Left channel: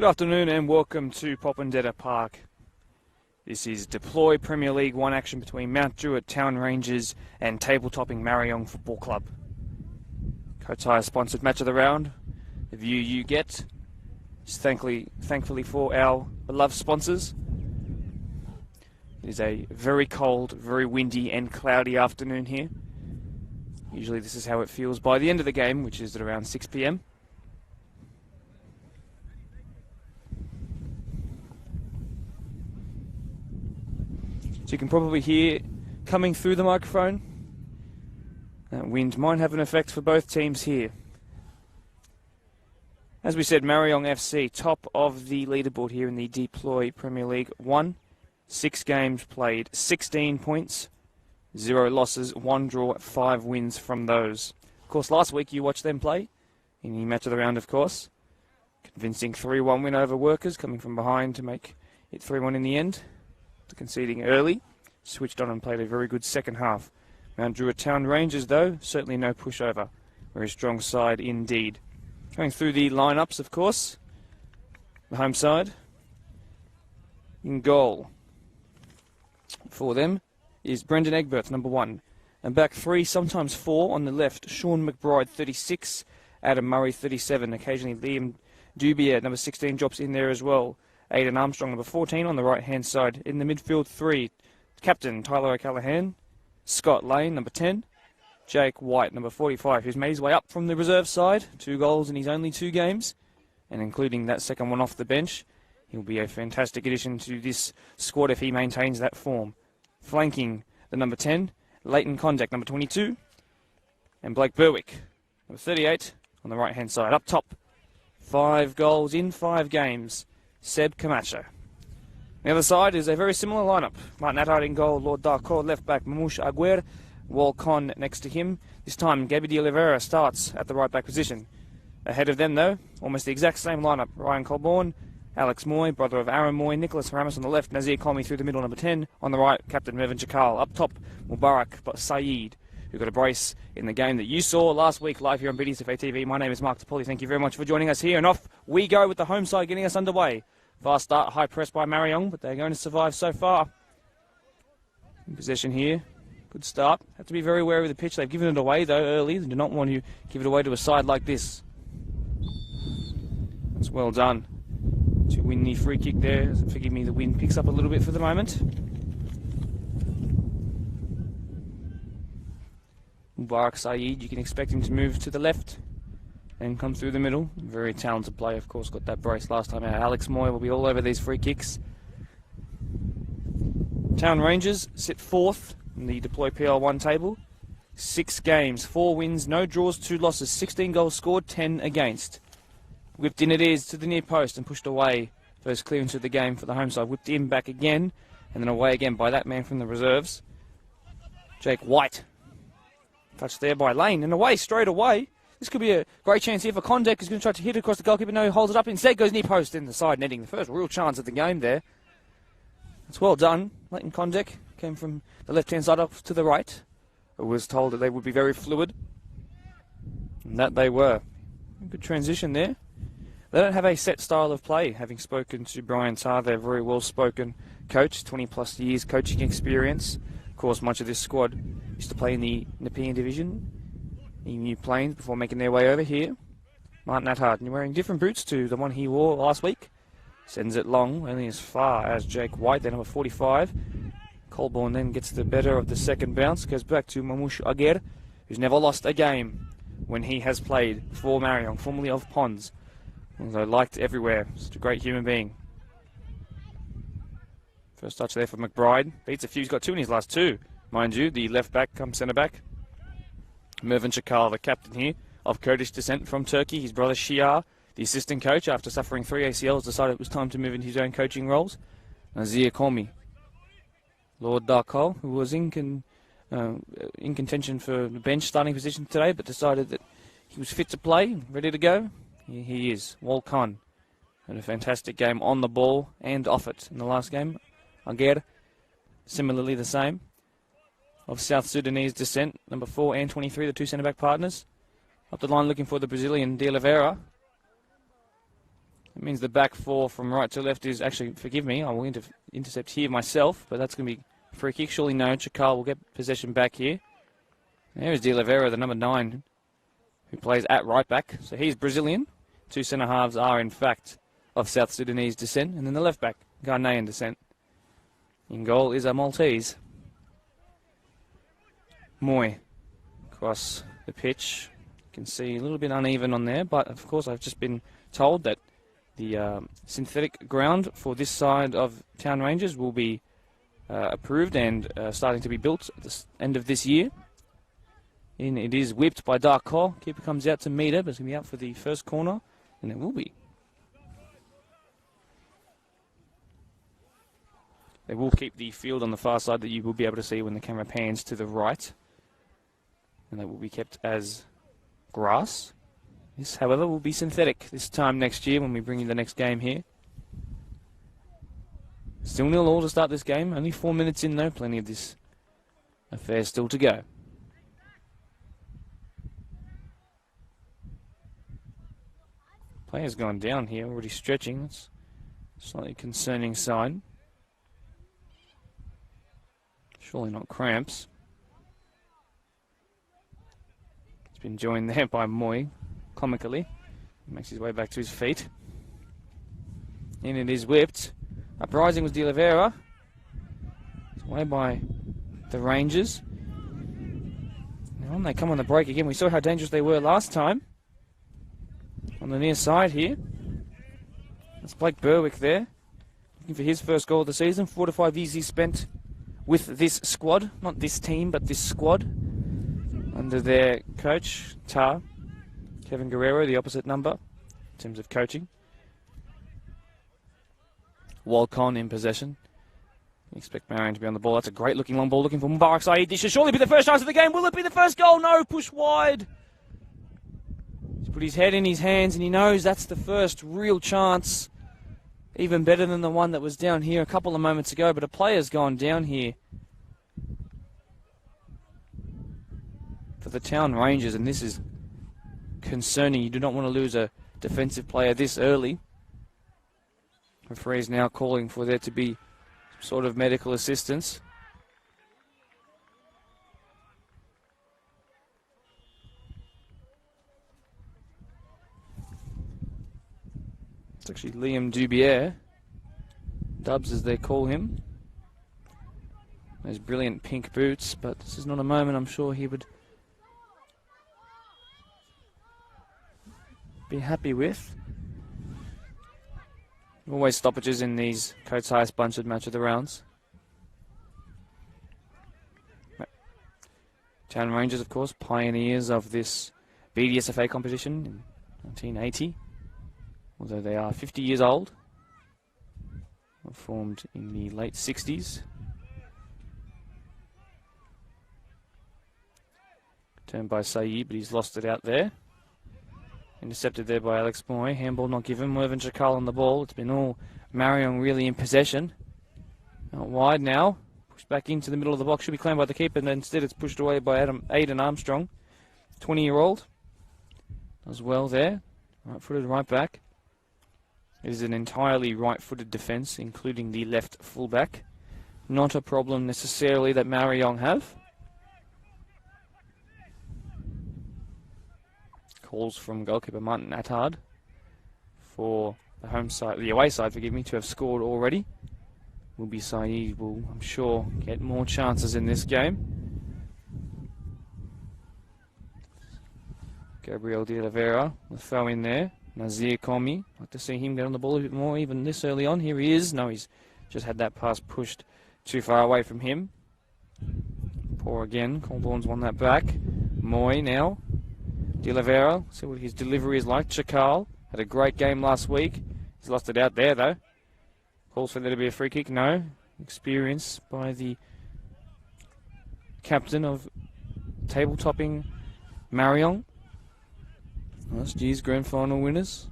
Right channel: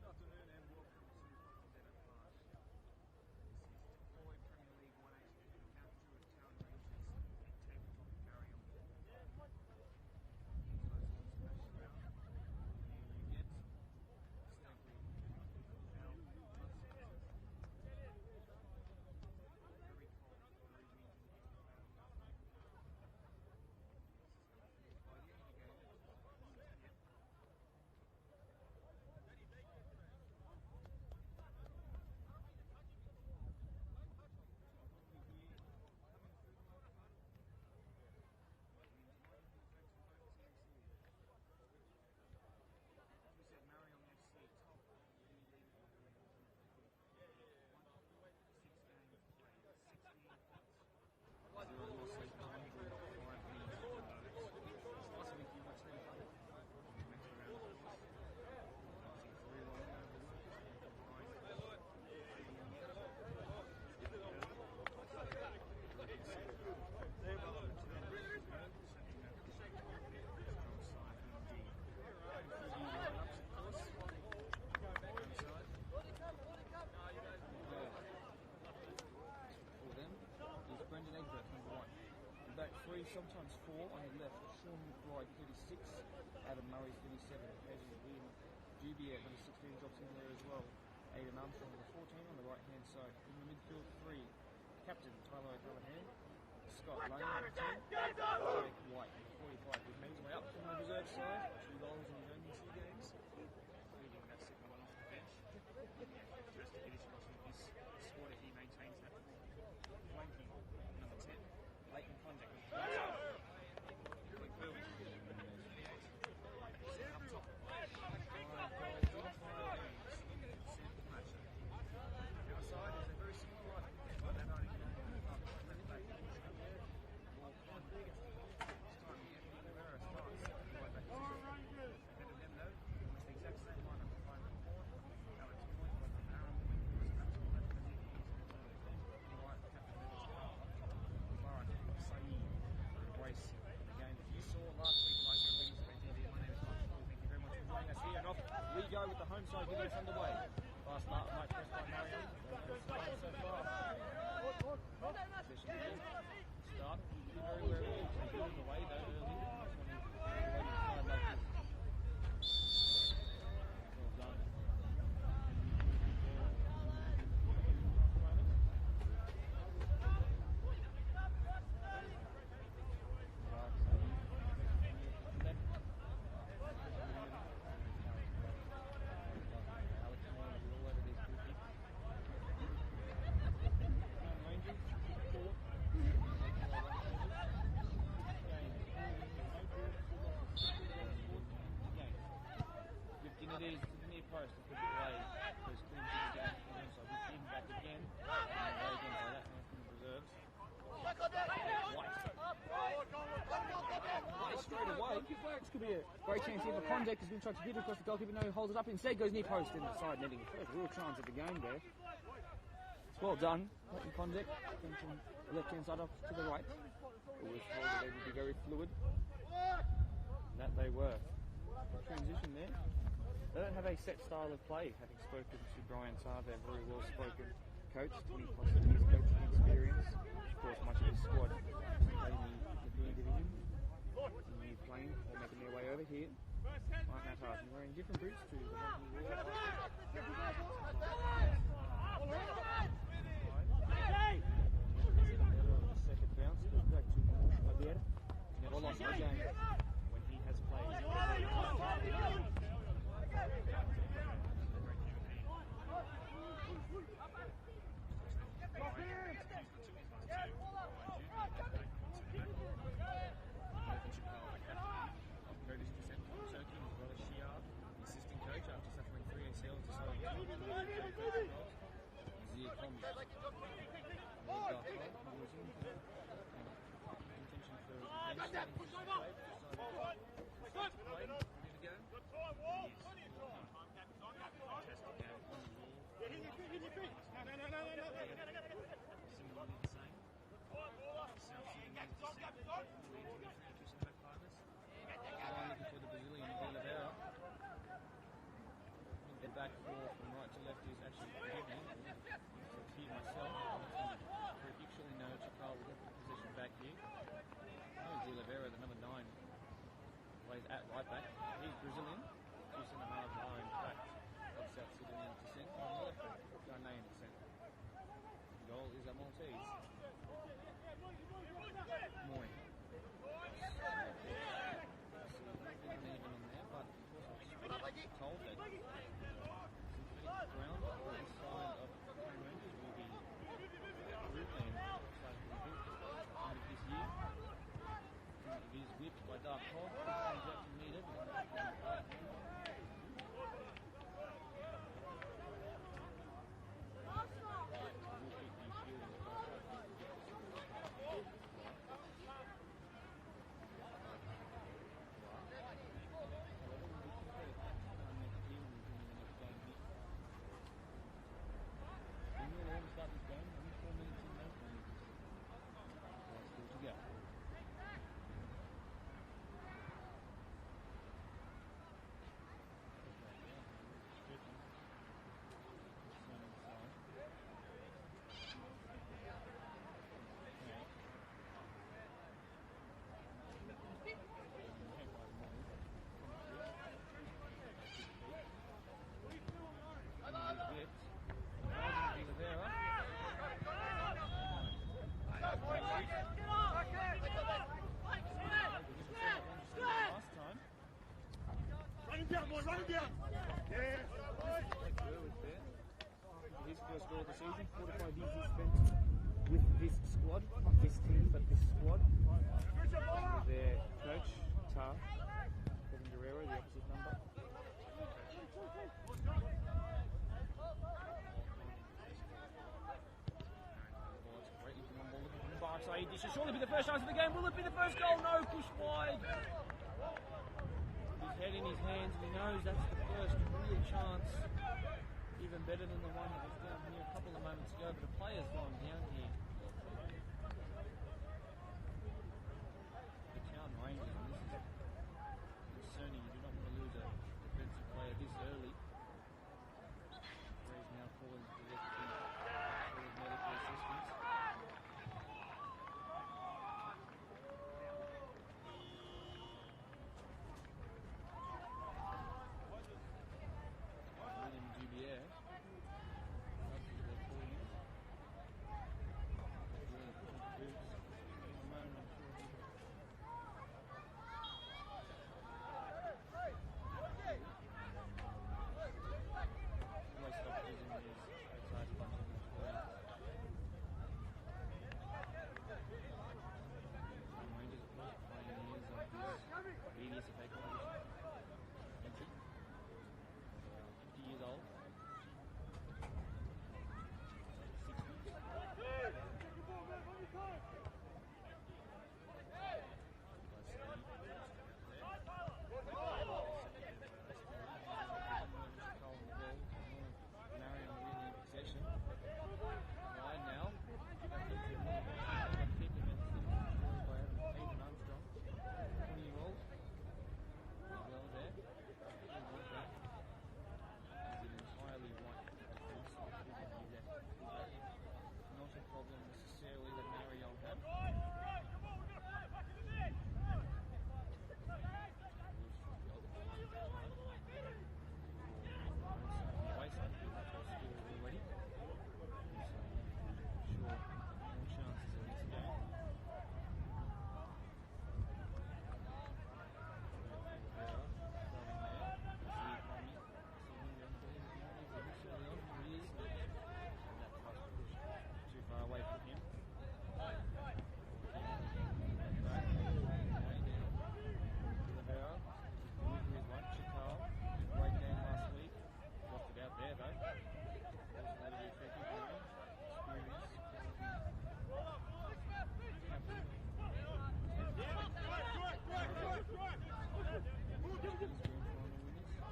Good afternoon and welcome to Popondetta Park. This is Deploy Premier League 1 action between Mount Druitt Town Rangers and table-topping Marayong Football Club. Kotire sponsored match of the round. The view you get is thankfully for our beloved sponsors. It is a very cold, very windy and cloudy afternoon here. Usually this is how it feels by the end of the game, which is at around 6 p.m. So you can probably hear coming through the microphone. That wind might have an effect for both teams here. As we said, Marayong FC, top of the leaderboard here in the Deploy Premier League 1. 6 games played, 16 points, 0 losses, 1 draw, 5 wins from those. Of course, last week you watched them play in the match of the round, of course. Convincing 3-1 win over Workers, coming from behind to make it 3-1 in the end. Conceding early, switched on and played a very good second half. Mount Druitt Town Rangers, though, certainly no pushover. Very strong side indeed. Going through the lineups, of course. The home side. In goal for them is Brendan Egberth, number 1. And back 3, sometimes 4 on the left. Sean McBride, 36. Adam Murray, 37. Occasionally Liam Dubier, number 16, drops in there as well. Aidan Armstrong, number 14, on the right-hand side. In the midfield, 3. Captain Tyler O'Callaghan. Scott Lane, number 10. Jake White, number 45, who's made his way up from the reserve side. 2 goals in his only 2 games. And including that second one off the bench. He'll be a fantastic addition to this squad if he maintains that form. Flanking the number 10, Leighton Condek, number 22. And Blake Berwick, number 38, on the right-hand side. Up top, 5 goals in 5 games. Seb Camacho. The other side is a very similar lineup. Martin Attard in goal, Lord Darko, left back Mamush Aguer, Walcon next to him. This time, Gabi de Oliveira starts at the right back position. Ahead of them, though, almost the exact same lineup. Ryan Colborne, Alex Moy, brother of Aaron Moy, Nicholas Ramos on the left, Nazir Comey through the middle, number 10. On the right, Captain Mervyn Chakal. Up top, Mubarak Saeed, who got a brace in the game that you saw last week live here on BDSFA TV. My name is Mark Topoli. Thank you very much for joining us here. And off we go with the home side getting us underway. Fast start, high press by Marayong, but they're going to survive so far. In possession here. Good start. Have to be very wary of the pitch. They've given it away, though, early. They do not want to give it away to a side like this. It's well done. To win the free kick there. Forgive me, the wind picks up a little bit for the moment. Mubarak Saeed, you can expect him to move to the left and come through the middle. Very talented player, of course, got that brace last time out. Alex Moy will be all over these free kicks. Town Rangers sit 4th in the Deploy PL1 table. 6 games, 4 wins, no draws, 2 losses, 16 goals scored, 10 against. Whipped in it is to the near post and pushed away. First clearance of the game for the home side. Whipped in back again and then away again by that man from the reserves. Jake White. Touched there by Lane and away straight away. This could be a great chance here for Condek, who's going to try to hit it across the goalkeeper. No, he holds it up. Instead goes near post in the side netting. First real chance of the game there. It's well done. Leighton Condek came from the left-hand side up to the right. But was told that they would be very fluid. And that they were. Good transition there. They don't have a set style of play. Having spoken to Brian Tarr, they're a very well-spoken coach. 20-plus years coaching experience. Of course, much of this squad used to play in the Nepean division. In New Plains before making their way over here. Martin Attard wearing different boots to the one he wore last week. Sends it long, only as far as Jake White, then number 45. Colborne then gets the better of the second bounce. Goes back to Mamush Aguer, who's never lost a game when he has played for Marion, formerly of Ponds. Although liked everywhere. Just a great human being. First touch there for McBride. Beats a few. He's got 2 in his last 2. Mind you, the left back comes centre back. Mervyn Chakal, the captain here, of Kurdish descent from Turkey. His brother Shiar, the assistant coach, after suffering 3 ACLs, decided it was time to move into his own coaching roles. Nazir Comey. Lord Darko, who was in contention for the bench starting position today, but decided that he was fit to play, ready to go. Here he is, Walcon. Had a fantastic game on the ball and off it in the last game. Aguer, similarly the same. Of South Sudanese descent, number 4 and 23, the 2 centre-back partners. Up the line looking for the Brazilian de Oliveira. It means the back four from right to left is actually, forgive me, I will intercept here myself, but that's going to be a free kick. Surely no, Chakal will get possession back here. There is De Oliveira, the number 9, who plays at right back. So he's Brazilian. 2 centre halves are, in fact, of South Sudanese descent. And then the left back, Ghanaian descent. In goal is a Maltese. Moy across the pitch. You can see a little bit uneven on there, but of course I've just been told that the synthetic ground for this side of Town Rangers will be approved and starting to be built at the end of this year. And it is whipped by Dark Cole. Keeper comes out to meet it, but it's going to be out for the first corner, and it will be. They will keep the field on the far side that you will be able to see when the camera pans to the right. And they will be kept as grass. This, however, will be synthetic this time next year when we bring you the next game here. Still 0-0 to start this game. Only 4 minutes in though. Plenty of this affair still to go. Player's gone down here, already stretching. That's a slightly concerning sign. Surely not cramps. It's been joined there by Moy, comically. He makes his way back to his feet. And it is whipped. Uprising was De Oliveira. Away by the Rangers. And they come on the break again. We saw how dangerous they were last time. On the near side here. It's Blake Berwick there. Looking for his first goal of the season. 4 to 5 years he spent with this squad. Not this team, but this squad. Under their coach, Tar. Kevin Guerrero, the opposite number in terms of coaching. Walcon in possession. We expect Marion to be on the ball. That's a great looking long ball looking for Mubarak Saeed. This should surely be the first chance of the game. Will it be the first goal? No, push wide. He's put his head in his hands and he knows that's the first real chance. Even better than the one that was down here a couple of moments ago, but a player's gone down here for the Town Rangers, and this is concerning. You do not want to lose a defensive player this early. Referee is now calling for there to be sort of medical assistance. It's actually Liam Dubier. Dubs as they call him. Those brilliant pink boots, but this is not a moment I'm sure he would be happy with. Always stoppages in these Coates Highest Bunchard match of the rounds. Town Rangers, of course, pioneers of this BDSFA competition in 1980. Although they are 50 years old. Formed in the late 60s. Turned by Saeed, but he's lost it out there. Intercepted there by Alex Moy. Handball not given. Mervyn Chakal on the ball. It's been all Marayong really in possession. Out wide now. Pushed back into the middle of the box. Should be claimed by the keeper, and instead it's pushed away by Aidan Armstrong. 20-year-old. As well there. Right-footed right back. It is an entirely right-footed defence, including the left fullback. Not a problem necessarily that Marayong have. Calls from goalkeeper Martin Attard for the home side, the away side, forgive me, to have scored already. Will be Saeed will, I'm sure, get more chances in this game. Gabriel De Oliveira, the throw in there. Nazir Komi, like to see him get on the ball a bit more even this early on. Here he is. No, he's just had that pass pushed too far away from him. Poor again. Colborne's won that back. Moy now. De Oliveira, see what his delivery is like. Chakal had a great game last week. He's lost it out there though. Calls for there to be a free kick. No. Experience by the captain of table-topping Marion. Last year's grand final winners.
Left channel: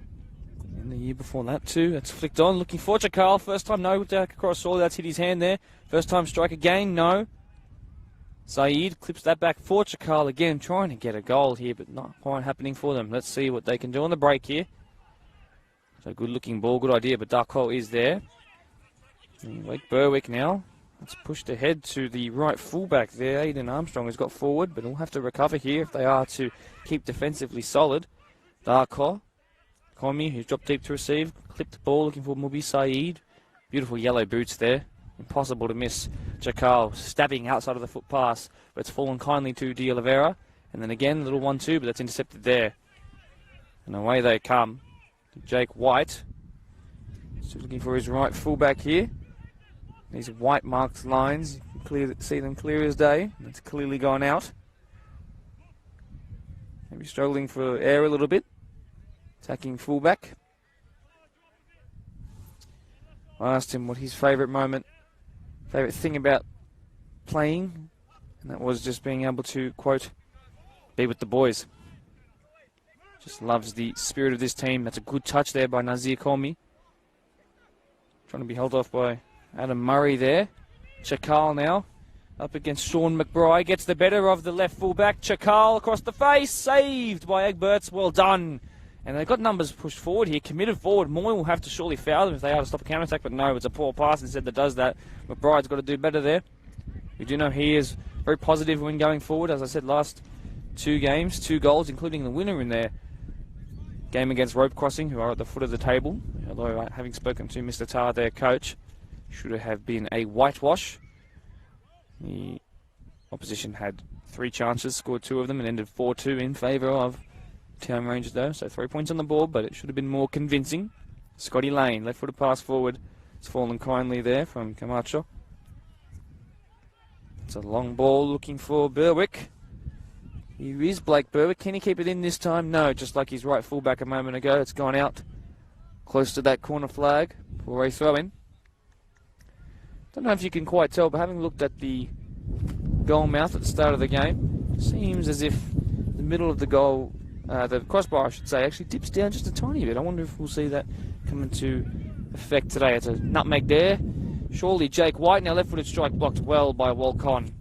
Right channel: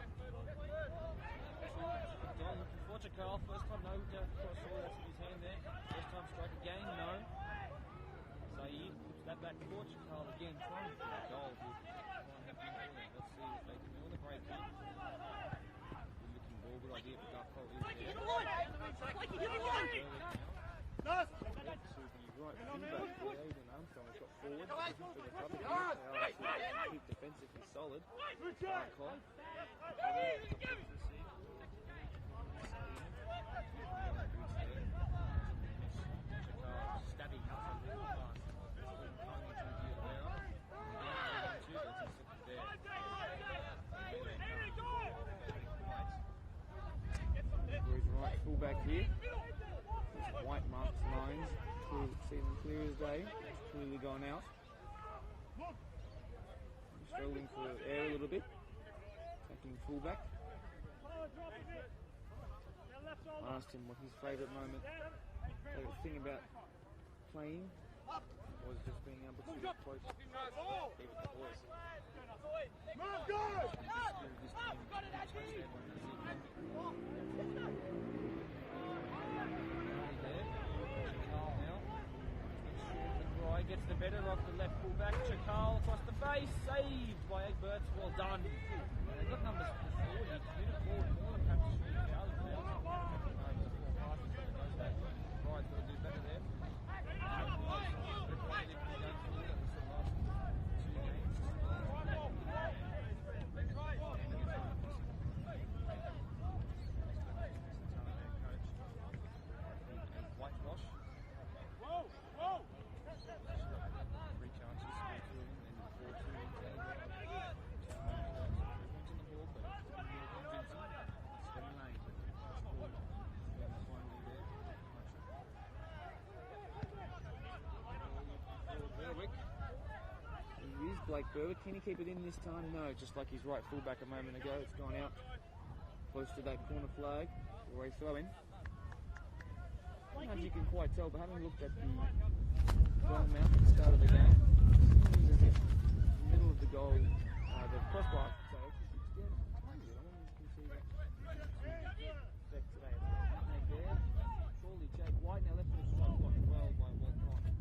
And the year before that too. That's flicked on. Looking for Chakal. First time no. Back across all. That's hit his hand there. First time strike again. No. Saeed clips that back for Chakal again. Trying to get a goal here, but not quite happening for them. Let's see what they can do on the break here. So good looking ball, good idea, but Darko is there. Like Berwick now. It's pushed ahead to the right fullback there. Aidan Armstrong has got forward, but they'll have to recover here if they are to keep defensively solid. Darko, Komi, who's dropped deep to receive, clipped the ball looking for Mubi Saeed. Beautiful yellow boots there. Impossible to miss. Chakal stabbing outside of the foot pass, but it's fallen kindly to De Oliveira. And then again, a little 1-2, but that's intercepted there. And away they come. Jake White. Still looking for his right fullback here. These white marked lines, see them clear as day. It's clearly gone out. Maybe struggling for air a little bit. Attacking fullback. I asked him what his favourite thing about playing, and that was just being able to, quote, be with the boys. Just loves the spirit of this team. That's a good touch there by Nazir Komi. Trying to be held off by Adam Murray there. Chakal now up against Sean McBride. Gets the better of the left fullback. Chakal across the face. Saved by Egberts. Well done. And they've got numbers pushed forward here. Committed forward. Moy will have to surely foul them if they are to stop a counter-attack. But no, it's a poor pass instead that does that. McBride's got to do better there. We do know he is very positive when going forward. As I said, last 2 games, 2 goals, including the winner in their game against Rope Crossing, who are at the foot of the table. Although, having spoken to Mr. Tarr, their coach, should have been a whitewash. The opposition had 3 chances, scored 2 of them, and ended 4-2 in favour of Town Rangers, though. So 3 points on the board, but it should have been more convincing. Scotty Lane, left-footed pass forward. It's fallen kindly there from Camacho. It's a long ball looking for Berwick. Here is Blake Berwick. Can he keep it in this time? No, just like his right fullback a moment ago. It's gone out close to that corner flag for a throw-in. Don't know if you can quite tell, but having looked at the goal mouth at the start of the game, it seems as if the middle of the goal, the crossbar I should say, actually dips down just a tiny bit. I wonder if we'll see that come into effect today. It's a nutmeg there. Surely Jake White, now left-footed strike blocked well by Walcon.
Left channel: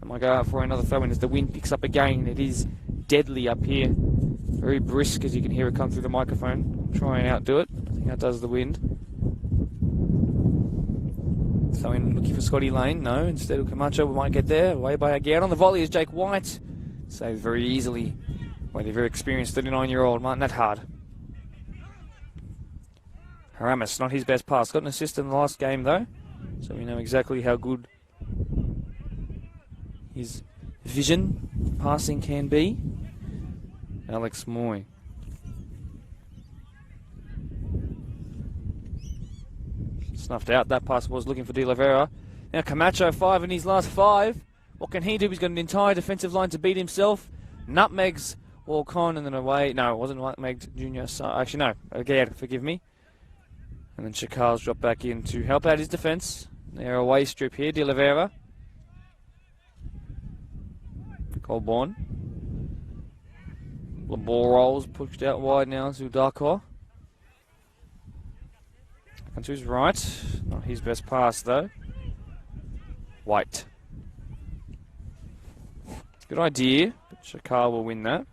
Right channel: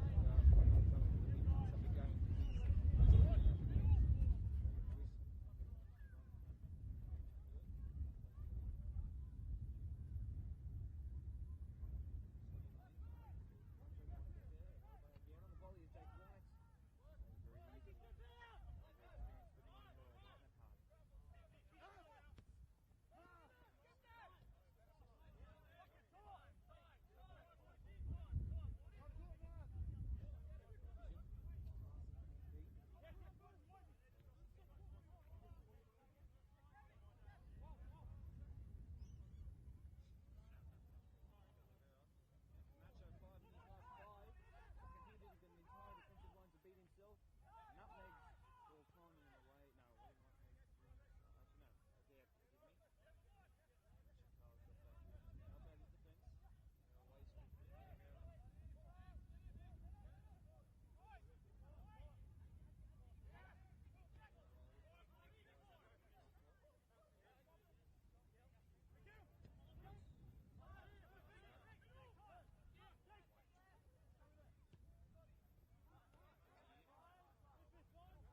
I might go out for another throw-in as the wind picks up again. It is deadly up here. Very brisk, as you can hear it come through the microphone. Try and outdo it. I think that does the wind. So in looking for Scotty Lane, no. Instead of Camacho, we might get there. Away by Aguirre. On the volley is Jake White. Saved very easily by the very experienced 39-year-old Martin Nathard. Haramis, not his best pass. Got an assist in the last game, though. So we know exactly how good his vision passing can be. Alex Moy. Snuffed out. That pass was looking for De Oliveira. Now Camacho, 5 in his last 5. What can he do? He's got an entire defensive line to beat himself. Nutmegs Walcon and then away. No, it wasn't Nutmegged Junior. So, actually, no. Again, forgive me. And then Chakal's dropped back in to help out his defence. They're away strip here. De Oliveira. Colborne. The ball rolls, pushed out wide now to Darko. And to his right. Not his best pass, though. White. Good idea, but Chakal will win that.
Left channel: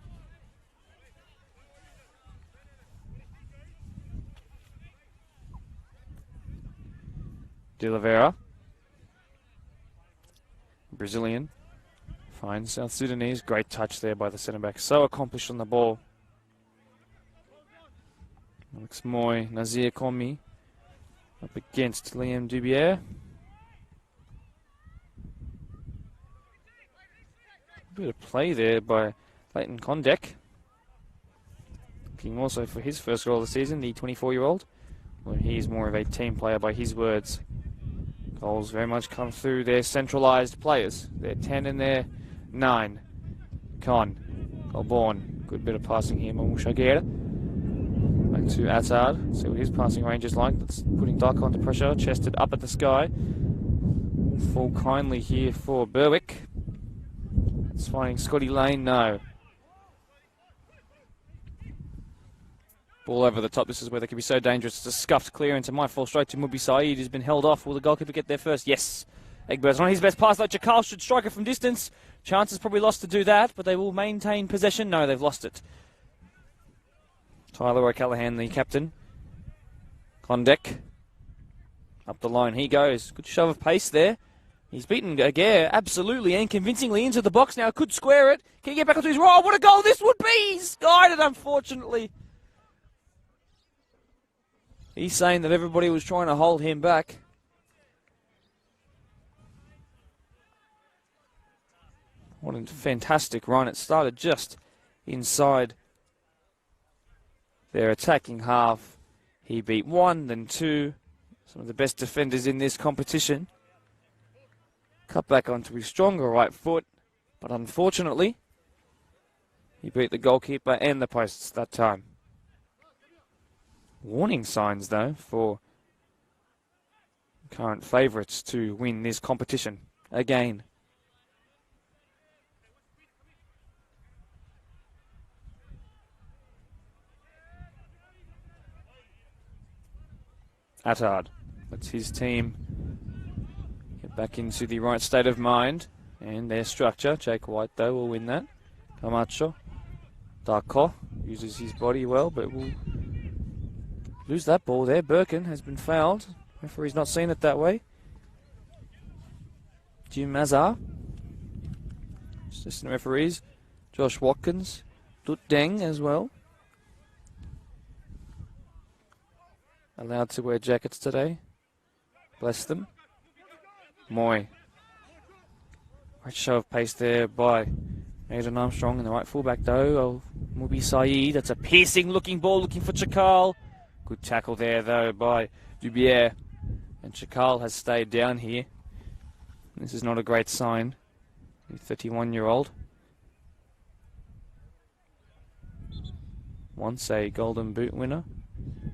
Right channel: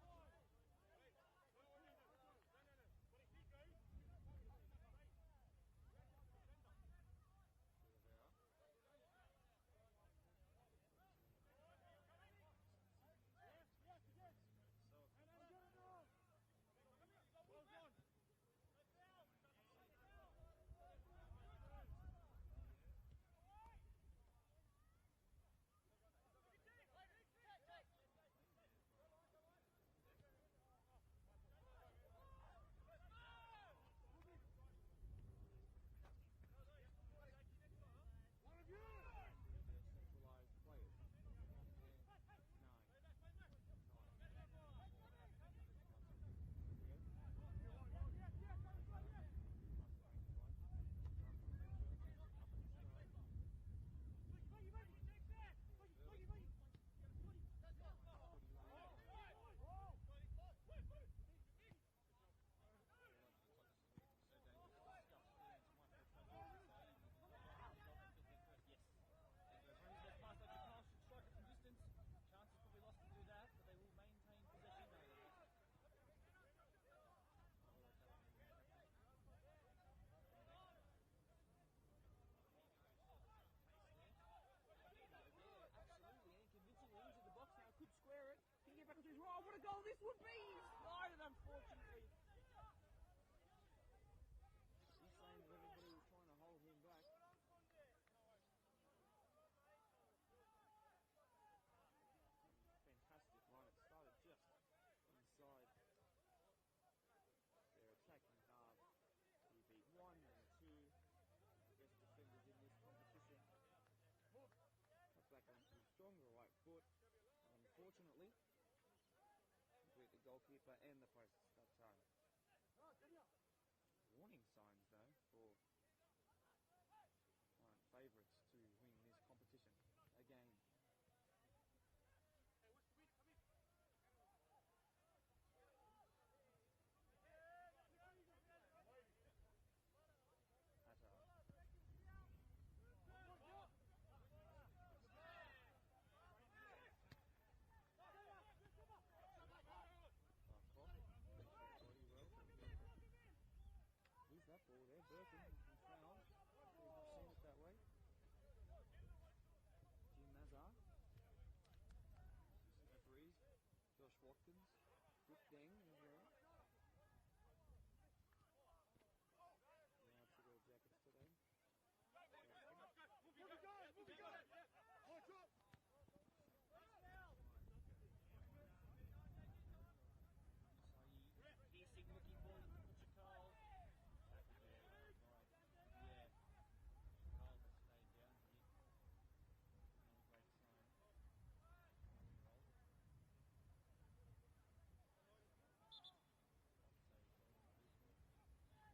De Oliveira. Brazilian. Finds South Sudanese. Great touch there by the centre-back. So accomplished on the ball. Alex Moy, Nazir Komi up against Liam Dubier. A bit of play there by Leighton Condek. Looking also for his first goal of the season, the 24-year-old. Well, he's more of a team player by his words. Goals very much come through their centralised players. They're 10 and they're 9. Con, Colborne, good bit of passing here. Mamushagera. Back to Attard. See what his passing range is like. That's putting Darko under pressure. Chested up at the sky. Fall kindly here for Berwick. It's finding Scotty Lane. No. Ball over the top. This is where they can be so dangerous. It's a scuffed clearance. It might fall straight to Mubi Saeed, who's been held off. Will the goalkeeper get there first? Yes. Egbert's not his best pass, though. Chakal should strike it from distance. Chances probably lost to do that, but they will maintain possession. No, they've lost it. Tyler O'Callaghan, the captain, Klondek. Up the line he goes. Good shove of pace there. He's beaten Aguirre absolutely and convincingly into the box now. Could square it. Can he get back onto his... Oh, what a goal this would be! He's guided, unfortunately. He's saying that everybody was trying to hold him back. What a fantastic run. It started just inside their attacking half. He beat one, then two. Some of the best defenders in this competition. Cut back onto his stronger right foot, but unfortunately, he beat the goalkeeper and the posts that time. Warning signs, though, for current favourites to win this competition again. Attard lets his team get back into the right state of mind and their structure. Jake White, though, will win that. Camacho. Darko uses his body well, but will lose that ball there. Birkin has been fouled. Referee's not seen it that way. Jim Mazar. Assistant referees. Josh Watkins. Dut Deng as well. Allowed to wear jackets today. Bless them. Moy. Great show of pace there by Aidan Armstrong in the right fullback though. Mubi Saeed. That's a piercing looking ball looking for Chakal. Good tackle there though by Dubier. And Chakal has stayed down here. This is not a great sign. The 31-year-old. Once a Golden Boot winner.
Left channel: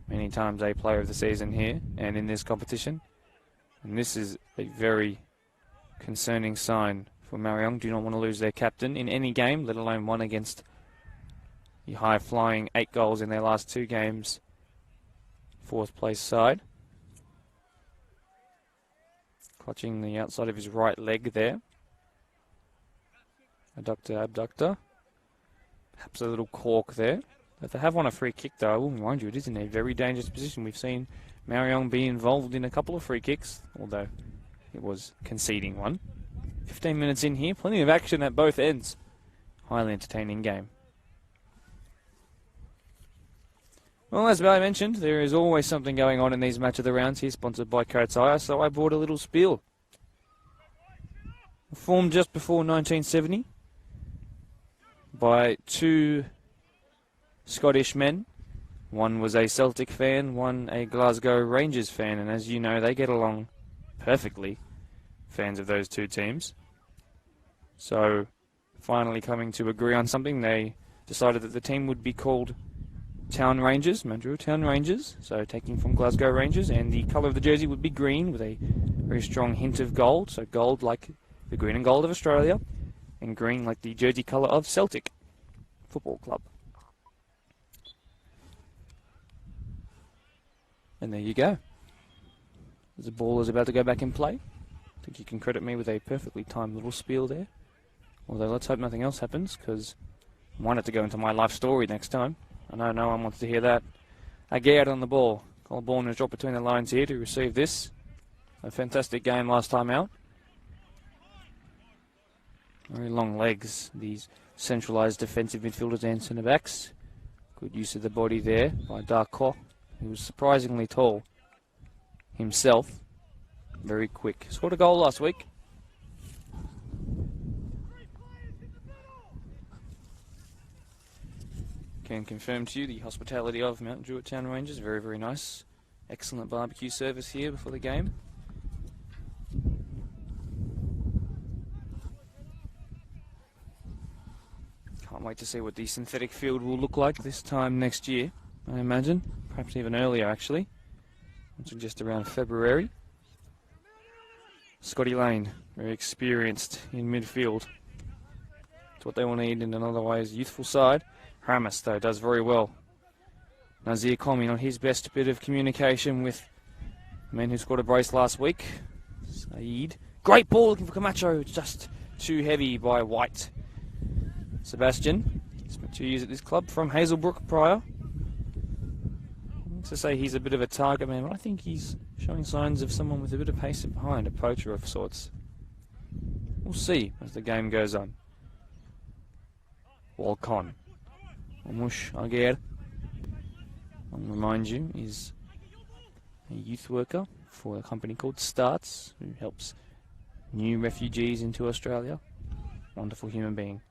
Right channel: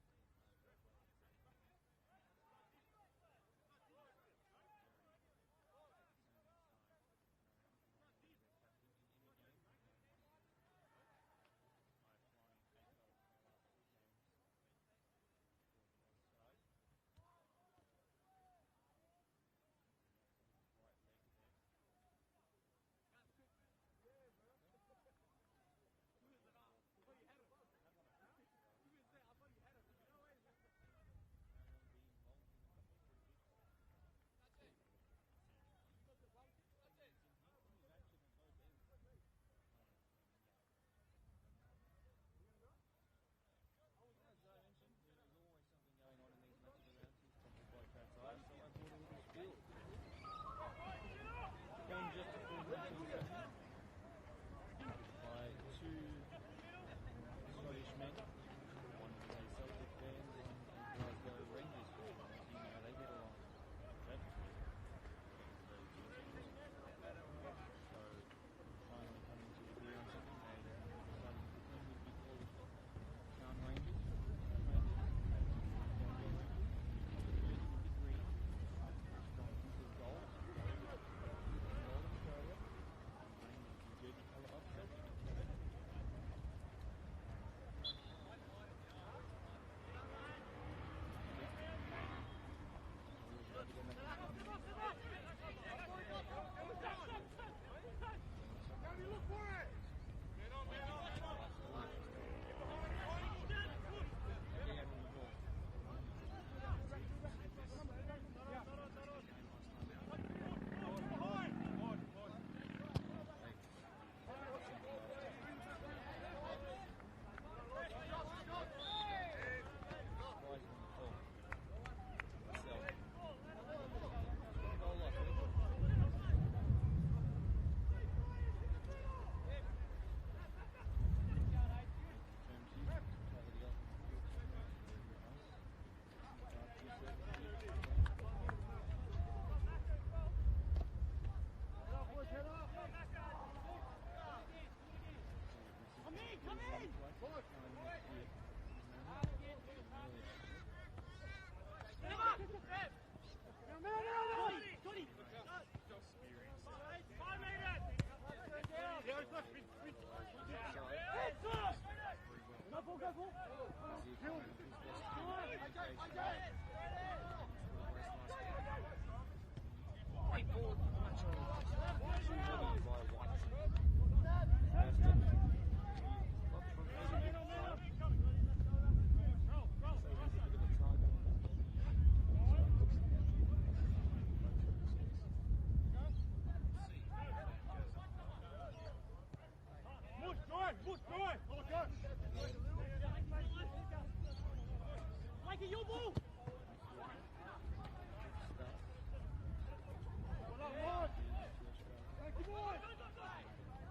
Many times a player of the season here and in this competition. And this is a very concerning sign for Marayong. Do not want to lose their captain in any game, let alone one against the high-flying 8 goals in their last 2 games. 4th place side. Clutching the outside of his right leg there. Adductor, abductor. Perhaps a little cork there. If they have won a free kick, though, I will remind you, it is in a very dangerous position. We've seen Marion be involved in a couple of free kicks, although it was conceding one. 15 minutes in here, plenty of action at both ends. Highly entertaining game. Well, as I mentioned, there is always something going on in these Match of the Rounds here, sponsored by Coates Hire, so I brought a little spiel. Formed just before 1970 by 2 Scottish men. One was a Celtic fan, one a Glasgow Rangers fan, and as you know, they get along perfectly, fans of those 2 teams. So, finally coming to agree on something, they decided that the team would be called Town Rangers, Mandurah Town Rangers, so taking from Glasgow Rangers, and the colour of the jersey would be green with a very strong hint of gold, so gold like the green and gold of Australia, and green like the jersey colour of Celtic Football Club. And there you go. The ball is about to go back in play. I think you can credit me with a perfectly timed little spiel there. Although let's hope nothing else happens, because I want it to go into my life story next time. I know no one wants to hear that. Aguirre on the ball. Colborne has dropped between the lines here to receive this. A fantastic game last time out. Very long legs, these centralised defensive midfielders and centre-backs. Good use of the body there by Darko. He was surprisingly tall himself. Very quick. Scored a goal last week. Can confirm to you the hospitality of Mount Druitt Town Rangers. Very, very nice. Excellent barbecue service here before the game. Can't wait to see what the synthetic field will look like this time next year, I imagine. Perhaps even earlier, actually. Just around February. Scotty Lane, very experienced in midfield. It's what they will need in an otherwise youthful side. Ramis, though, does very well. Nazir Komi on his best bit of communication with the man who scored a brace last week. Saeed. Great ball looking for Camacho. Just too heavy by White. Sebastian. Spent 2 years at this club from Hazelbrook prior. Thanks to say he's a bit of a target man, but I think he's showing signs of someone with a bit of pace behind, a poacher of sorts. We'll see as the game goes on. Walcon. Mush Aguirre, I'll remind you, is a youth worker for a company called Starts, who helps new refugees into Australia. Wonderful human being.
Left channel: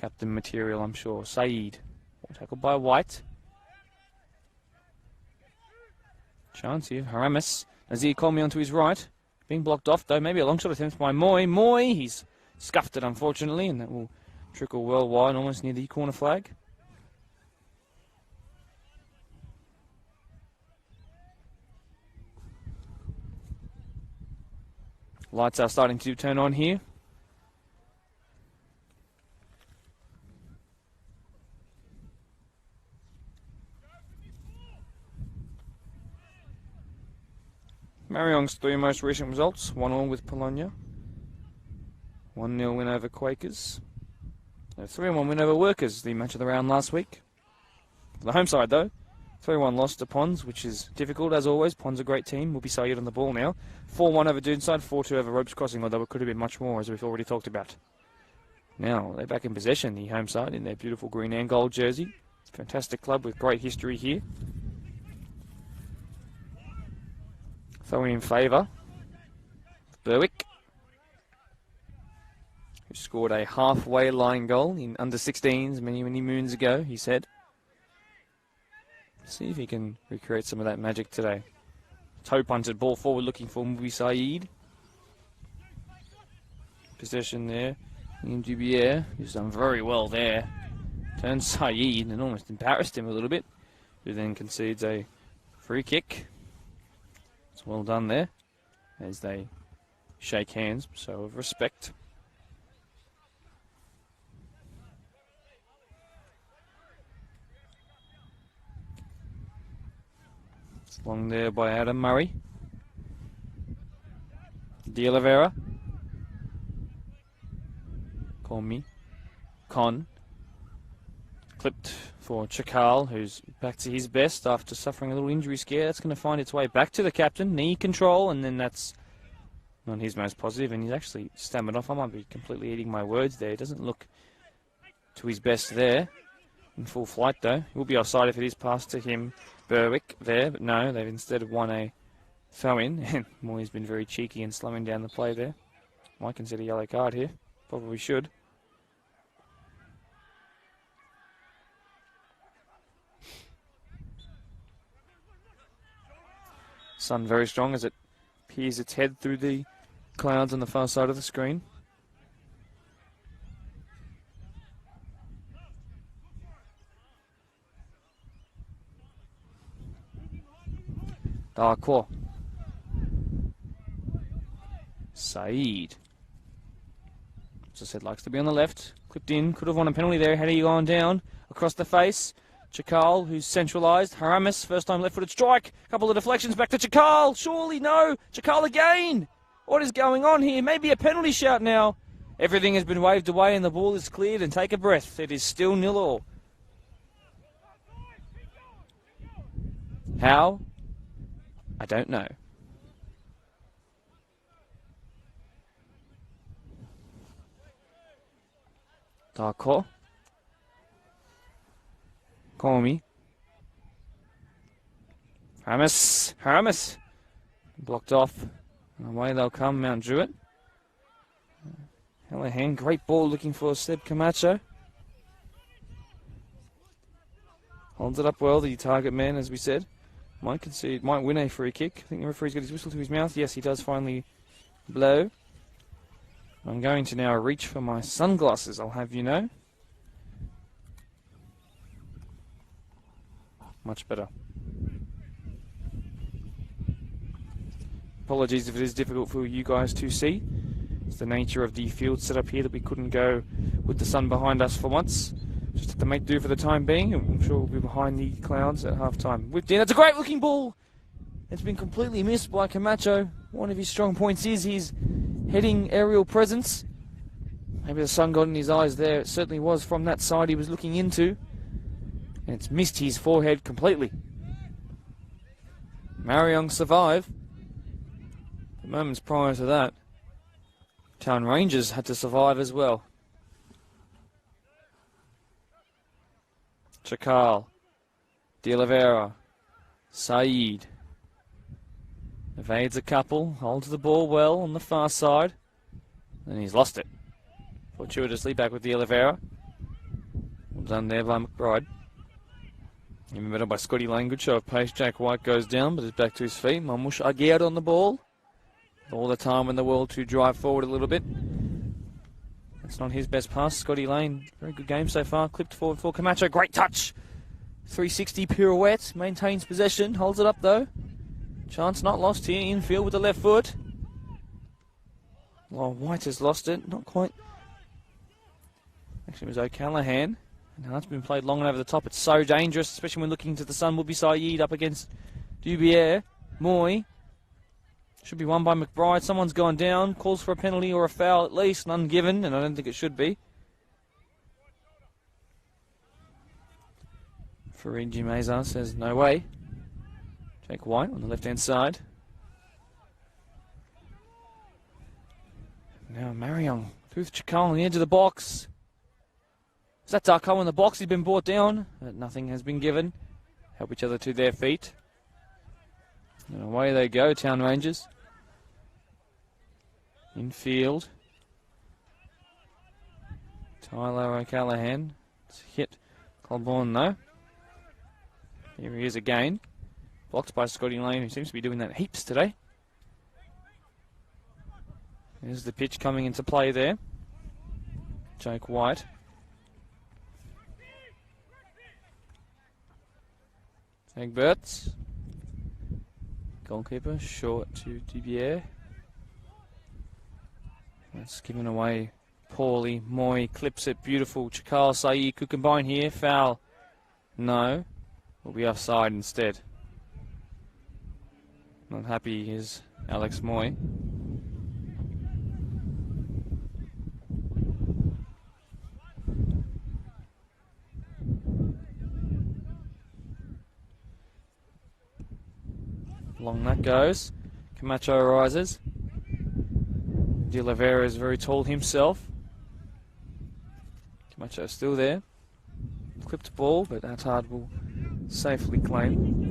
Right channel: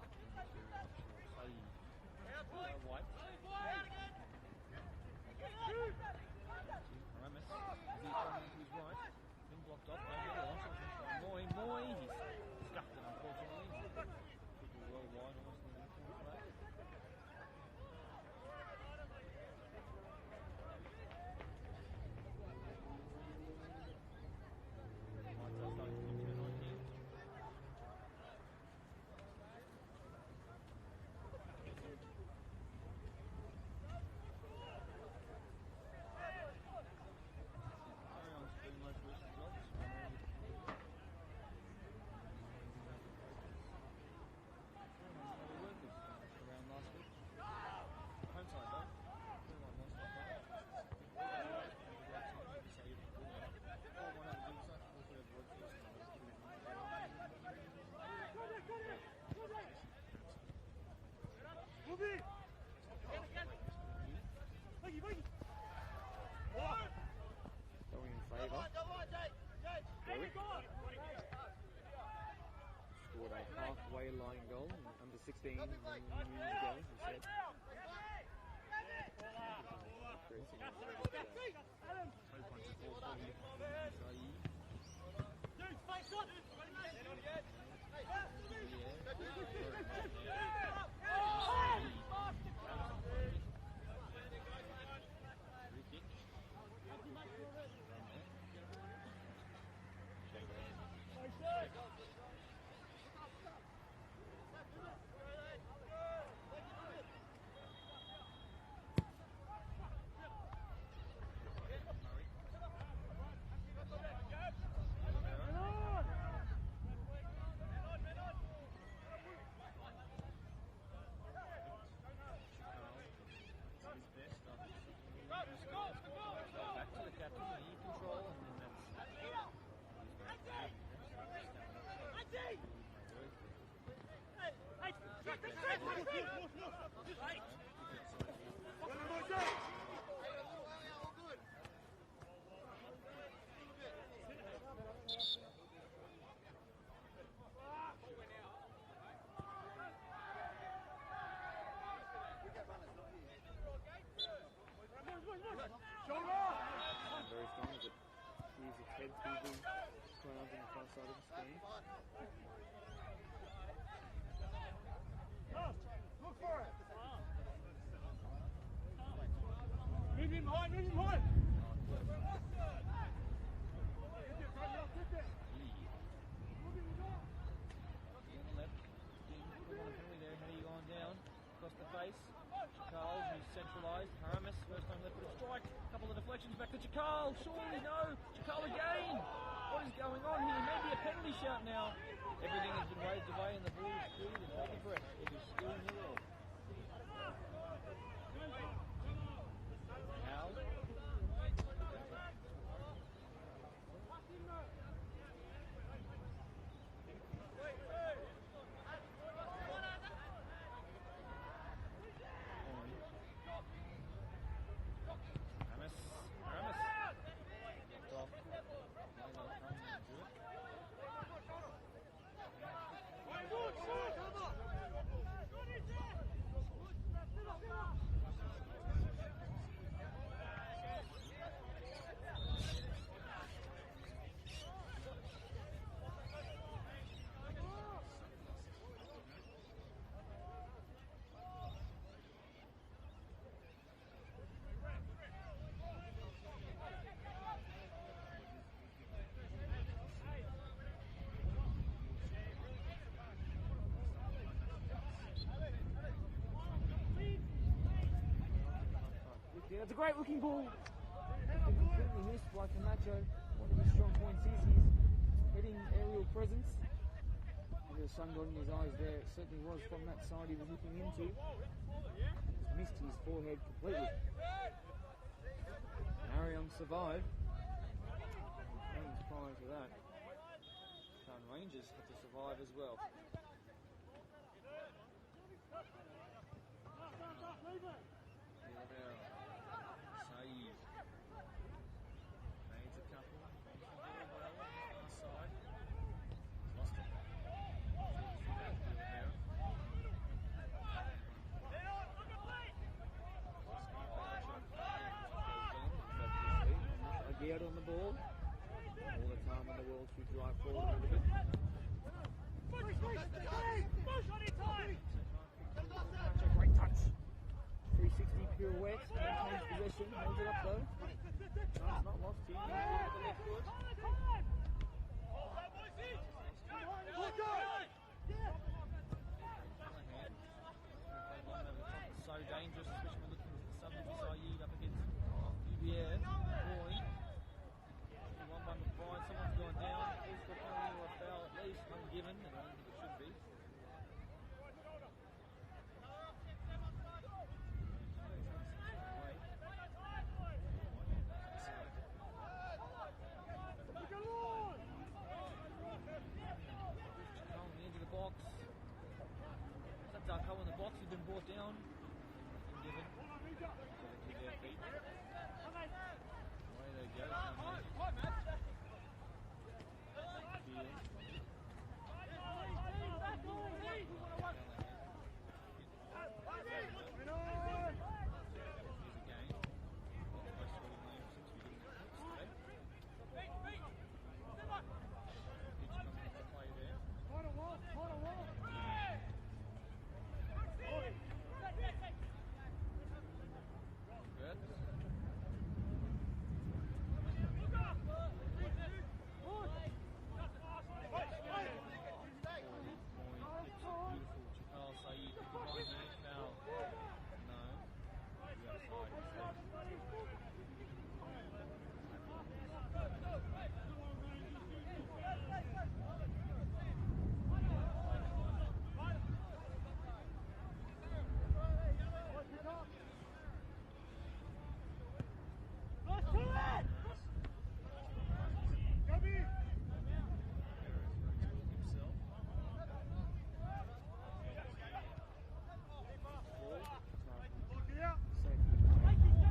Captain material, I'm sure. Saeed, tackled by White. Chance here. Haramis. Azir Colmy onto his right. Being blocked off, though. Maybe a long shot attempt by Moy. Moy, he's scuffed it, unfortunately, and that will trickle well wide, almost near the corner flag. Lights are starting to turn on here. Marayong's 3 most recent results, 1-1 with Bologna, 1-0 win over Quakers, a 3-1 win over Workers, the match of the round last week. The home side though, 3-1 loss to Ponds, which is difficult as always. Ponds a great team, will be Saeed on the ball now. 4-1 over Doonside, 4-2 over Ropes Crossing, although it could have been much more as we've already talked about. Now they're back in possession, the home side, in their beautiful green and gold jersey. Fantastic club with great history here. Throwing in favour, Berwick, who scored a halfway line goal in under 16s many moons ago, he said. See if he can recreate some of that magic today. Toe punted ball forward looking for Mubi Saeed. Possession there, Dubier, who's done very well there. Turns Saeed and almost embarrassed him a little bit, who then concedes a free kick. It's well done there as they shake hands, so of respect. It's long there by Adam Murray. De Oliveira. Call me. Con. Clipped for Chakal, who's back to his best after suffering a little injury scare. That's going to find its way back to the captain. Knee control, and then that's not his most positive, and he's actually stammered off. I might be completely eating my words there. He doesn't look to his best there. In full flight, though. Will be offside if it is passed to him. Berwick there, but no, they've instead won a throw-in. And Moy's been very cheeky and slowing down the play there. Might consider a yellow card here. Probably should. Sun very strong as it peers its head through the clouds on the far side of the screen. Darkwa. Saeed. As I said, likes to be on the left. Clipped in, could have won a penalty there had he gone down. Across the face. Chakal, who's centralised. Haramis, first time left-footed strike. Couple of deflections back to Chakal. Surely no. Chakal again. What is going on here? Maybe a penalty shout now. Everything has been waved away and the ball is cleared, and take a breath. It is still 0-0. How? I don't know. Darko. Call me. Haramis. Blocked off. Away they'll come, Mount Druitt. Hallahan, great ball looking for Seb Camacho. Holds it up well, the target man, as we said. Might win a free kick. I think the referee's got his whistle to his mouth. Yes, he does finally blow. I'm going to now reach for my sunglasses, I'll have you know. Much better. Apologies if it is difficult for you guys to see. It's the nature of the field setup here that we couldn't go with the sun behind us for once. Just have to make do for the time being. I'm sure we'll be behind the clouds at half-time. Whipped in. That's a great looking ball. It's been completely missed by Camacho. One of his strong points is his heading aerial presence. Maybe the sun got in his eyes there. It certainly was from that side he was looking into. And it's missed his forehead completely. Marayong survive. The moments prior to that, Town Rangers had to survive as well. Chakal, De Oliveira, Saeed. Evades a couple, holds the ball well on the far side, and he's lost it. Fortuitously back with De Oliveira. Well done there by McBride. In the middle by Scotty Lane, good show of pace. Jack White goes down, but is back to his feet. Mamush Aguirre on the ball. All the time in the world to drive forward a little bit. It's not his best pass. Scotty Lane, very good game so far. Clipped forward for Camacho, great touch. 360 pirouette, maintains possession, holds it up though. Chance not lost here, infield with the left foot. Well, White has lost it, not quite. Actually, it was O'Callaghan. Now it's been played long and over the top. It's so dangerous, especially when looking to the sun. Will be Saeed up against Dubier. Moy. Should be won by McBride. Someone's gone down. Calls for a penalty or a foul at least. None given, and I don't think it should be. Farigi Meza says no way. Jake White on the left-hand side. Now Marion through Chakal on the edge of the box. Is that Darko in the box? He's been brought down. But nothing has been given. Help each other to their feet. And away they go, Town Rangers. Infield. Tyler O'Callaghan. It's hit Colborne though. Here he is again. Blocked by Scotty Lane, who seems to be doing that heaps today. There's the pitch coming into play there. Jake White. Egberts. Goalkeeper, short to Dubier. It's given away poorly. Moy clips it, beautiful. Chakal Saeed could combine here. Foul. No. Will be offside instead. Not happy is Alex Moy. Long that goes. Camacho rises. De Oliveira is very tall himself. Camacho still there. Clipped ball, but Attard will safely claim.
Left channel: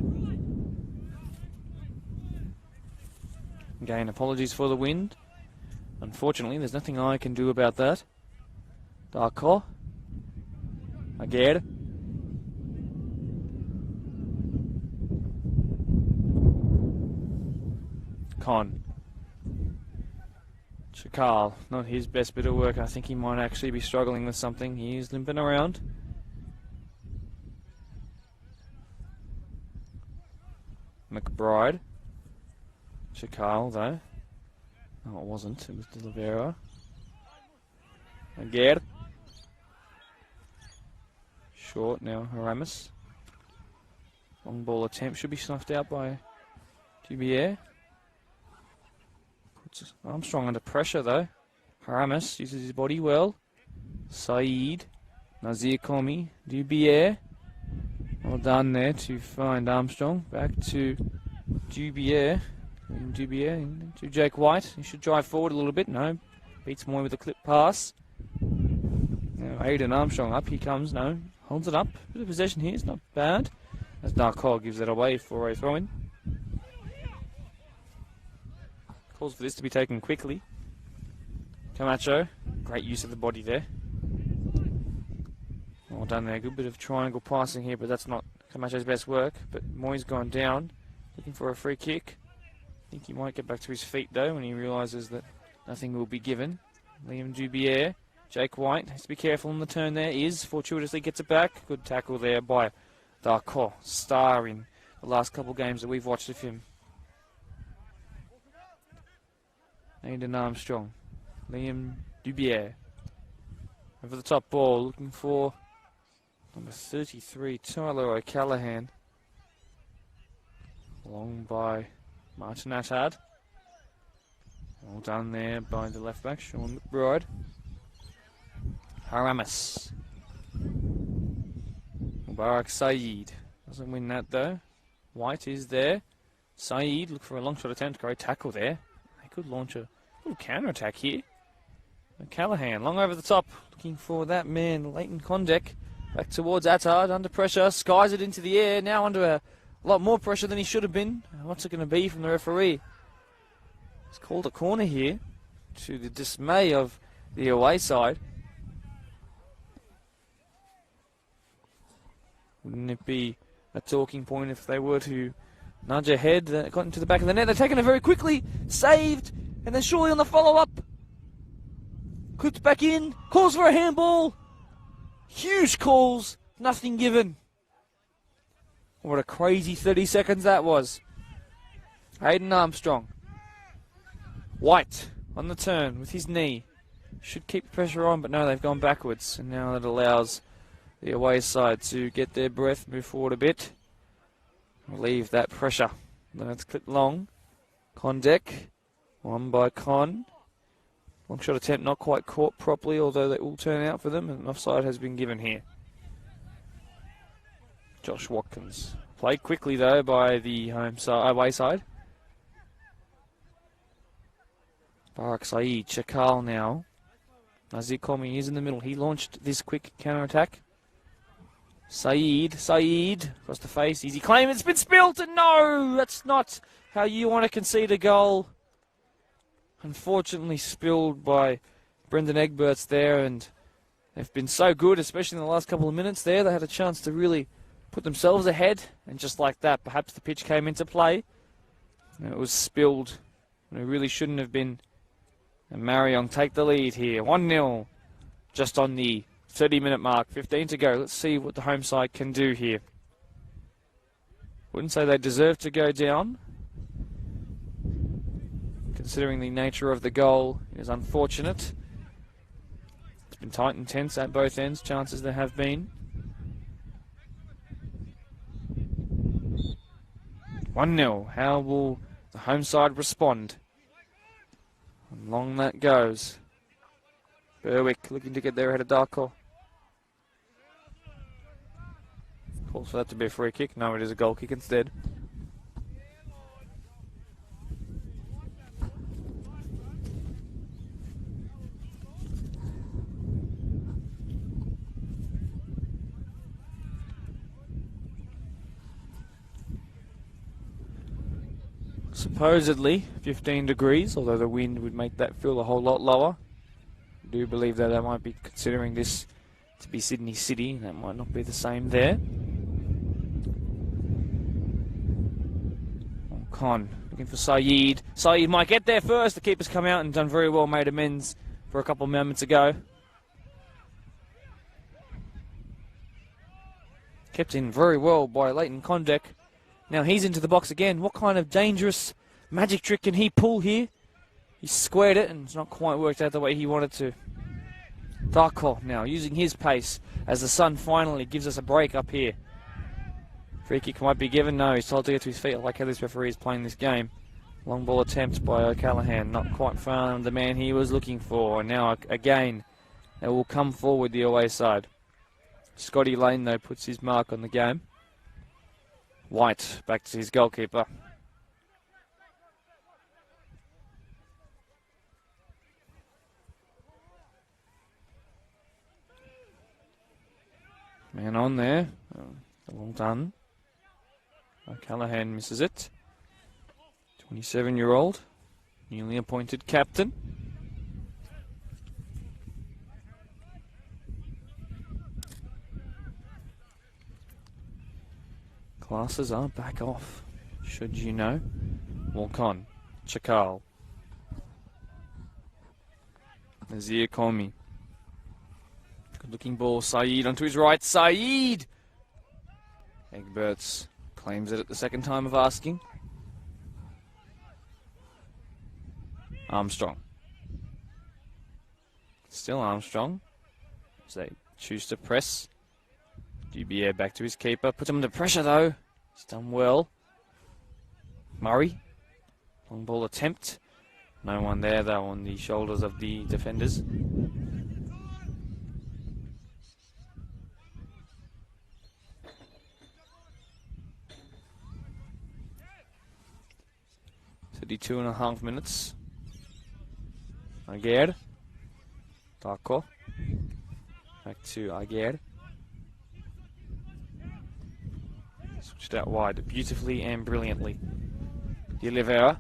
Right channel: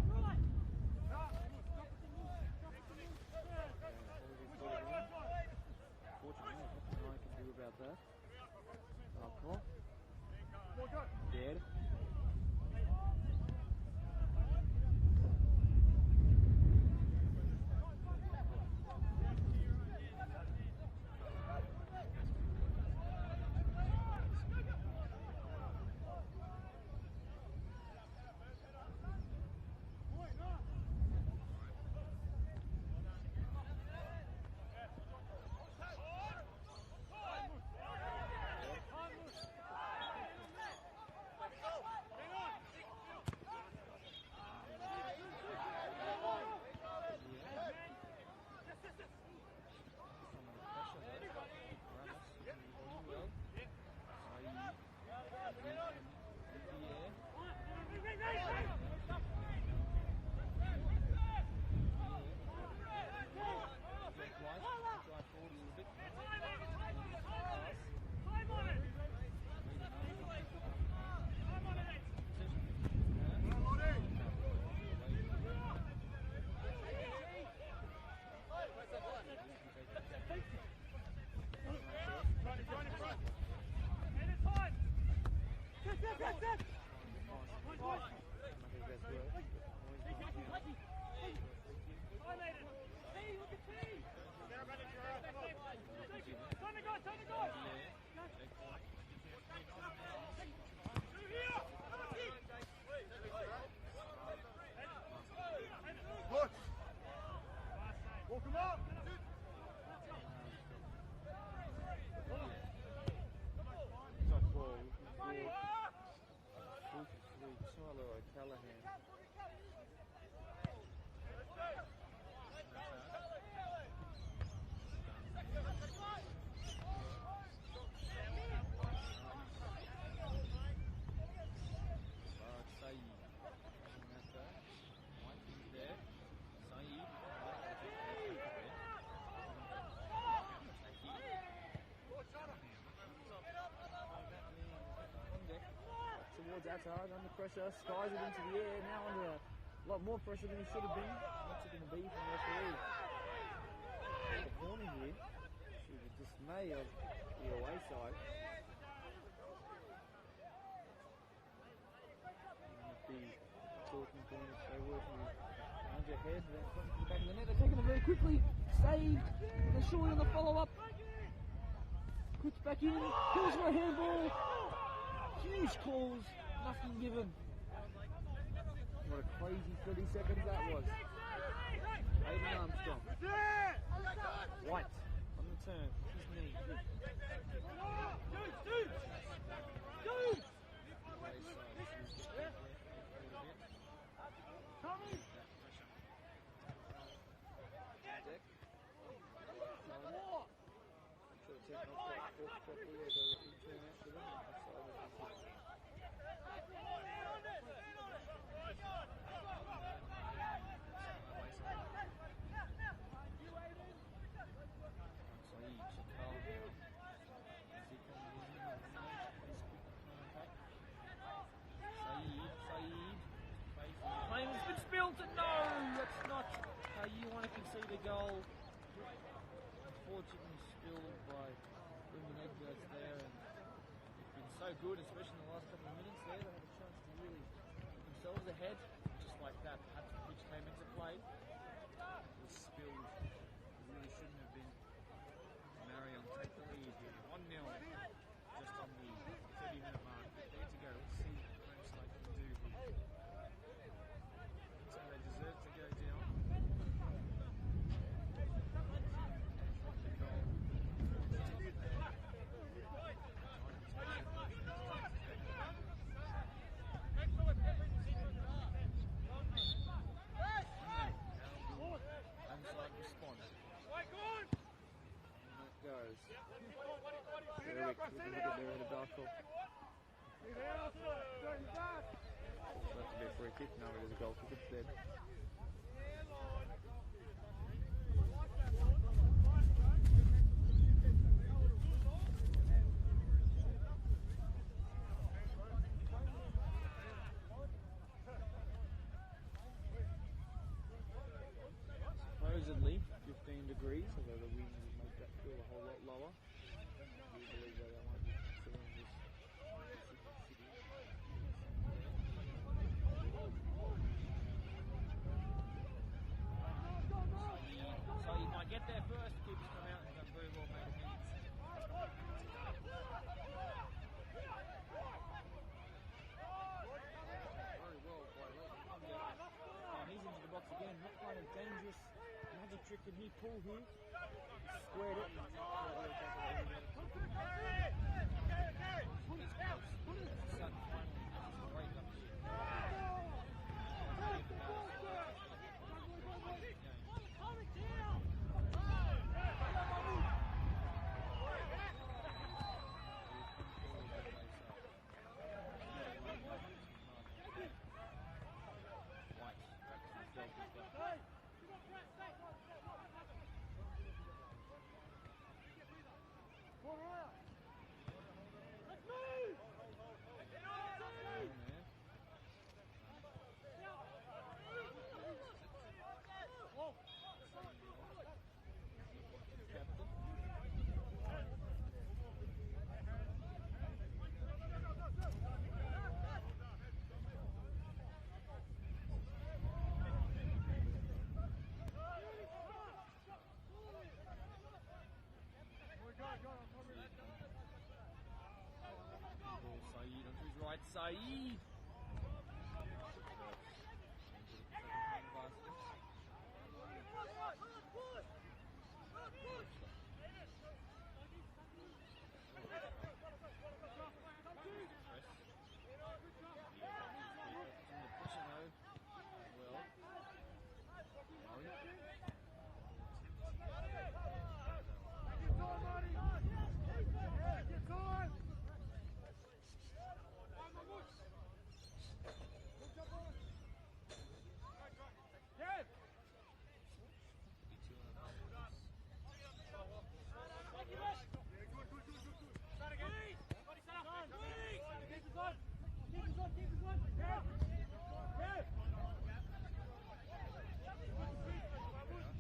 Again, apologies for the wind. Unfortunately, there's nothing I can do about that. Darko. Aguirre. Con. Chakal, not his best bit of work. I think he might actually be struggling with something. He's limping around. McBride. Chakal, though. No, it wasn't. It was De Oliveira. Aguirre. Short now, Haramis. Long ball attempt should be snuffed out by Dubier. Armstrong under pressure though. Haramis uses his body well. Saeed. Nazir Komi. Dubier. Well done there to find Armstrong. Back to Dubier. Dubier to Jake White. He should drive forward a little bit. No. Beats Moy with a clip pass. Now Aidan Armstrong up. He comes. No. Holds it up. Bit of possession here. It's not bad. As Darko gives it away for a throw-in. Calls for this to be taken quickly. Camacho, great use of the body there. Well done there, good bit of triangle passing here, but that's not Camacho's best work. But Moy's gone down, looking for a free kick. I think he might get back to his feet though when he realises that nothing will be given. Liam Dubier, Jake White, has to be careful on the turn there. Fortuitously gets it back. Good tackle there by Darko, star in the last couple games that we've watched of him. Aidan Armstrong, Liam Dubier. Over the top ball, looking for number 33, Tyler O'Callaghan. Long by Martin Attard. All done there by the left back, Sean McBride. Haramis. Mubarak Saeed. Doesn't win that though. White is there. Saeed look for a long shot attempt. Great tackle there. He could launch a counter attack here. Callahan long over the top, looking for that man, Leighton Condek. Back towards Attard, under pressure, skies it into the air, now under a lot more pressure than he should have been. What's it going to be from the referee? It's called a corner here, to the dismay of the away side. Wouldn't it be a talking point if they were to nudge ahead, that got into the back of the net? They're taking it very quickly, saved, and then surely on the follow-up. Clipped back in, calls for a handball. Huge calls, nothing given. What a crazy 30 seconds that was. Hayden Armstrong. White on the turn with his knee. Should keep pressure on, but no, they've gone backwards. And now that allows the away side to get their breath, move forward a bit. Leave that pressure. Let's clip long. Condek. One by Con. Long shot attempt not quite caught properly, although that will turn out for them. An offside has been given here. Josh Watkins. Played quickly though by the away side. Barak Saeed, Chakal now. Nazir Komi is in the middle. He launched this quick counter attack. Saeed across the face. Easy claim. It's been spilt, and no, that's not how you want to concede a goal. Unfortunately spilled by Brendan Egberts there, and they've been so good, especially in the last couple of minutes there. They had a chance to really put themselves ahead, and just like that, perhaps the pitch came into play. And it was spilled, and it really shouldn't have been. And Marion take the lead here, 1-0, just on the 30-minute mark, 15 to go. Let's see what the home side can do here. Wouldn't say they deserve to go down, considering the nature of the goal is unfortunate. It's been tight and tense at both ends, chances there have been. 1-0, how will the home side respond? And long that goes. Berwick looking to get there ahead of Darko. Calls for that to be a free kick. No, it is a goal kick instead. Supposedly 15 degrees, although the wind would make that feel a whole lot lower. I do believe that they might be considering this to be Sydney City. That might not be the same there. Con looking for Saeed. Saeed might get there first. The keeper's come out and done very well, made amends for a couple of moments ago. Kept in very well by Leighton Condek. Now he's into the box again. What kind of dangerous magic trick can he pull here? He squared it and it's not quite worked out the way he wanted to. Darko now using his pace as the sun finally gives us a break up here. Free kick might be given. No, he's told to get to his feet. I like how this referee is playing this game. Long ball attempt by O'Callaghan. Not quite found the man he was looking for. And now again, it will come forward the away side. Scotty Lane though puts his mark on the game. White back to his goalkeeper. Man on there. Well done. O'Callaghan misses it. 27-year-old, newly appointed captain. Classes are back off, should you know. Walk on. Chakal. Nazir Komi. Good looking ball. Saeed onto his right. Saeed! Egberts claims it at the second time of asking. Armstrong. Still Armstrong. As they choose to press. GBA back to his keeper. Puts him under pressure though. He's done well. Murray. Long ball attempt. No one there though on the shoulders of the defenders. 32.5 minutes. Aguirre. Darko. Back to Aguirre. Switched out wide beautifully and brilliantly. De Oliveira.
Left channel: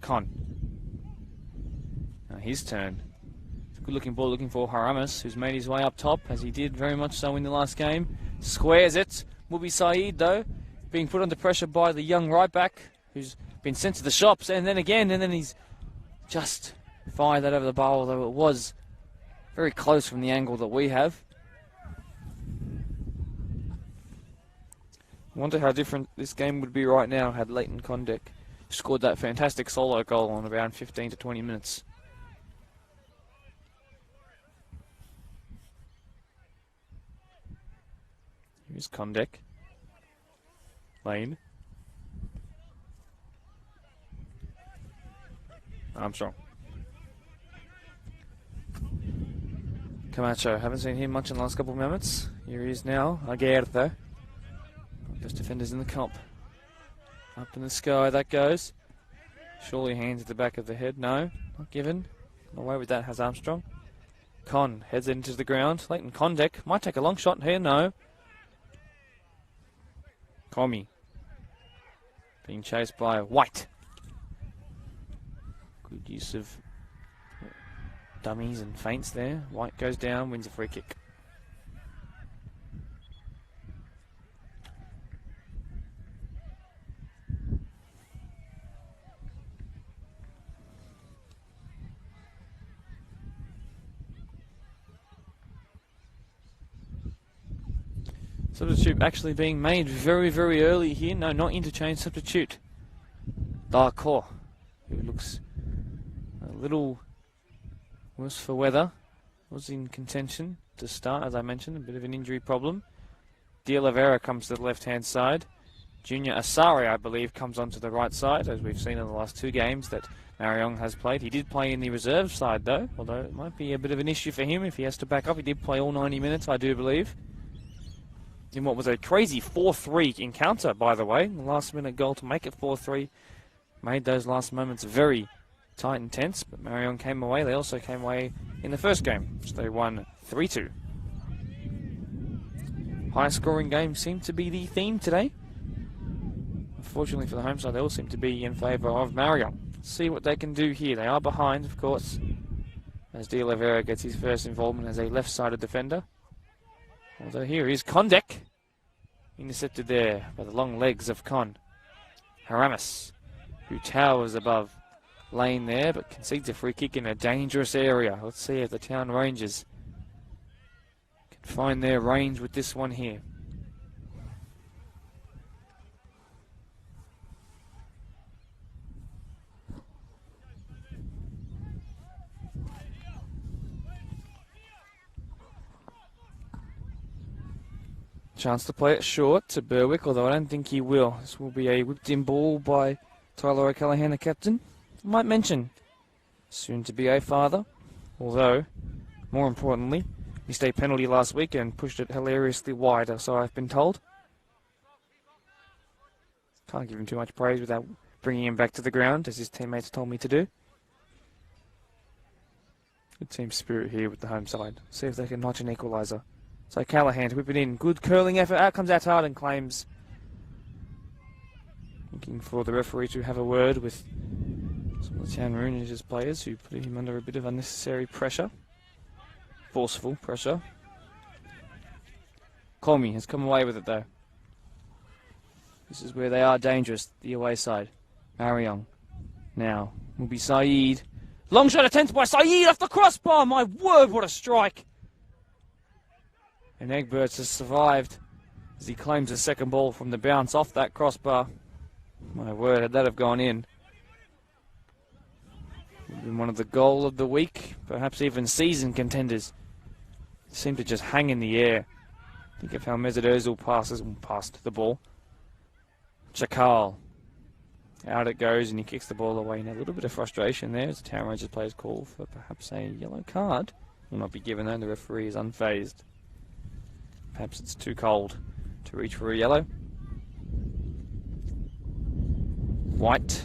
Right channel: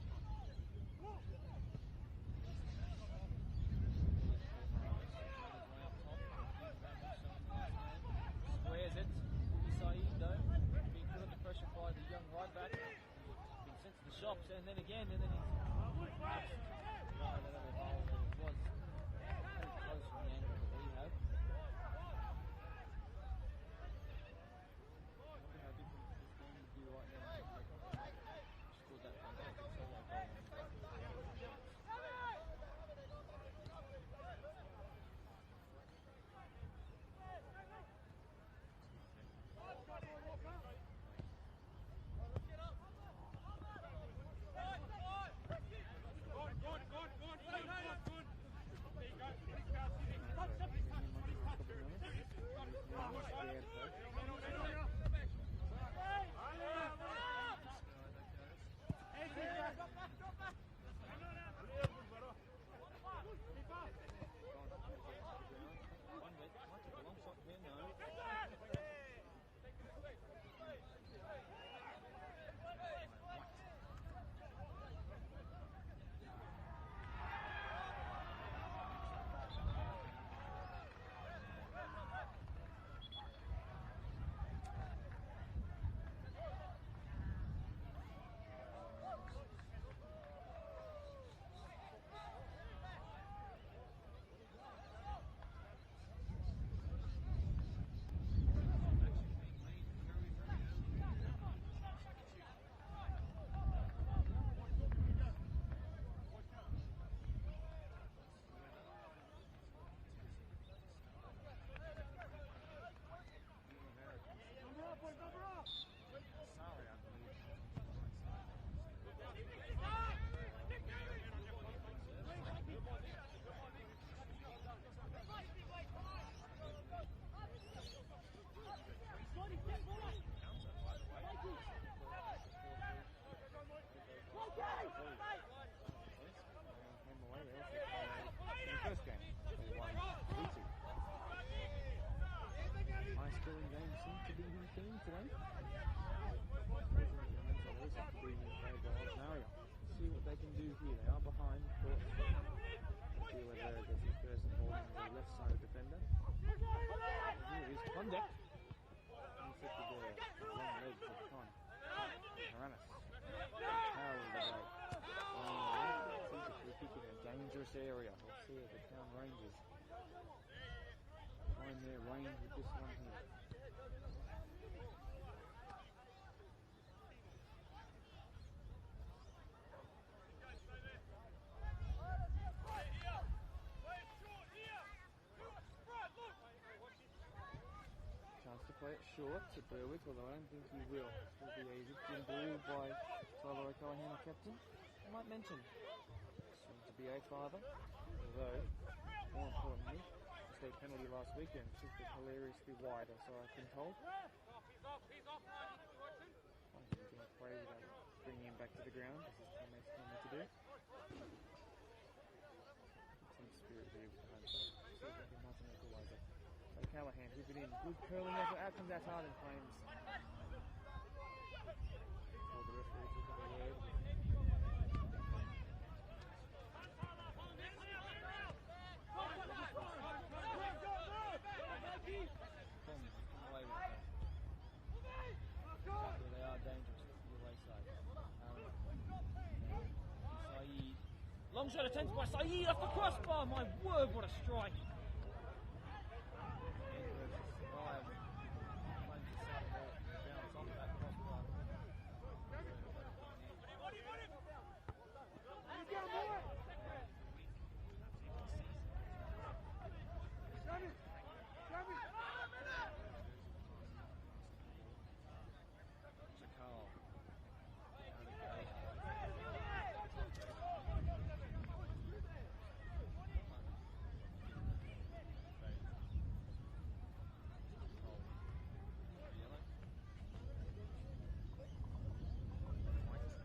Con. Now his turn. Good looking ball looking for Haramis, who's made his way up top, as he did very much so in the last game. Squares it. Will be Saeed, though, being put under pressure by the young right back, who's been sent to the shops, and then again, and then he's just fired that over the bar, although it was very close from the angle that we have. I wonder how different this game would be right now had Leighton Condek scored that fantastic solo goal on around 15 to 20 minutes. Here's Condek. Lane. Armstrong. Camacho, haven't seen him much in the last couple of minutes. Here he is now. Aguirre, though. Best defenders in the comp. Up in the sky that goes. Surely hands at the back of the head. No, not given. Away with that has Armstrong. Con heads into the ground. Leighton Condek might take a long shot here. No. Comey. Being chased by White. Good use of dummies and feints there. White goes down, wins a free kick. Substitute actually being made very, very early here. No, not interchange, substitute. Darko, who looks a little worse for weather, was in contention to start, as I mentioned, a bit of an injury problem. De Oliveira comes to the left-hand side. Junior Asari, I believe, comes onto the right side, as we've seen in the last two games that Marayong has played. He did play in the reserve side, though, although it might be a bit of an issue for him if he has to back up. He did play all 90 minutes, I do believe. In what was a crazy 4-3 encounter, by the way. The last-minute goal to make it 4-3 made those last moments very tight and tense, but Marion came away. They also came away in the first game, which they won 3-2. High-scoring games seem to be the theme today. Unfortunately for the home side, they all seem to be in favour of Marion. See what they can do here. They are behind, of course, as De Oliveira gets his first involvement as a left-sided defender. Although here is Condek, intercepted there by the long legs of Con. Haramis, who towers above Lane there, but concedes a free kick in a dangerous area. Let's see if the Town Rangers can find their range with this one here. Chance to play it short to Berwick, although I don't think he will. This will be a whipped-in ball by Tyler O'Callaghan, the captain. I might mention, soon to be a father, although, more importantly, missed a penalty last week and pushed it hilariously wide, so I've been told. Can't give him too much praise without bringing him back to the ground, as his teammates told me to do. Good team spirit here with the home side. See if they can notch an equaliser. So Callahan to whip it in. Good curling effort. Out comes Attard and claims. Looking for the referee to have a word with some of the Town Rangers players who put him under a bit of unnecessary pressure. Forceful pressure. Comey has come away with it though. This is where they are dangerous, the away side. Marayong. Now will be Saeed. Long shot attempted by Saeed off the crossbar. My word, what a strike. And Egberts has survived as he claims a second ball from the bounce off that crossbar. My word, had that have gone in. Even one of the goal of the week, perhaps even season contenders, seem to just hang in the air. Think of how Mesut Ozil passed the ball. Chakal. Out it goes and he kicks the ball away. Now a little bit of frustration there as the Town Rangers players call for perhaps a yellow card. Will not be given though, the referee is unfazed. Perhaps it's too cold to reach for a yellow. White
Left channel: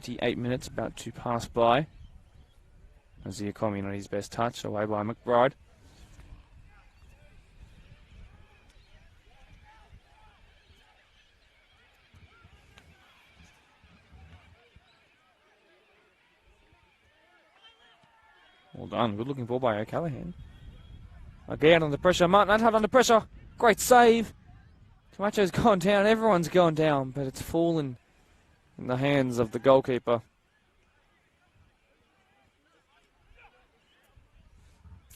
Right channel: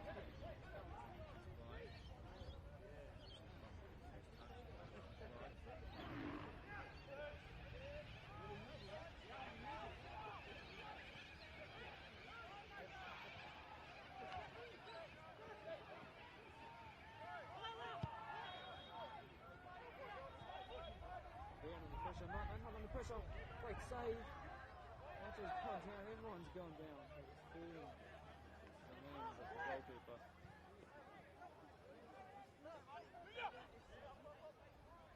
38 minutes about to pass by. Ziakomi on his best touch, away by McBride. Well done, good looking ball by O'Callaghan. Again under pressure, Martin Adhart under pressure. Great save. Camacho's gone down, everyone's gone down, but it's fallen in the hands of the goalkeeper.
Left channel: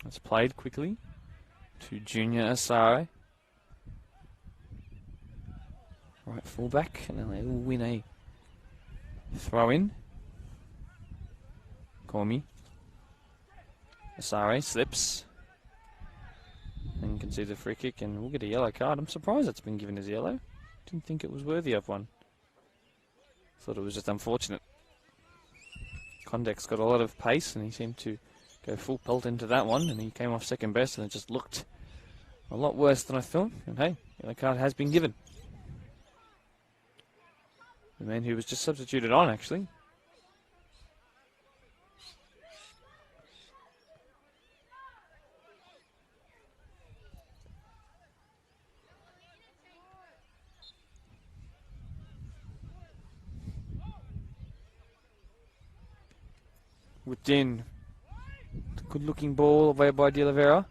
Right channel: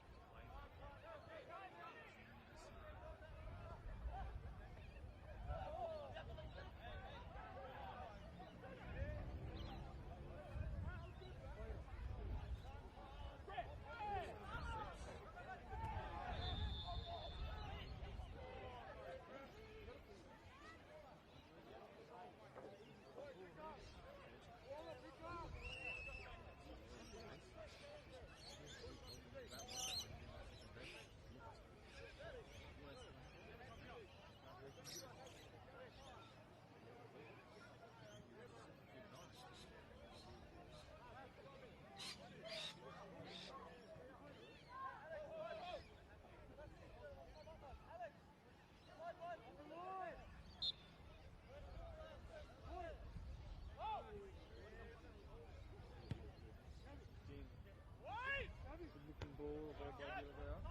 It's played quickly to Junior Asare. Right fullback, and then they will win a throw in. Cormy. Asare slips. And you can see the free kick, and we'll get a yellow card. I'm surprised it's been given as yellow. Didn't think it was worthy of one. Thought it was just unfortunate. Condek's got a lot of pace, and he seemed to go full pelt into that one, and he came off second best, and it just looked a lot worse than I thought. And hey, yellow card has been given. The man who was just substituted on, actually. Whipped in. Good looking ball away by De Oliveira.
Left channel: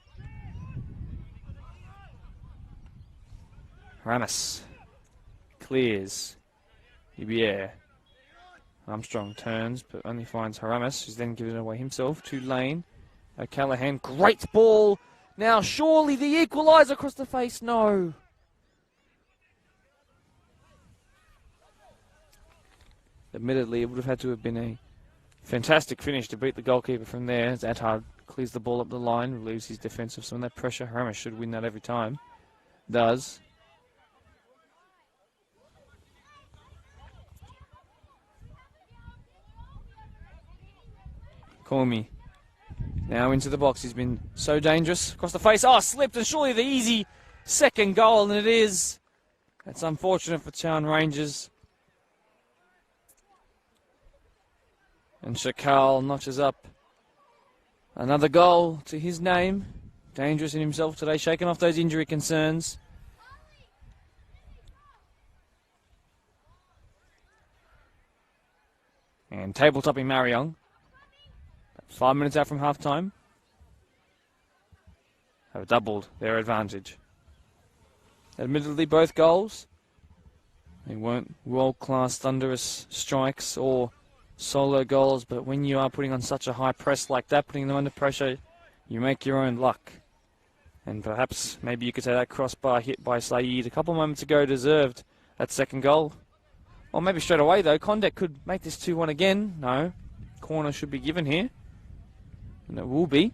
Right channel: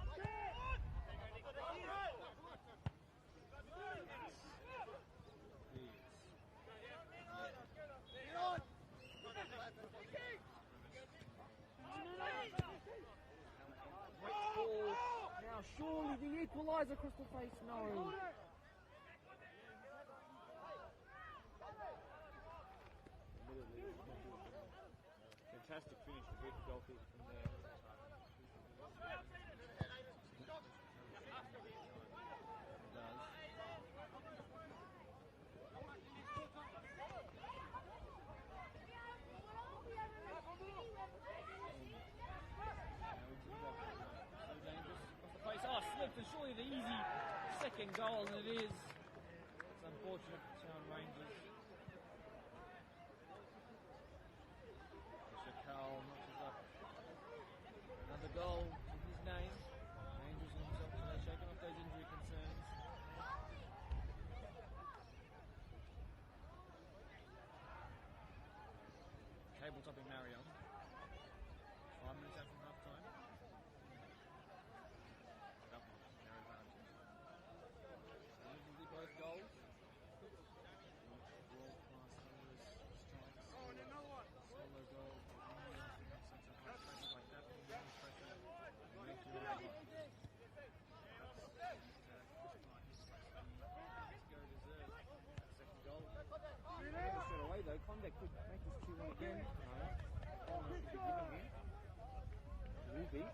Ramos clears. Ubier. Armstrong turns, but only finds Haramis, who's then given it away himself to Lane. O'Callaghan, great ball. Now surely the equaliser across the face. No. Admittedly, it would have had to have been a fantastic finish to beat the goalkeeper from there, as Adhart clears the ball up the line, relieves his defence of some of that pressure. Haramis should win that every time. Does. Cormy. Now into the box. He's been so dangerous. Across the face. Oh, slipped, and surely the easy second goal, and it is. That's unfortunate for Town Rangers. And Shakal notches up another goal to his name. Dangerous in himself today, shaking off those injury concerns. And table-topping Marayong. 5 minutes out from half-time. Have doubled their advantage. Admittedly, both goals, they weren't world-class thunderous strikes or solo goals, but when you are putting on such a high press like that, putting them under pressure, you make your own luck. And perhaps, maybe you could say that crossbar hit by Saeed a couple moments ago deserved that second goal. Or maybe straight away, though, Condek could make this 2-1 again. No, corner should be given here. And it will be.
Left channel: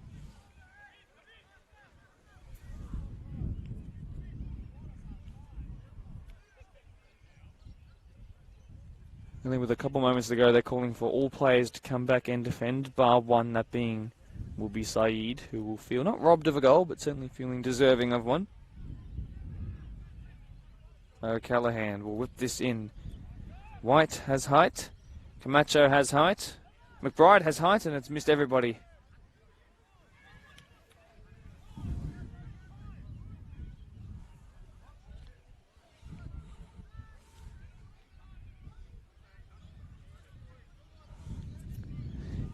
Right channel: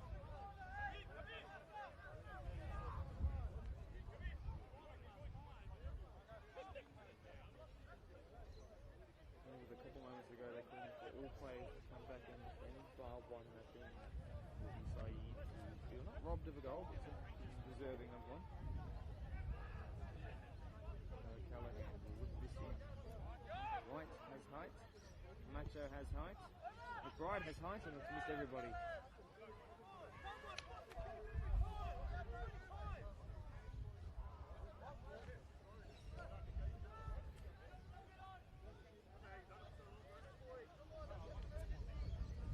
Only with a couple moments to go, they're calling for all players to come back and defend, bar one, that being will be Saeed, who will feel not robbed of a goal, but certainly feeling deserving of one. O'Callaghan will whip this in. White has height. Camacho has height. McBride has height, and it's missed everybody.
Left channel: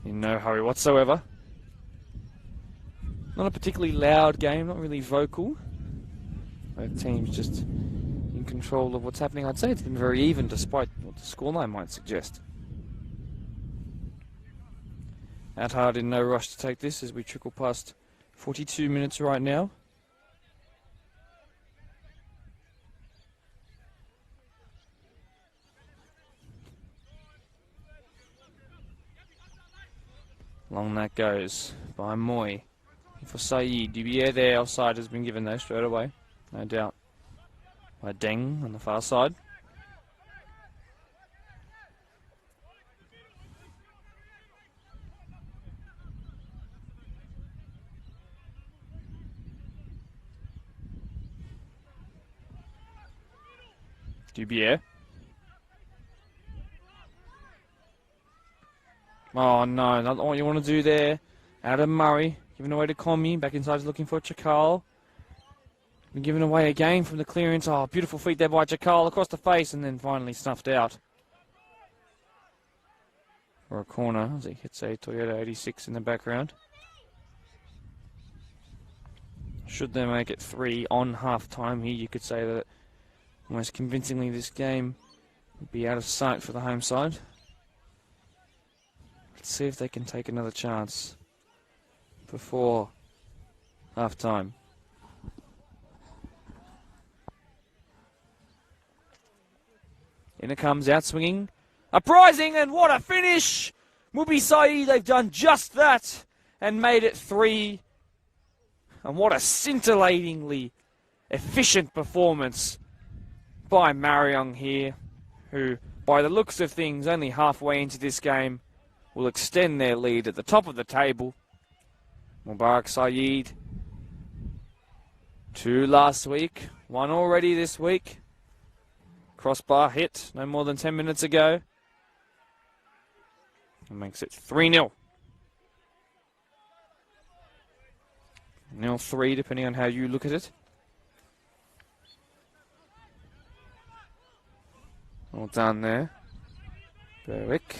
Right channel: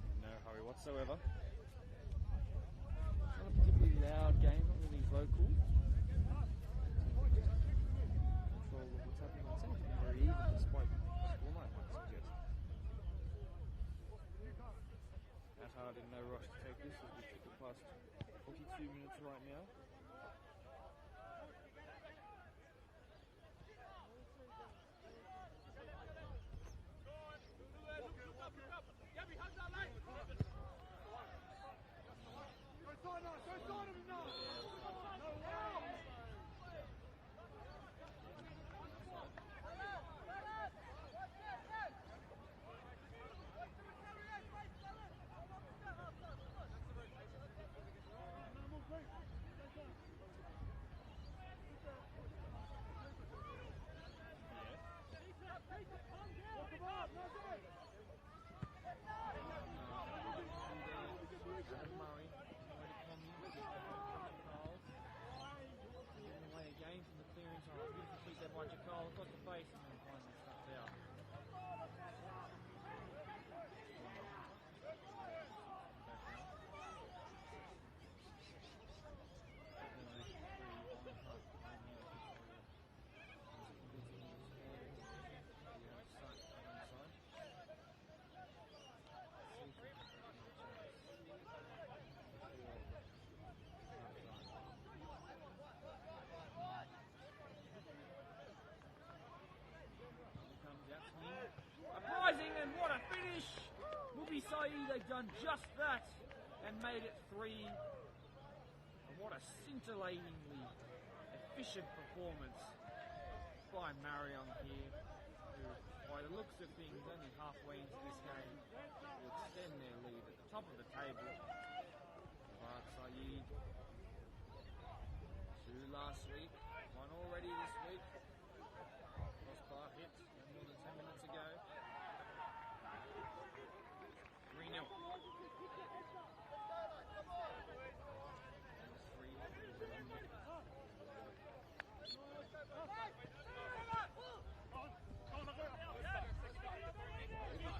In no hurry whatsoever. Not a particularly loud game, not really vocal. Both teams just in control of what's happening. I'd say it's been very even despite what the scoreline might suggest. Adhart in no rush to take this as we trickle past 42 minutes right now. Long that goes by Moy. For Saeed, Dubier there, offside has been given though straight away, no doubt. By Deng on the far side. Dubier. Oh, no, not what you want to do there. Out of Murray, giving away to Comey. Back inside, looking for Chakal. And giving away again from the clearance. Oh, beautiful feet there by Chakal across the face, and then finally snuffed out. For a corner, as he hits a Toyota 86 in the background. Should they make it 3 on half-time here, you could say that most convincingly this game would be out of sight for the home side. Let's see if they can take another chance before half-time. In it comes, out swinging. Uprising, and what a finish! Mubi Saeed, they've done just that and made it 3. And what a scintillatingly efficient performance by Marayong here, who, by the looks of things, only halfway into this game, will extend their lead at the top of the table. Mubarak Saeed, 2 last week, 1 already this week. Crossbar hit no more than 10 minutes ago. It makes it 3-0. 0-3, depending on how you look at it. Well done there. Berwick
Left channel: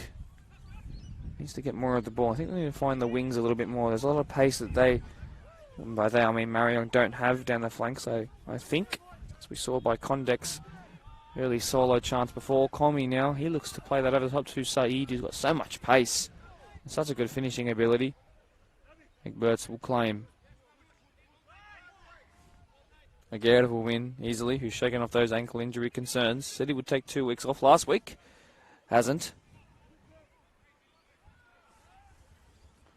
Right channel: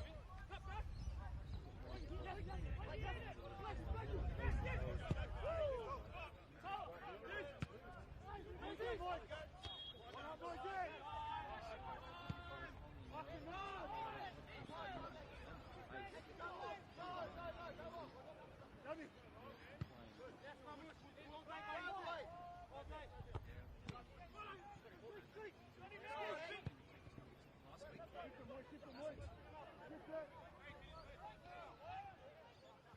needs to get more of the ball. I think they need to find the wings a little bit more. There's a lot of pace that they, and by they I mean Marion, don't have down the flanks. So I think, as we saw by Condek's early solo chance before, Comey now, he looks to play that over the top to Saeed, who's got so much pace and such a good finishing ability. McBurts will claim. Aguirre will win easily, who's shaken off those ankle injury concerns. Said he would take 2 weeks off last week. Hasn't.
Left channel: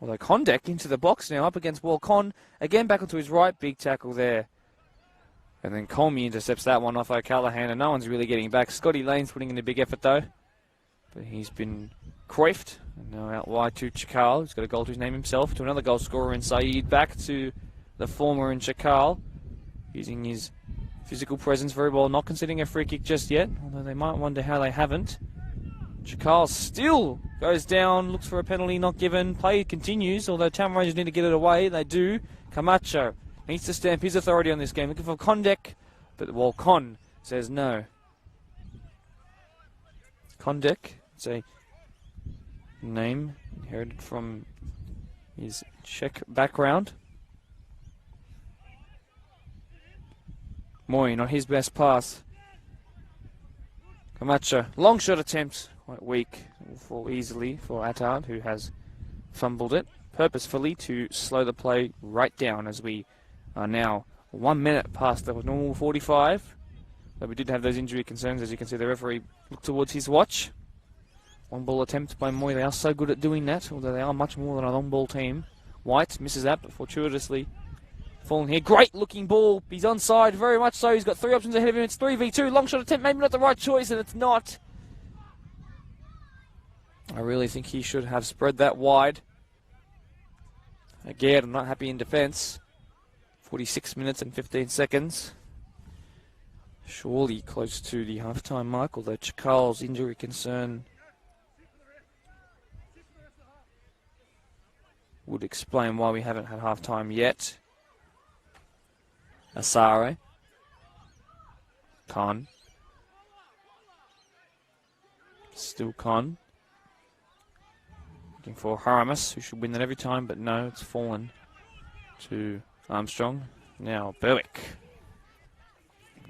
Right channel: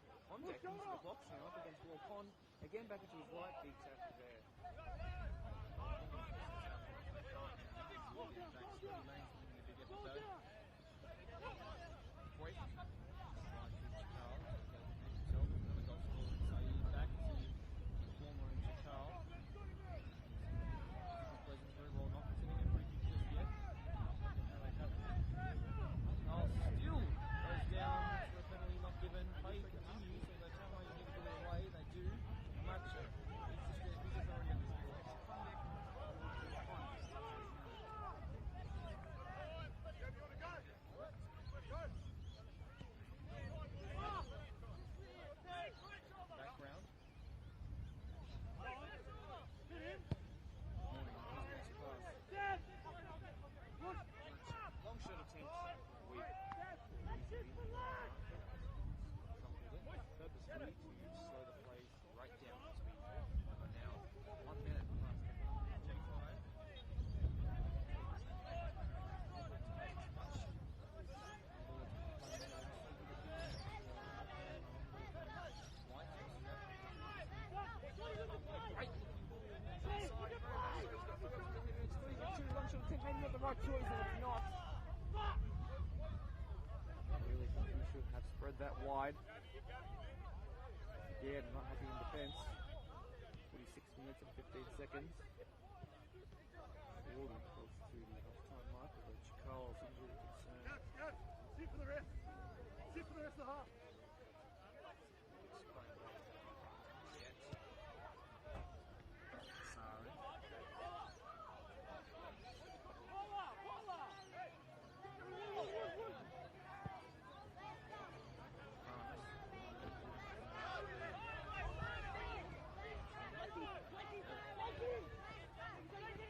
Although Condek into the box now, up against Walcon. Again back onto his right, big tackle there. And then Comey intercepts that one off O'Callaghan, and no one's really getting back. Scotty Lane's putting in a big effort though. But he's been coiffed. Now out wide to Chakal, who's got a goal to his name himself, to another goal scorer in Saeed. Back to the former in Chakal, using his physical presence very well, not conceding a free kick just yet, although they might wonder how they haven't. Chakal still goes down, looks for a penalty, not given. Play continues, although Town Rangers need to get it away. They do. Camacho needs to stamp his authority on this game, looking for Condek, but Walcon says no. Condek, it's a name inherited from his Czech background. Moy, not his best pass. Camacho, long shot attempt, quite weak, will fall easily for Attard, who has fumbled it purposefully to slow the play right down, as we are now 1 minute past the normal 45. But we did have those injury concerns. As you can see, the referee looked towards his watch. Long ball attempt by Moy. They are so good at doing that, although they are much more than a long ball team. White misses that, but fortuitously falling here. Great looking ball. He's onside, very much so. He's got 3 options ahead of him. It's 3v2. Long shot attempt, maybe not the right choice, and it's not. I really think he should have spread that wide. Again, I'm not happy in defence. 46 minutes and 15 seconds. Surely close to the half-time mark, although Chakal's injury concern would explain why we haven't had half-time yet. Asare. Khan. Still Khan. Looking for Haramis, who should win that every time, but no, it's fallen to Armstrong. Now Berwick.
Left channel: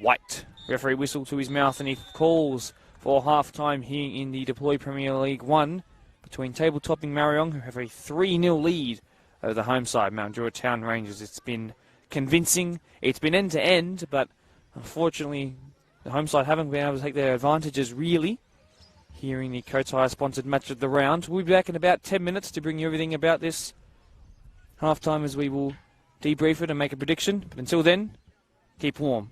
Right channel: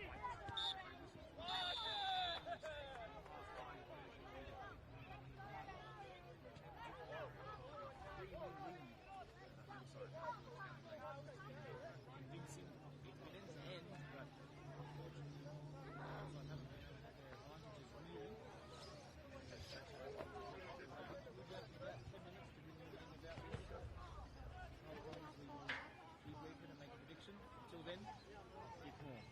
White. Referee whistle to his mouth, and he calls for half-time here in the Deploy Premier League 1 between table-topping Marayong, who have a 3-0 lead over the home side, Mount Druitt Town Rangers. It's been convincing. It's been end-to-end, but unfortunately the home side haven't been able to take their advantages really here in the Kotire-sponsored match of the round. We'll be back in about 10 minutes to bring you everything about this half-time, as we will debrief it and make a prediction. But until then, keep warm.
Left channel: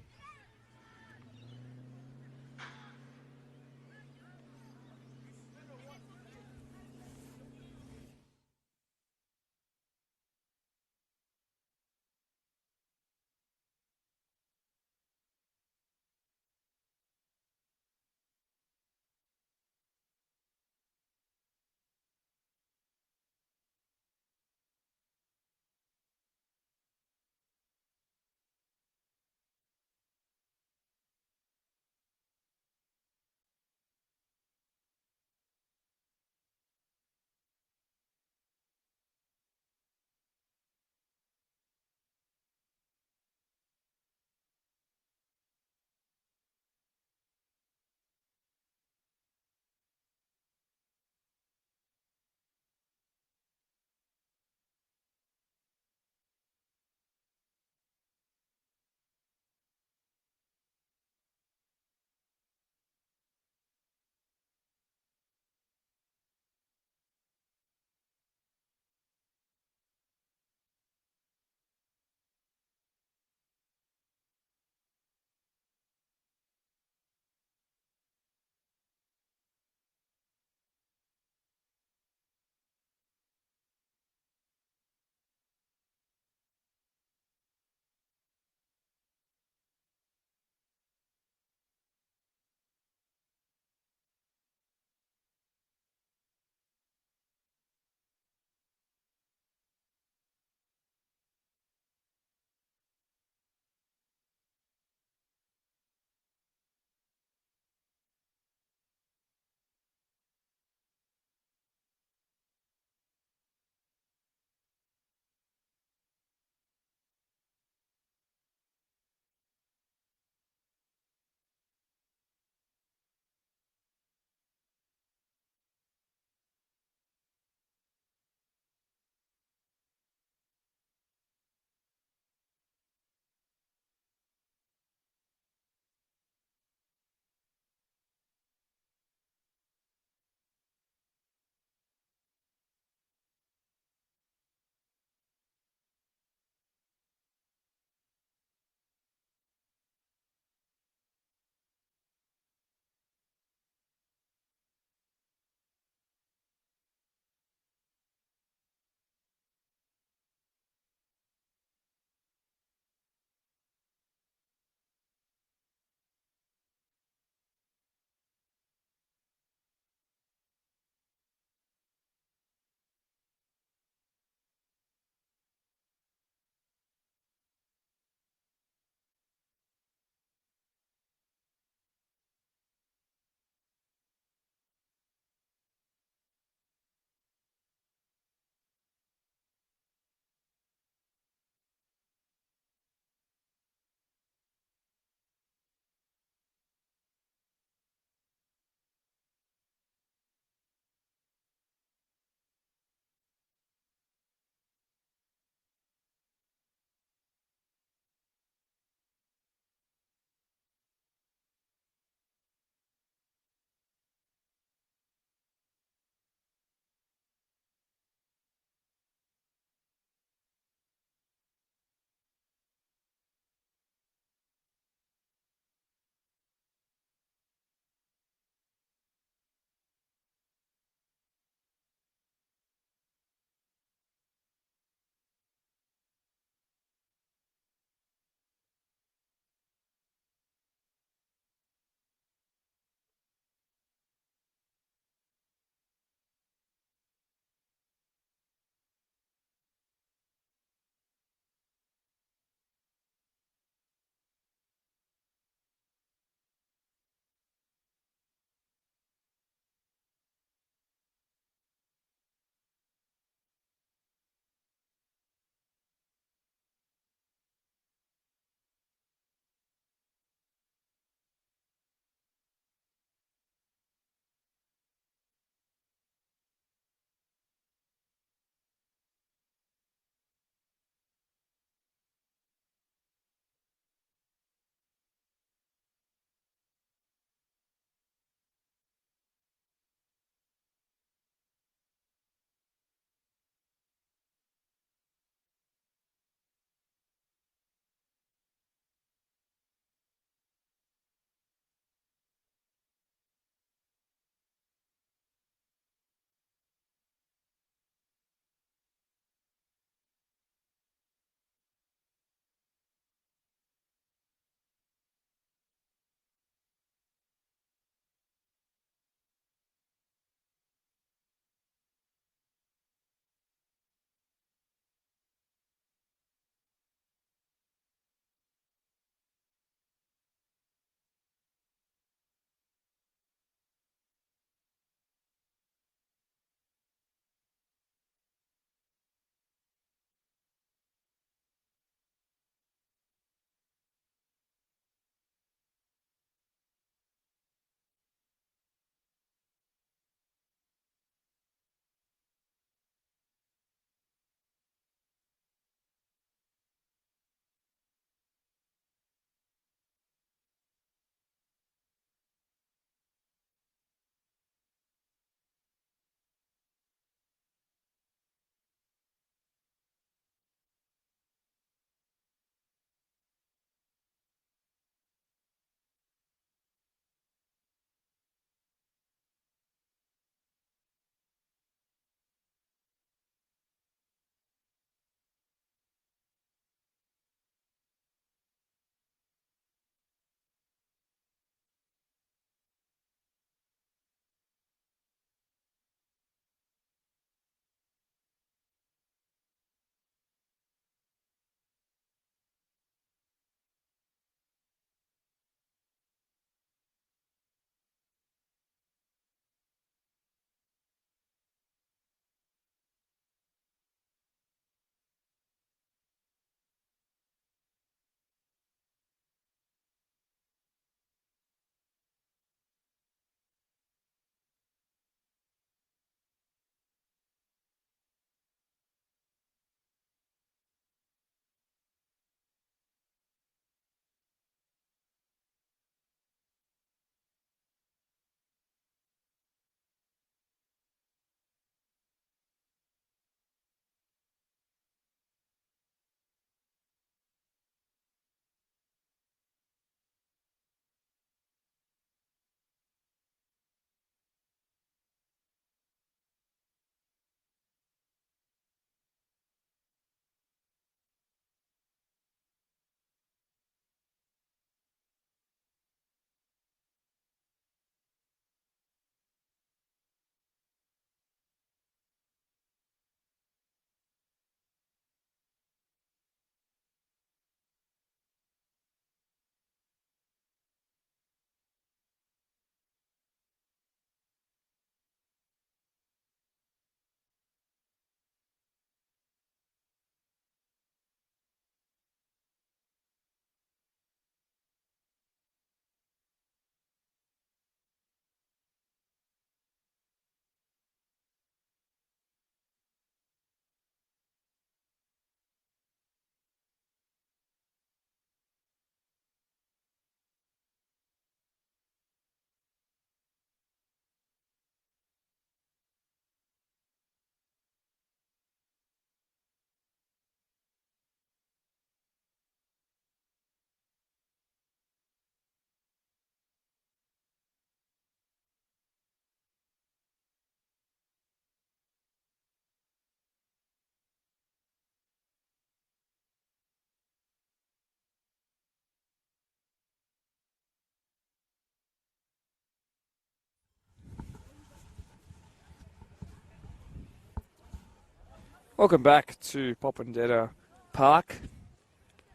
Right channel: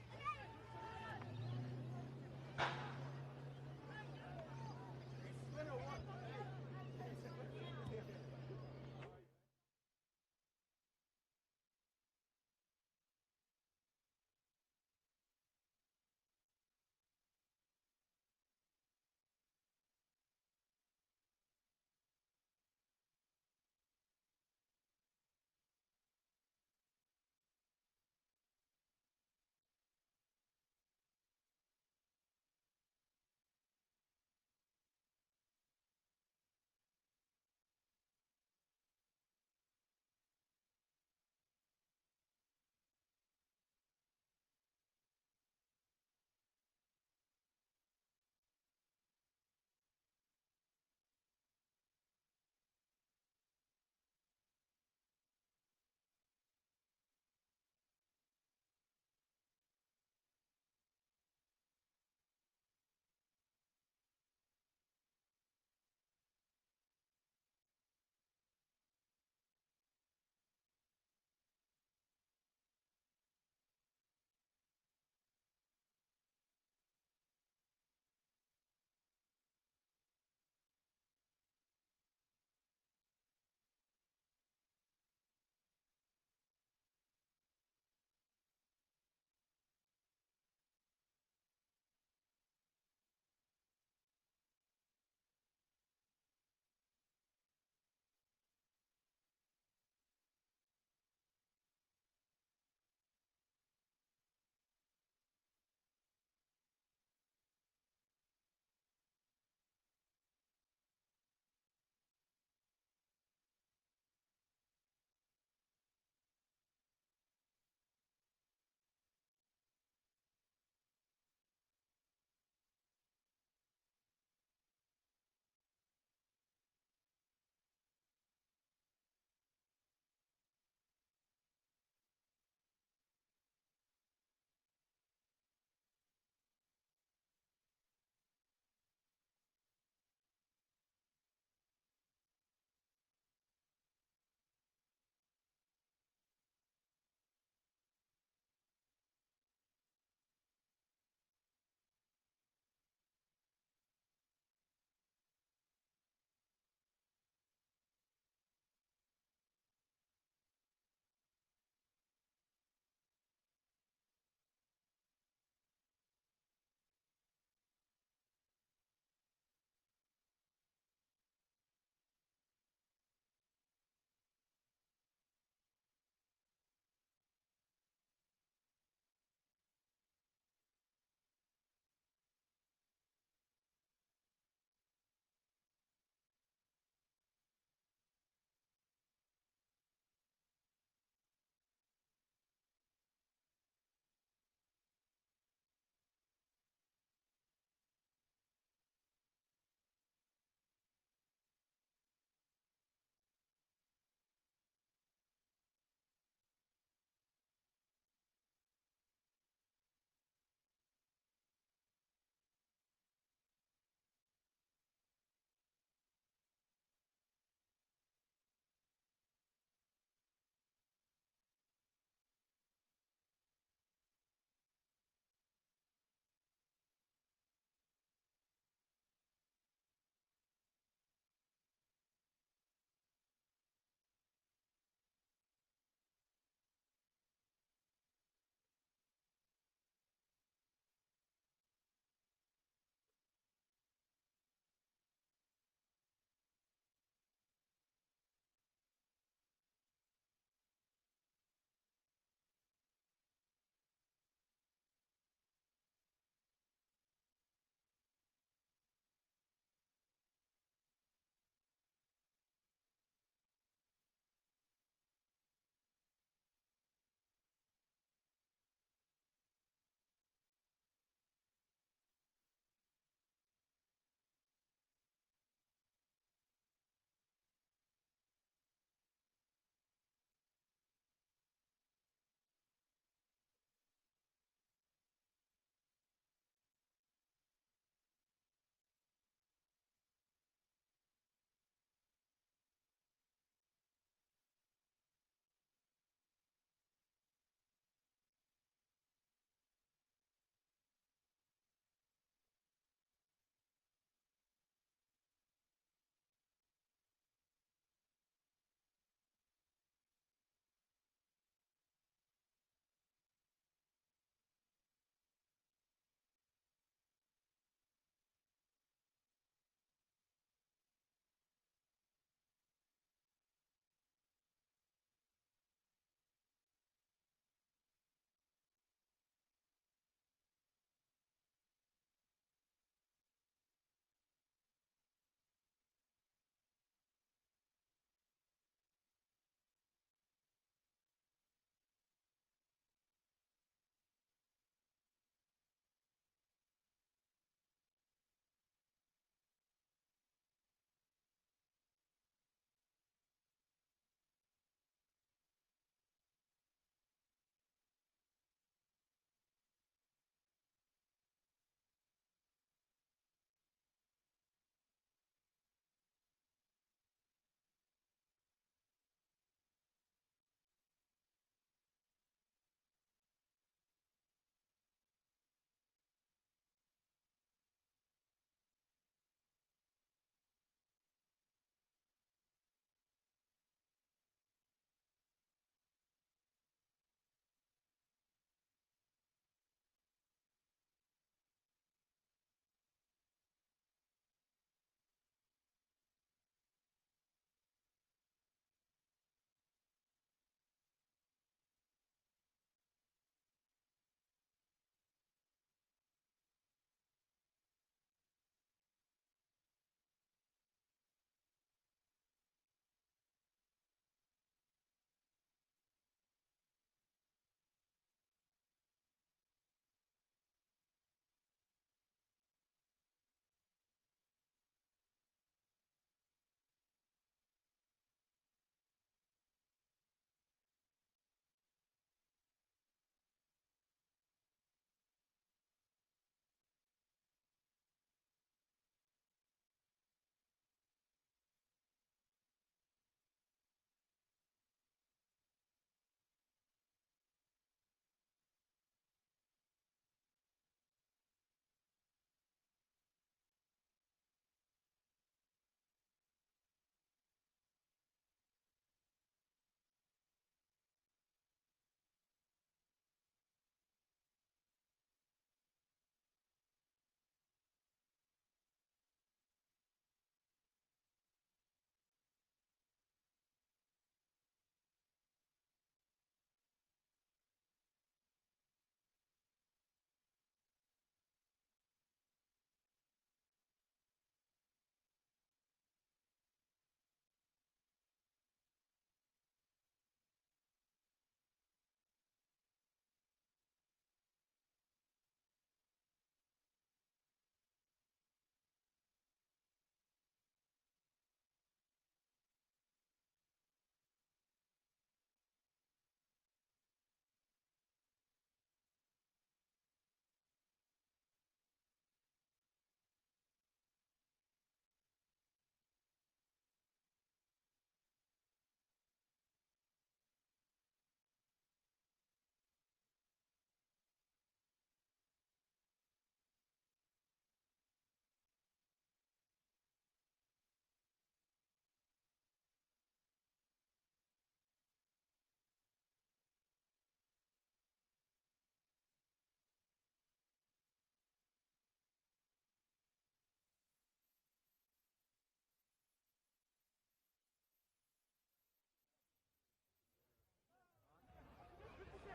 Welcome back to Popondetta Park.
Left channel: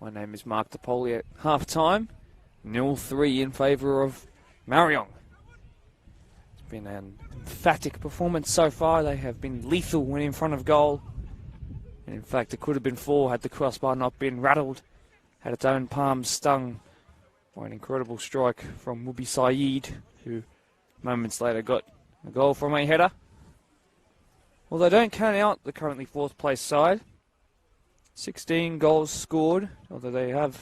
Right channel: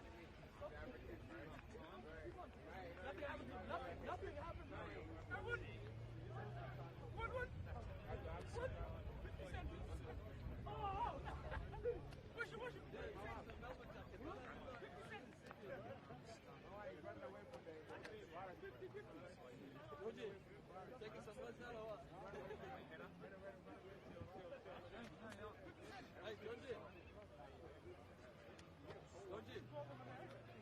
My name is Mark DePoli at half-time. 0-3 in favour of Marion. It's been an emphatic performance so far. They have been lethal when in front of goal. And in fact, it could have been 4 had the crossbar not been rattled, had its own palm stung by an incredible strike from Mubi Saeed, who moments later got a goal from a header. Well, they don't count out the currently 4th place side. 16 goals scored, although they have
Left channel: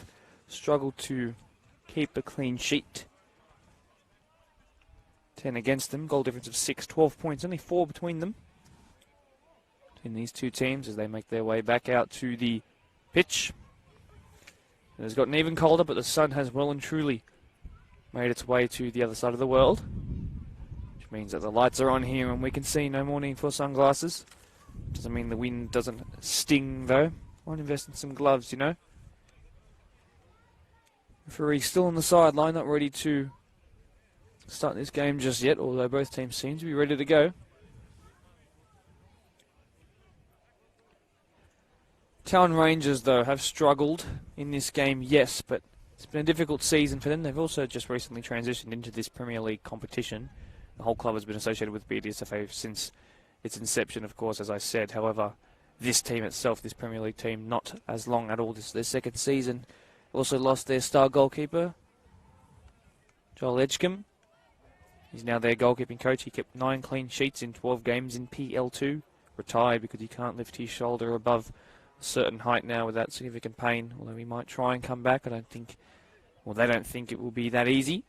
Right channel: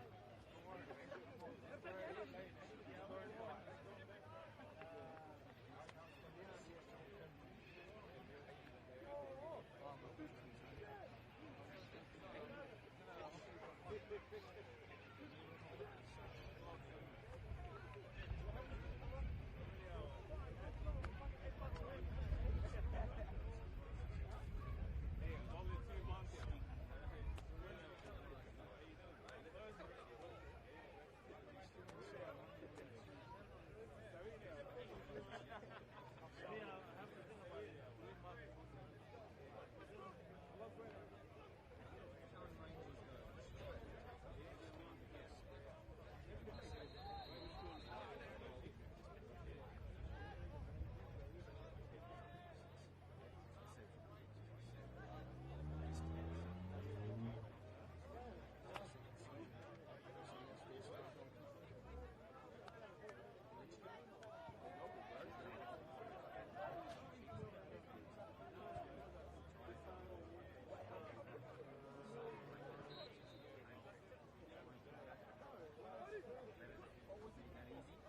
struggled to keep a clean sheet. 10 against them, goal difference of 6, 12 points, only 4 between them. Between these two teams as they make their way back out to the pitch. It has gotten even colder, but the sun has well and truly made its way to the other side of the world. Which means that the lights are on here and we can see. No more need for sunglasses. Doesn't mean the wind doesn't sting though. Might invest in some gloves, you know. Referee still on the sideline, not ready to start this game just yet, although both teams seem to be ready to go. Town Rangers, though, have struggled in this game, yes, but it's been a difficult season for them. They've also just recently transitioned into this Premier League competition. The whole club has been associated with BDSFA since its inception, of course, as I said. However, this team itself, this Premier League team, not as long at all. This is their 2nd season. Also lost their star goalkeeper, Joel Edgecombe. He's now their goalkeeping coach. He kept 9 clean sheets in 12 games in PL2. Retired because he can't lift his shoulder above a certain height now without significant pain. Although he might try and come back. I don't think, well, they don't think it will be that easy.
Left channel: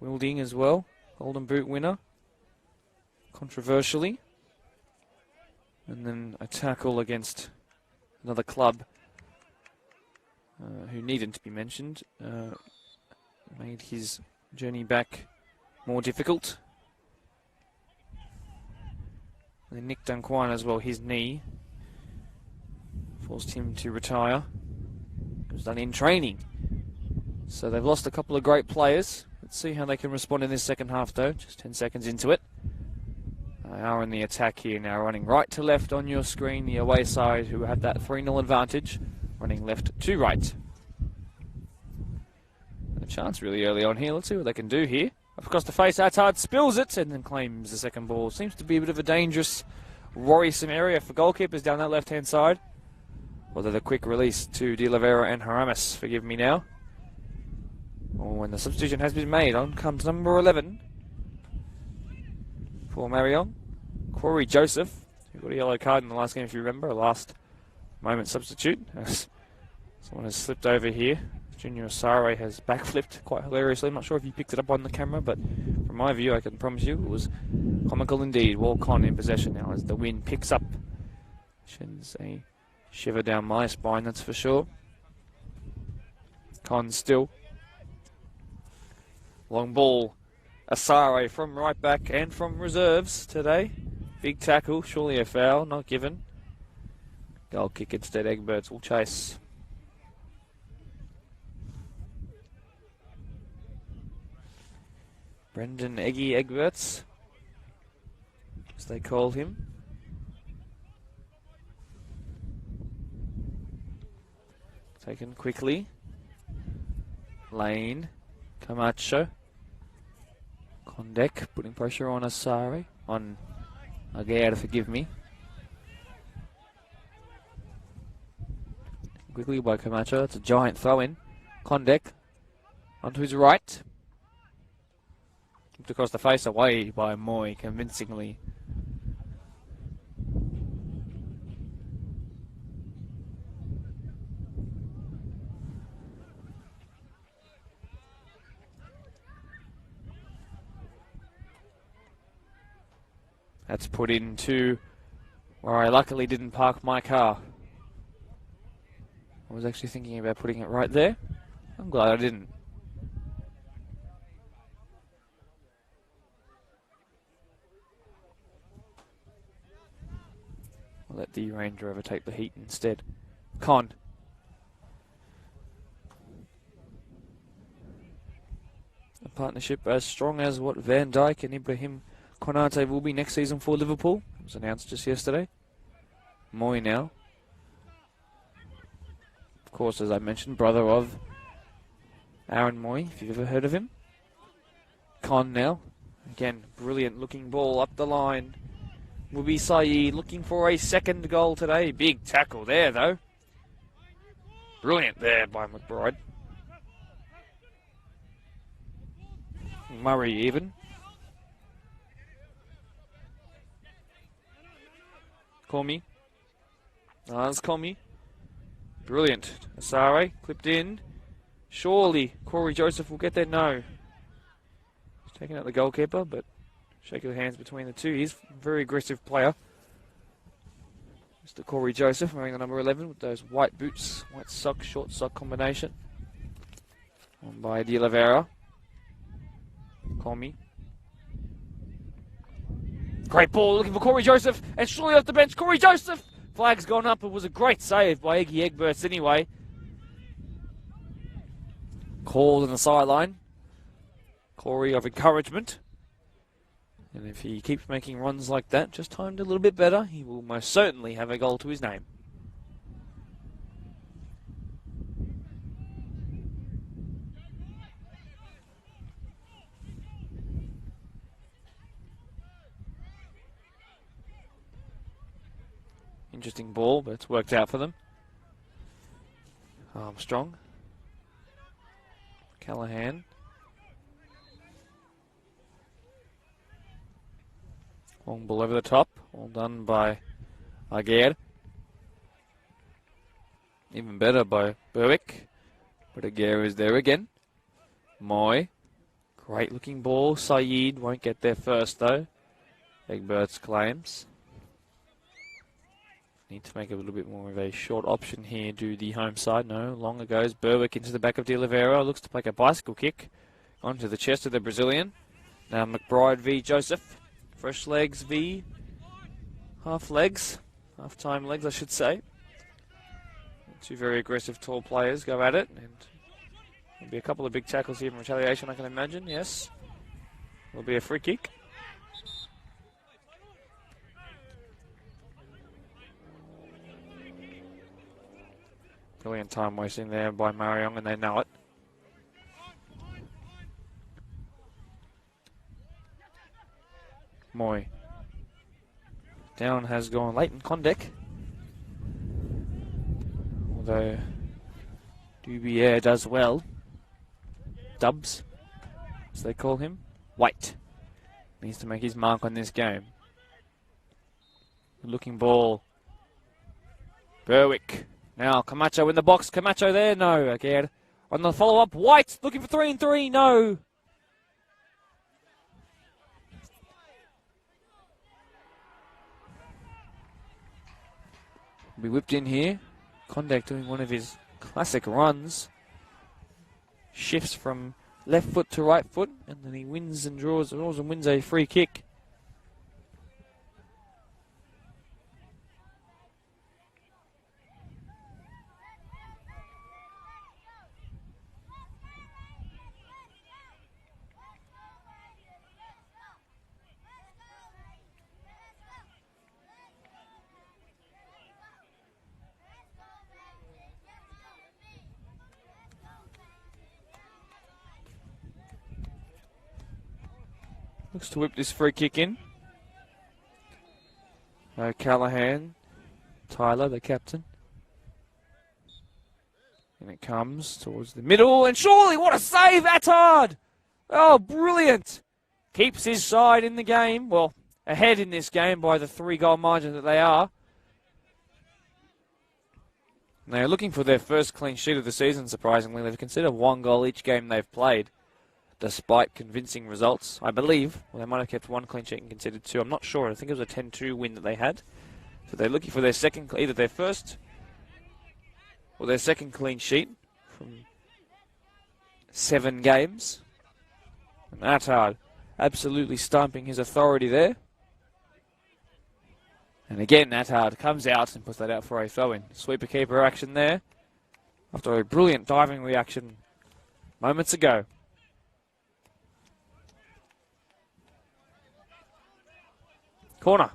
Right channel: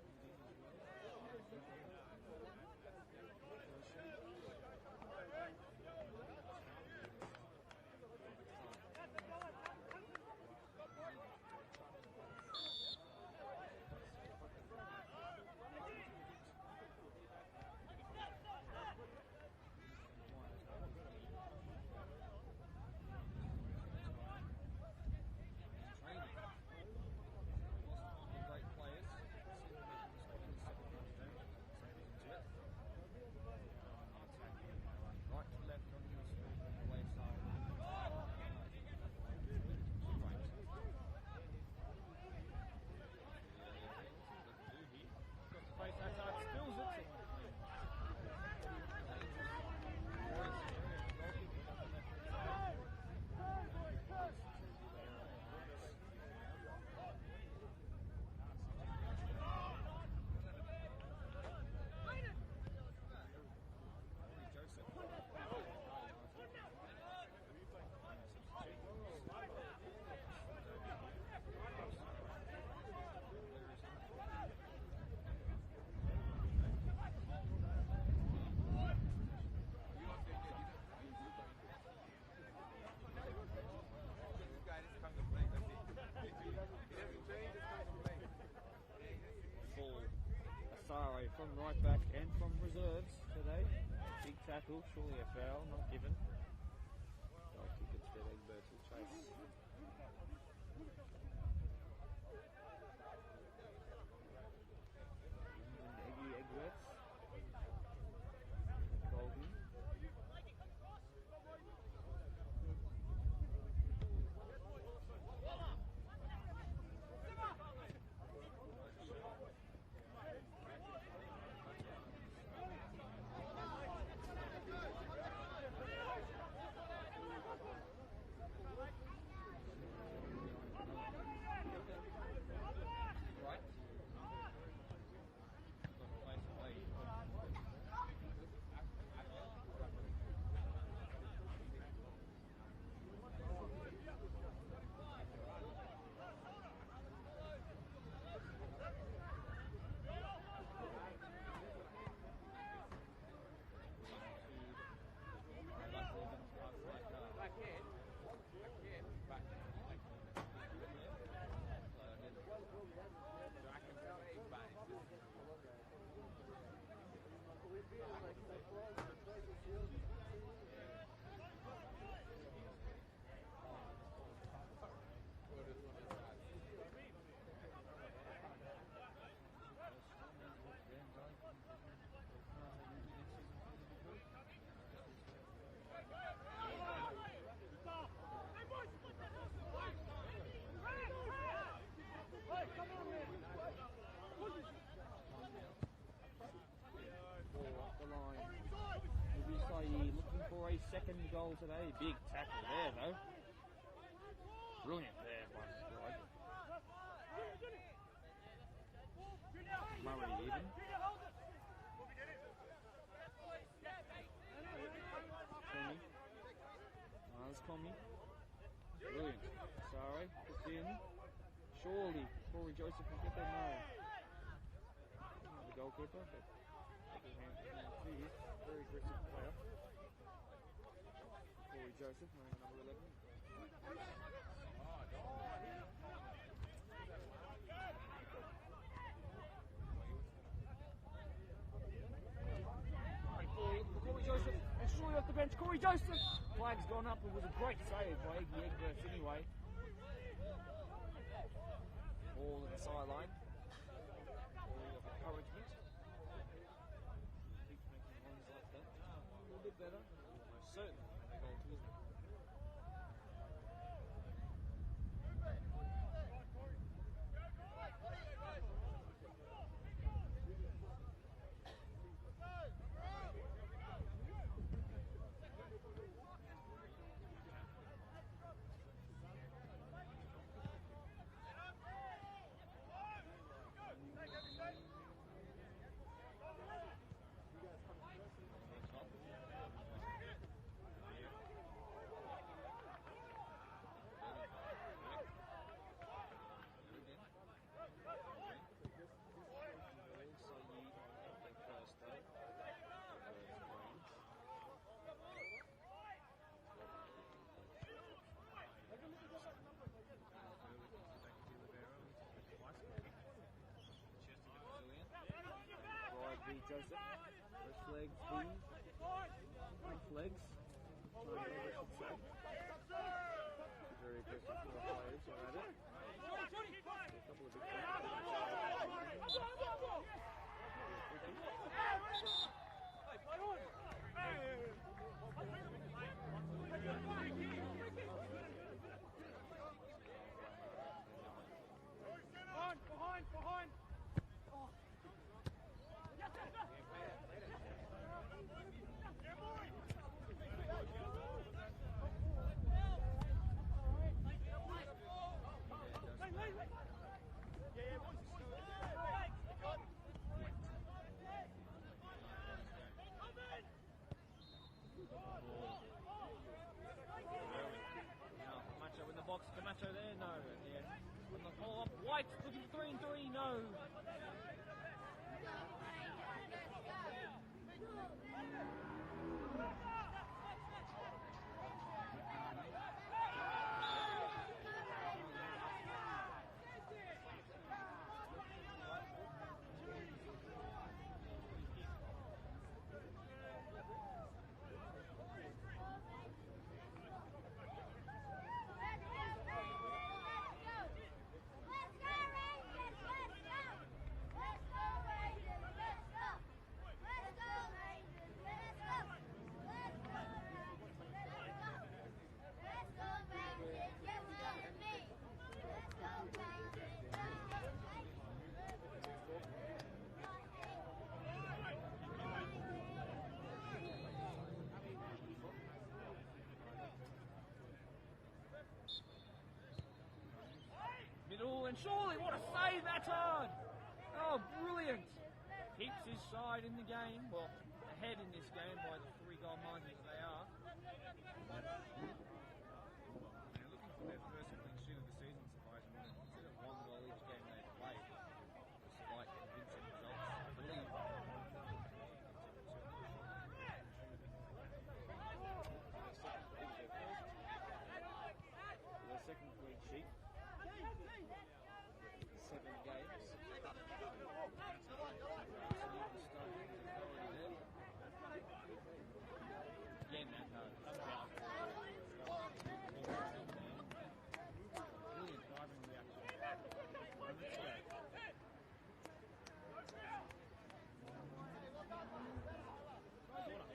Wilding as well, Golden Boot winner, controversially. And then a tackle against another club who needn't to be mentioned. Made his journey back more difficult. And then Nick Dunquan as well, his knee forced him to retire. It was done in training. So they've lost a couple of great players. Let's see how they can respond in this second half though, just 10 seconds into it. They are in the attack here now, running right to left on your screen, the away side who have that 3-0 advantage, running left to right. A chance really early on here, let's see what they can do here. Across the face, Attard spills it and then claims the second ball. Seems to be a bit of a dangerous, worrisome area for goalkeepers down that left-hand side. Although the quick release to De Oliveira and Haramis, forgive me now. Oh, and the substitution has been made. On comes number 11 for Marion. Corey Joseph. He got a yellow card in the last game, if you remember. A last moment substitute. Someone has slipped over here. Junior Asare has backflipped quite hilariously. I'm not sure if you picked it up on the camera, but from my view, I can promise you it was comical indeed. Walk on in possession now as the wind picks up. Sends a shiver down my spine, that's for sure. Con still. Long ball, Asare from right back and from reserves today. Big tackle, surely a foul, not given. Goal kick instead, Egberts will chase. Brendan Eggy Egberts, as they call him. Taken quickly. Lane, Camacho. Kondek putting pressure on Asare, on Aguirre, forgive me. Quickly by Camacho, it's a giant throw in. Kondek onto his right. Looked across the face, away by Moy convincingly. That's put into where I luckily didn't park my car. I was actually thinking about putting it right there. I'm glad I didn't. I'll let the Range Rover take the heat instead. Con. A partnership as strong as what Van Dijk and Ibrahim Konate will be next season for Liverpool. It was announced just yesterday. Moy now. Of course, as I mentioned, brother of Aaron Moy, if you've ever heard of him. Con now. Again, brilliant looking ball up the line. Will be Saeed looking for a second goal today. Big tackle there, though. Brilliant there by McBride. Murray even. Call me. Call me. Brilliant. Asare clipped in. Surely Corey Joseph will get there. No. He's taking out the goalkeeper, but shake of hands between the two. He's a very aggressive player. Mr. Corey Joseph wearing the number 11 with those white boots, white sock, short sock combination. By De Oliveira. Call me. Great ball looking for Corey Joseph, and surely off the bench, Corey Joseph! Flag's gone up. It was a great save by Eggy Egberts anyway. Called on the sideline. Corey of encouragement. And if he keeps making runs like that, just timed a little bit better, he will most certainly have a goal to his name. Interesting ball, but it's worked out for them. Armstrong. Callahan. Long ball over the top. All done by Aguirre. Even better by Berwick. But Aguirre is there again. Moy. Great looking ball. Saeed won't get there first though. Egberts claims. Need to make a little bit more of a short option here. Do the home side. No, longer goes Berwick into the back of De Oliveira. Looks to make a bicycle kick onto the chest of the Brazilian. Now McBride v Joseph. Fresh legs v half legs. Half-time legs, I should say. Two very aggressive tall players go at it. And there'll be a couple of big tackles here in retaliation, I can imagine. Yes. There'll be a free kick. Brilliant time wasting there by Marayong, and they know it. Moy. Down has gone Leighton Condek. Although Dubier does well. Dubs, as they call him. White needs to make his mark on this game. Looking ball. Berwick. Now Camacho in the box. Camacho there. No. Again. On the follow-up. White looking for 3-3. No. Be whipped in here. Kondak doing one of his classic runs. Shifts from left foot to right foot, and then he wins and draws and wins a free kick. Looks to whip this free kick in. Callahan, Tyler, the captain. And it comes towards the middle, and surely what a save, Attard! Oh, brilliant! Keeps his side in the game, well, ahead in this game by the 3-goal margin that they are. And they're looking for their first clean sheet of the season, surprisingly. They've considered 1 goal each game they've played, despite convincing results, I believe. Well, they might have kept 1 clean sheet and considered 2. I'm not sure. I think it was a 10-2 win that they had. So they're looking for their second, either their first or their second clean sheet from 7 games. And Attard absolutely stomping his authority there. And again, Attard comes out and puts that out for a throw-in. Sweeper keeper action there after a brilliant diving reaction moments ago. Corner.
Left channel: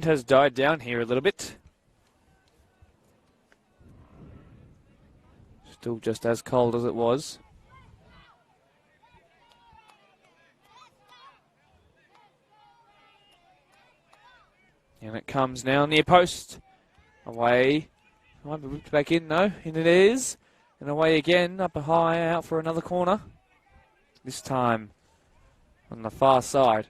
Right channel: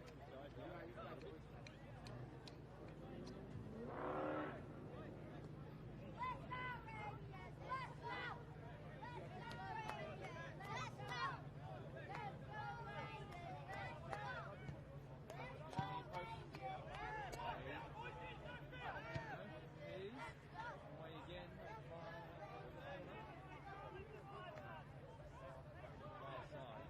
wind has died down here a little bit. Still just as cold as it was. And it comes now near post. Away. Might be whipped back in though. In it is. And away again. Up a high out for another corner. This time on the far side.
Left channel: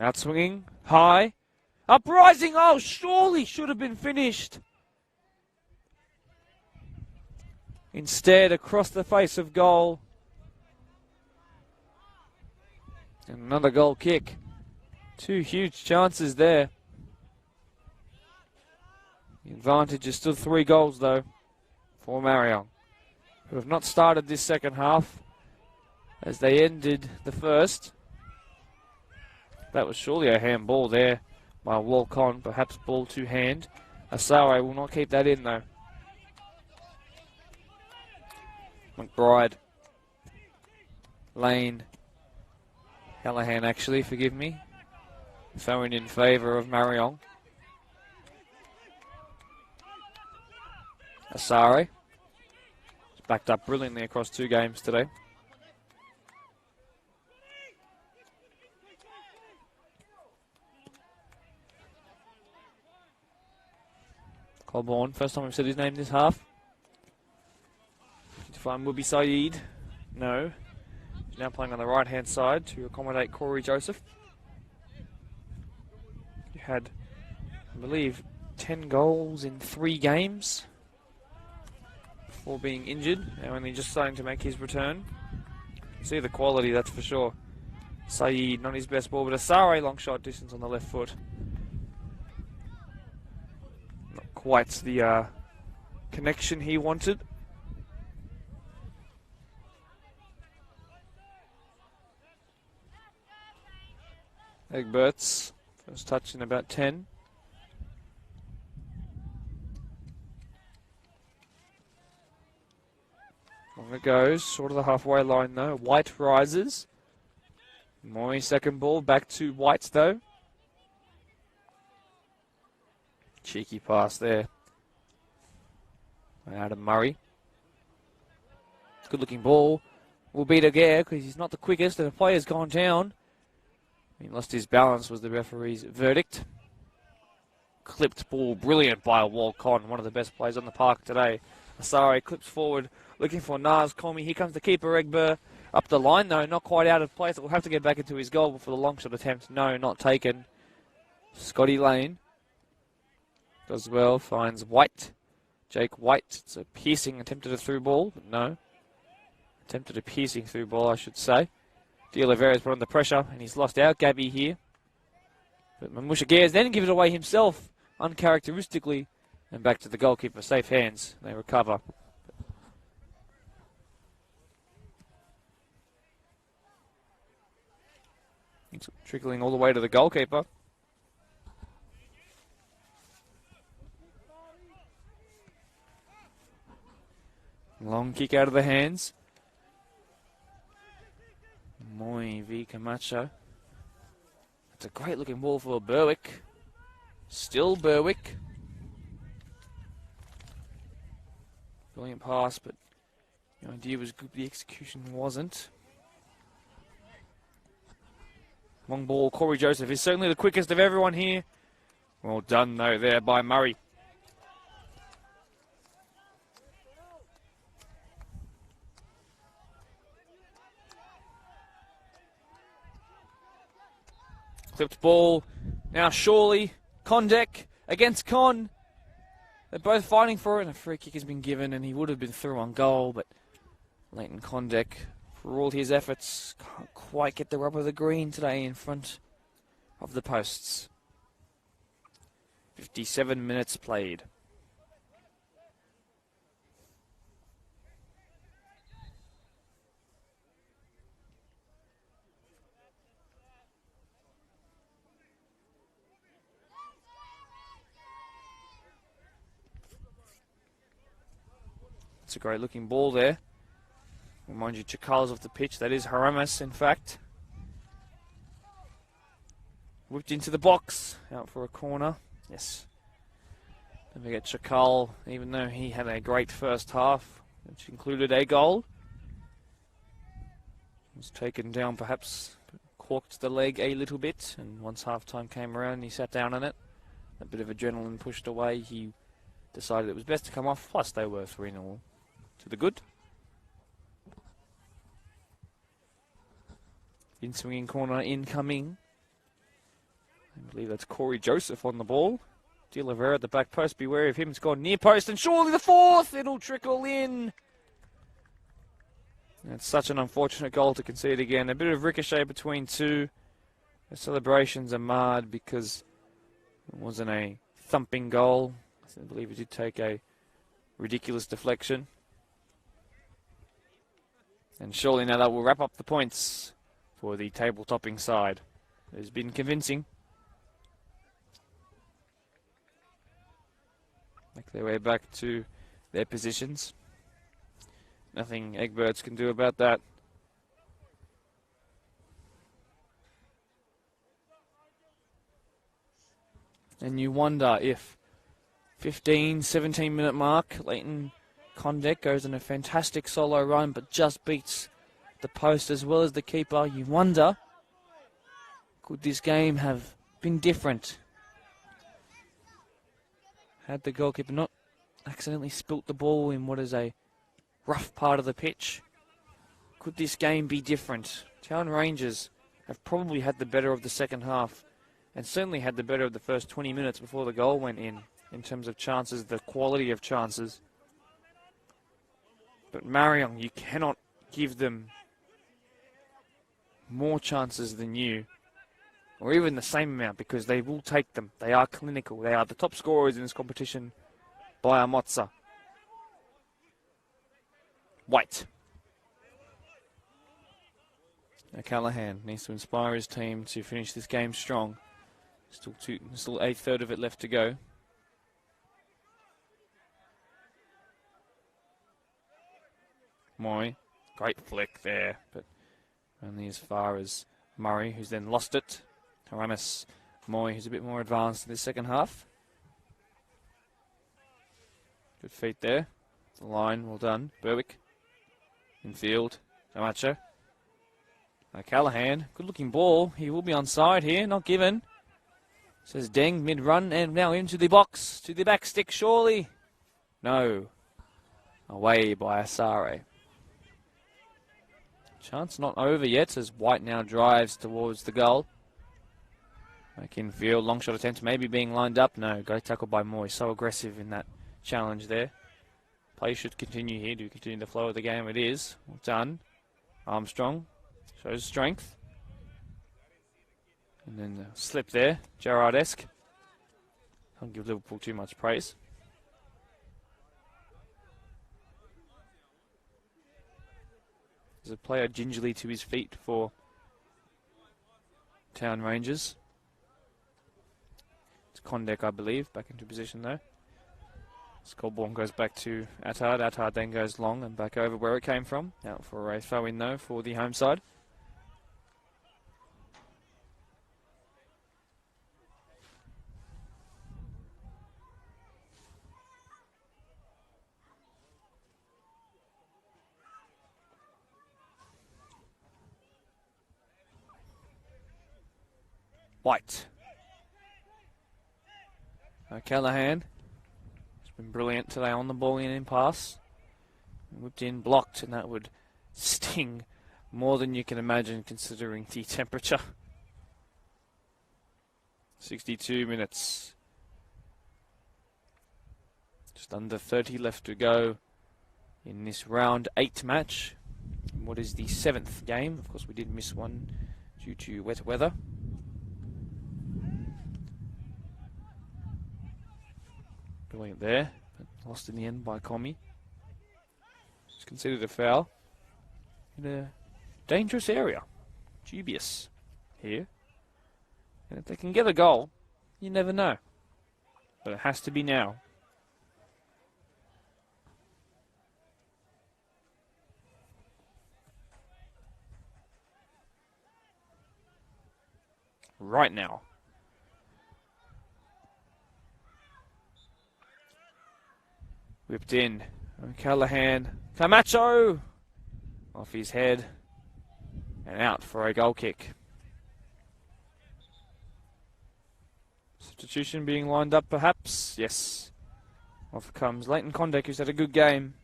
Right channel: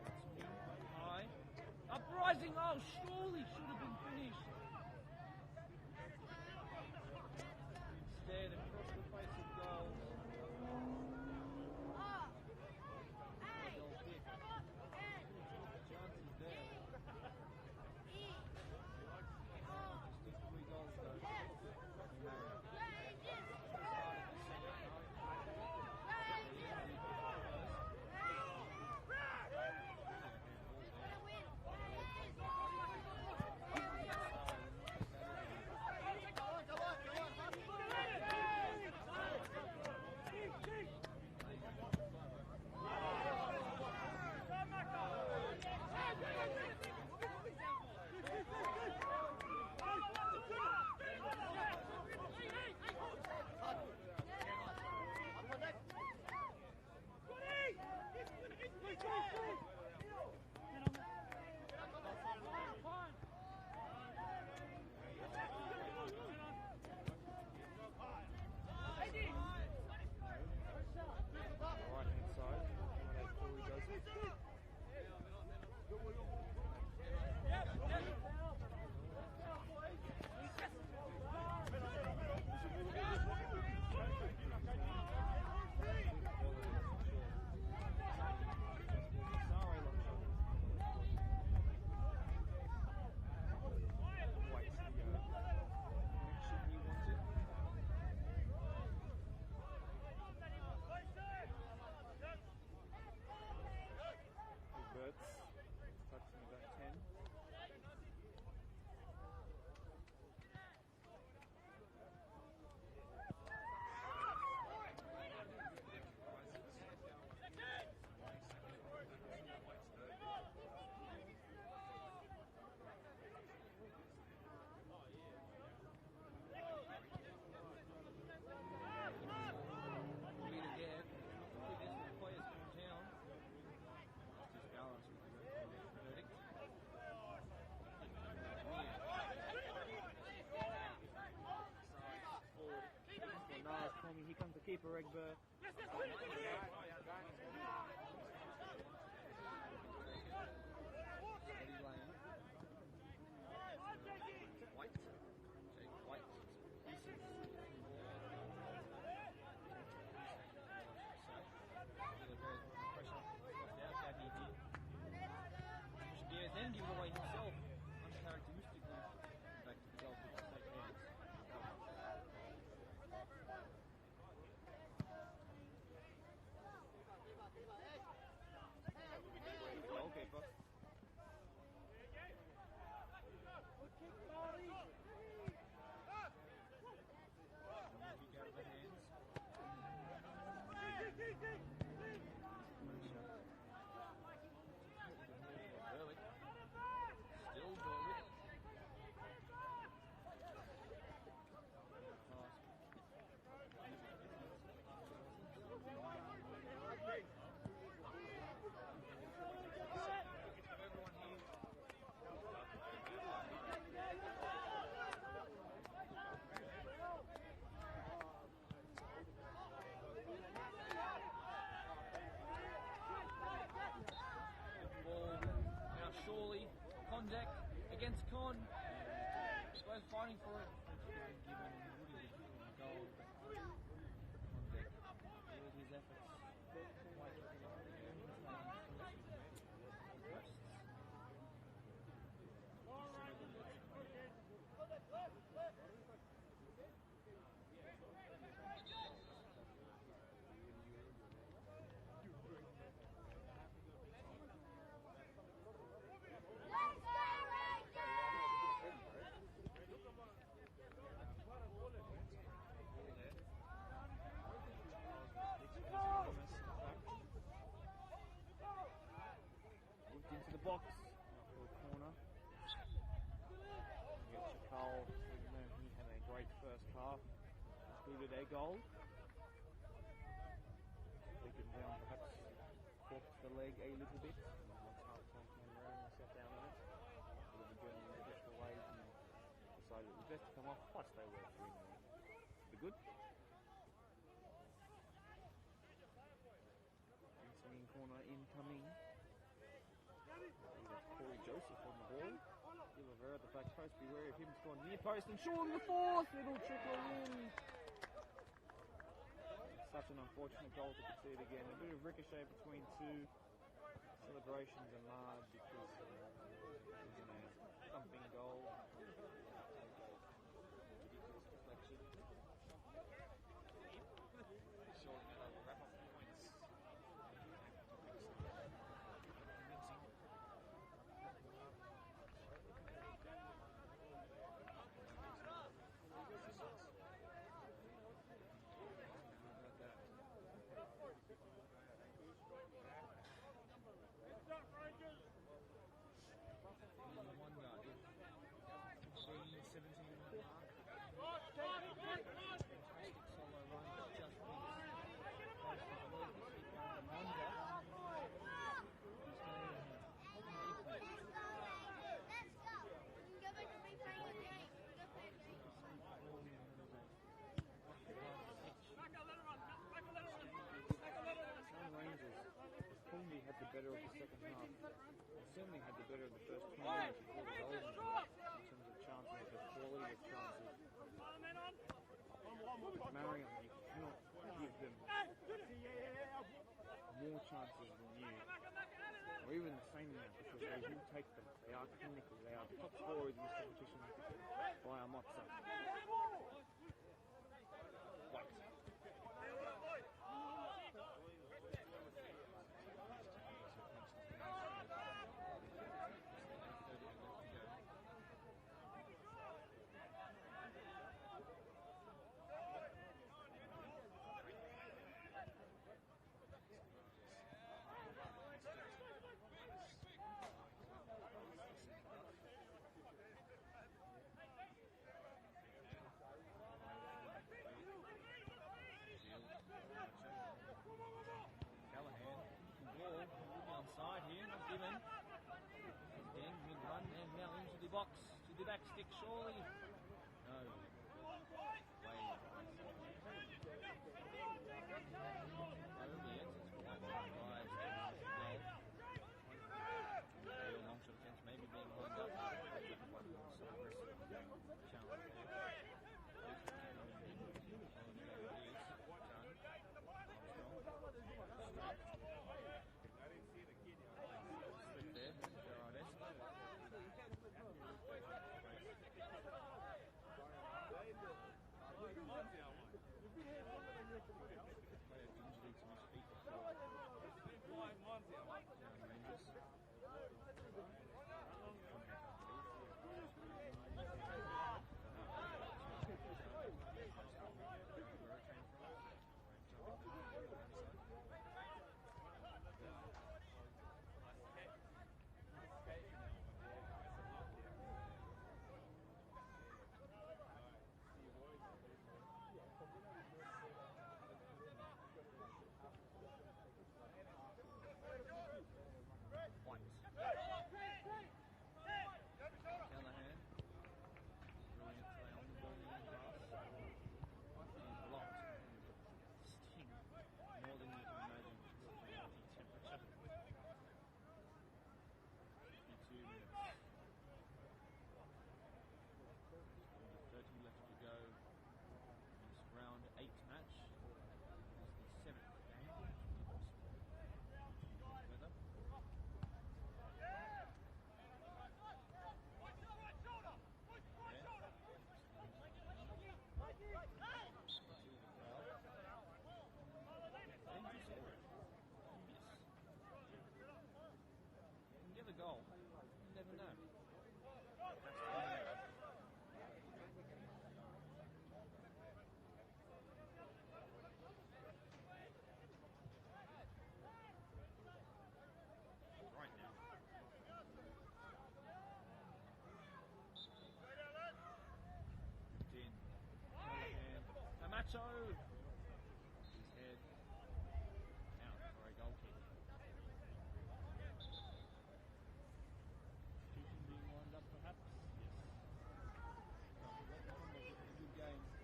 Out swinging, high, uprising, oh, surely should have been finished. Instead, across the face of goal. And another goal kick. Two huge chances there. The advantage is still 3 goals, though, for Marion, who have not started this second half as they ended the first. That was surely a handball there by Walcon, perhaps ball to hand. Asare will not keep that in though. McBride. Lane. Callahan actually, forgive me. Throwing in favour of Marayong. Asare. Backed up brilliantly across 2 games today. Colborne, first time I've said his name this half. To find will be Saeed. No. He's now playing on the right hand side to accommodate Corey Joseph. He had, I believe, 10 goals in 3 games before being injured. Now only just starting to make his return. See the quality, that's for sure. Saeed, not his best ball, but Asare long shot distance on the left foot. Quite the connection he wanted. Egberts, first touch in about 10. On it goes, short of the halfway line though. White rises. Moy second ball, back to White though. Cheeky pass there. Adam Murray. Good looking ball. Will beat again because he's not the quickest and the player's gone down. He lost his balance was the referee's verdict. Clipped ball, brilliant by Walcon, one of the best players on the park today. Asare clips forward, looking for Naz Comey. Here comes the keeper, Egbert. Up the line though, not quite out of place. Will have to get back into his goal for the long shot attempt. No, not taken. Scotty Lane. Does well, finds White. Jake White. It's a piercing, attempted a through ball. No. Attempted a piercing through ball, I should say. De Oliveira's put under pressure, and he's lost out Gabby here. But Mamusha Gares then gives it away himself, uncharacteristically. And back to the goalkeeper, safe hands. They recover. It's trickling all the way to the goalkeeper. Long kick out of the hands. Moy v Camacho. It's a great looking ball for Berwick. Still Berwick. Brilliant pass, but the idea was good, the execution wasn't. Long ball, Corey Joseph is certainly the quickest of everyone here. Well done though there by Murray. Clipped ball, now Shawley, Condek against Con. They're both fighting for it, and a free kick has been given, and he would have been through on goal, but Leighton Condek, for all his efforts, can't quite get the rub of the green today in front of the posts. 57 minutes played. That's a great looking ball there. Remind you, Chakal's off the pitch. That is Haramis, in fact. Whipped into the box. Out for a corner. Yes. Don't forget Chakal, even though he had a great first half, which included a goal, was taken down, perhaps corked the leg a little bit, and once half-time came around, he sat down on it. A bit of adrenaline pushed away. He decided it was best to come off, plus they were 3-0 to the good. In-swinging corner incoming. I believe that's Corey Joseph on the ball. De Oliveira at the back post, be wary of him. It's gone near post, and surely the fourth. It'll trickle in. It's such an unfortunate goal to concede again. A bit of ricochet between two. The celebrations are marred because it wasn't a thumping goal. I believe it did take a ridiculous deflection. And surely now that will wrap up the points for the table-topping side. It's been convincing. Make their way back to their positions. Nothing Eggbirds can do about that. And you wonder if 15, 17 minute mark, Leighton Condek goes on a fantastic solo run but just beats the post as well as the keeper. You wonder, could this game have been different had the goalkeeper not accidentally spilt the ball in what is a rough part of the pitch? Could this game be different? Town Rangers have probably had the better of the second half and certainly had the better of the first 20 minutes before the goal went in terms of chances, the quality of chances. But Marion, you cannot give them more chances than you, or even the same amount, because they will take them. They are clinical. They are the top scorers in this competition by a mozza. White. Now Callahan needs to inspire his team to finish this game strong. Still a third of it left to go. Moy, great flick there, but only as far as Murray, who's then lost it. Haramis, Moy, who's a bit more advanced in the second half. Good feet there. The line, well done. Berwick. Infield. Camacho. Callahan, good looking ball. He will be onside here, not given. Says Deng, mid-run, and now into the box, to the back stick, surely. No. Away by Asare. Chance not over yet as White now drives towards the goal. Back in field, long shot attempt, maybe being lined up. No, great tackle by Moy. So aggressive in that challenge there. Play should continue here. Do continue the flow of the game. It is. Well done. Armstrong shows strength. And then the slip there, Gerrard-esque. Don't give Liverpool too much praise. There's a player gingerly to his feet for Town Rangers. It's Condek, I believe, back into position though. Scoreboard goes back to Attard. Attard then goes long and back over where it came from. Out for a throw-in though for the home side. White. Callahan. It's been brilliant today on the ball in pass. Whipped in, blocked, and that would sting more than you can imagine considering the temperature. 62 minutes. Just under 30 left to go in this round 8 match. What is the 7th game? Of course, we did miss one due to wet weather. Brilliant there, but lost in the end by Comey. It's considered a foul in a dangerous area. Dubious here. And if they can get a goal, you never know. But it has to be now. right now. Whipped in. Callahan. Camacho! Off his head. And out for a goal kick. Substitution being lined up perhaps. Yes. Off comes Leighton Condek, who's had a good game.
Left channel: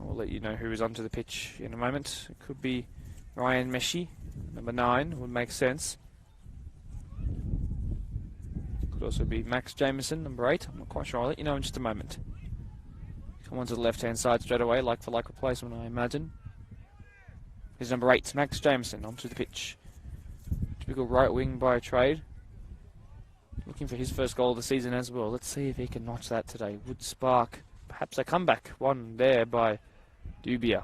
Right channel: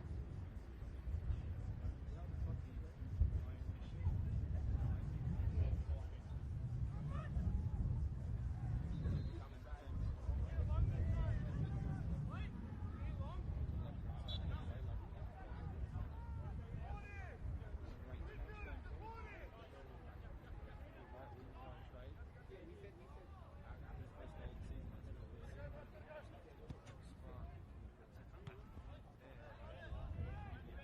I'll let you know who is onto the pitch in a moment. It could be Ryan Meshi, number 9, would make sense. Could also be Max Jameson, number 8. I'm not quite sure. I'll let you know in just a moment. Come on to the left-hand side straight away, like for like replacement, I imagine. Here's number 8, Max Jameson, onto the pitch. Typical right wing by trade. Looking for his first goal of the season as well. Let's see if he can notch that today. Would spark perhaps a comeback. One there by Dubia.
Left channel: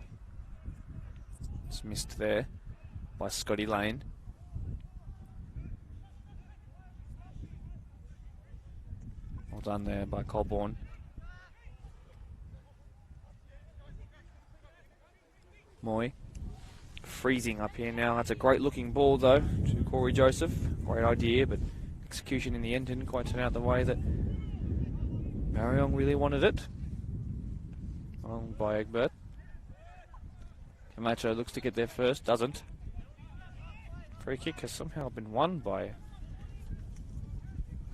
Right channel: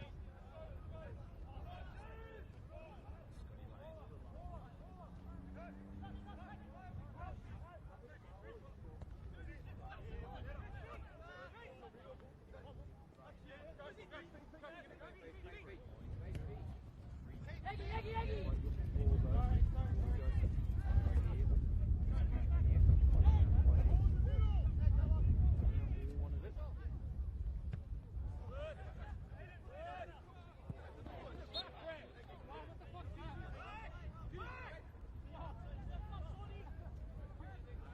It's missed there by Scotty Lane. Well done there by Colborne. Moy. Freezing up here now. That's a great looking ball though to Corey Joseph. Great idea, but execution in the end didn't quite turn out the way that Marayong really wanted it. Owned by Egbert. Camacho looks to get there first, doesn't. Free kick has somehow been won by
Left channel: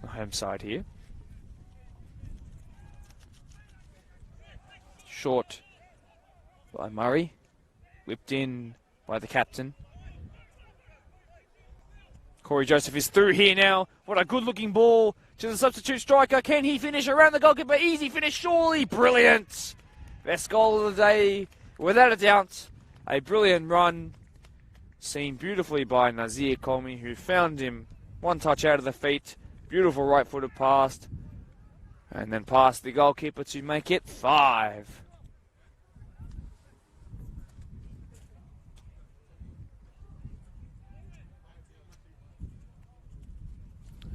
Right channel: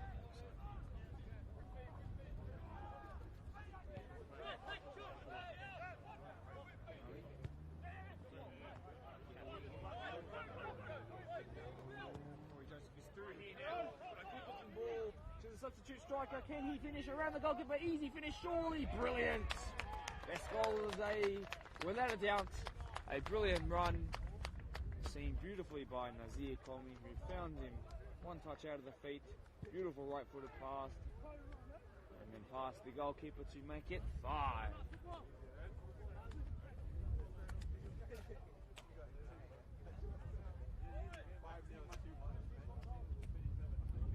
the home side here. Short by Murray. Whipped in by the captain. Corey Joseph is through here now. What a good looking ball to the substitute striker. Can he finish around the goalkeeper? Easy finish, surely. Brilliant. Best goal of the day, without a doubt. A brilliant run. Seen beautifully by Nazir Colmy, who found him one touch out of the feet. Beautiful right-footed pass. And then past the goalkeeper to make it 5.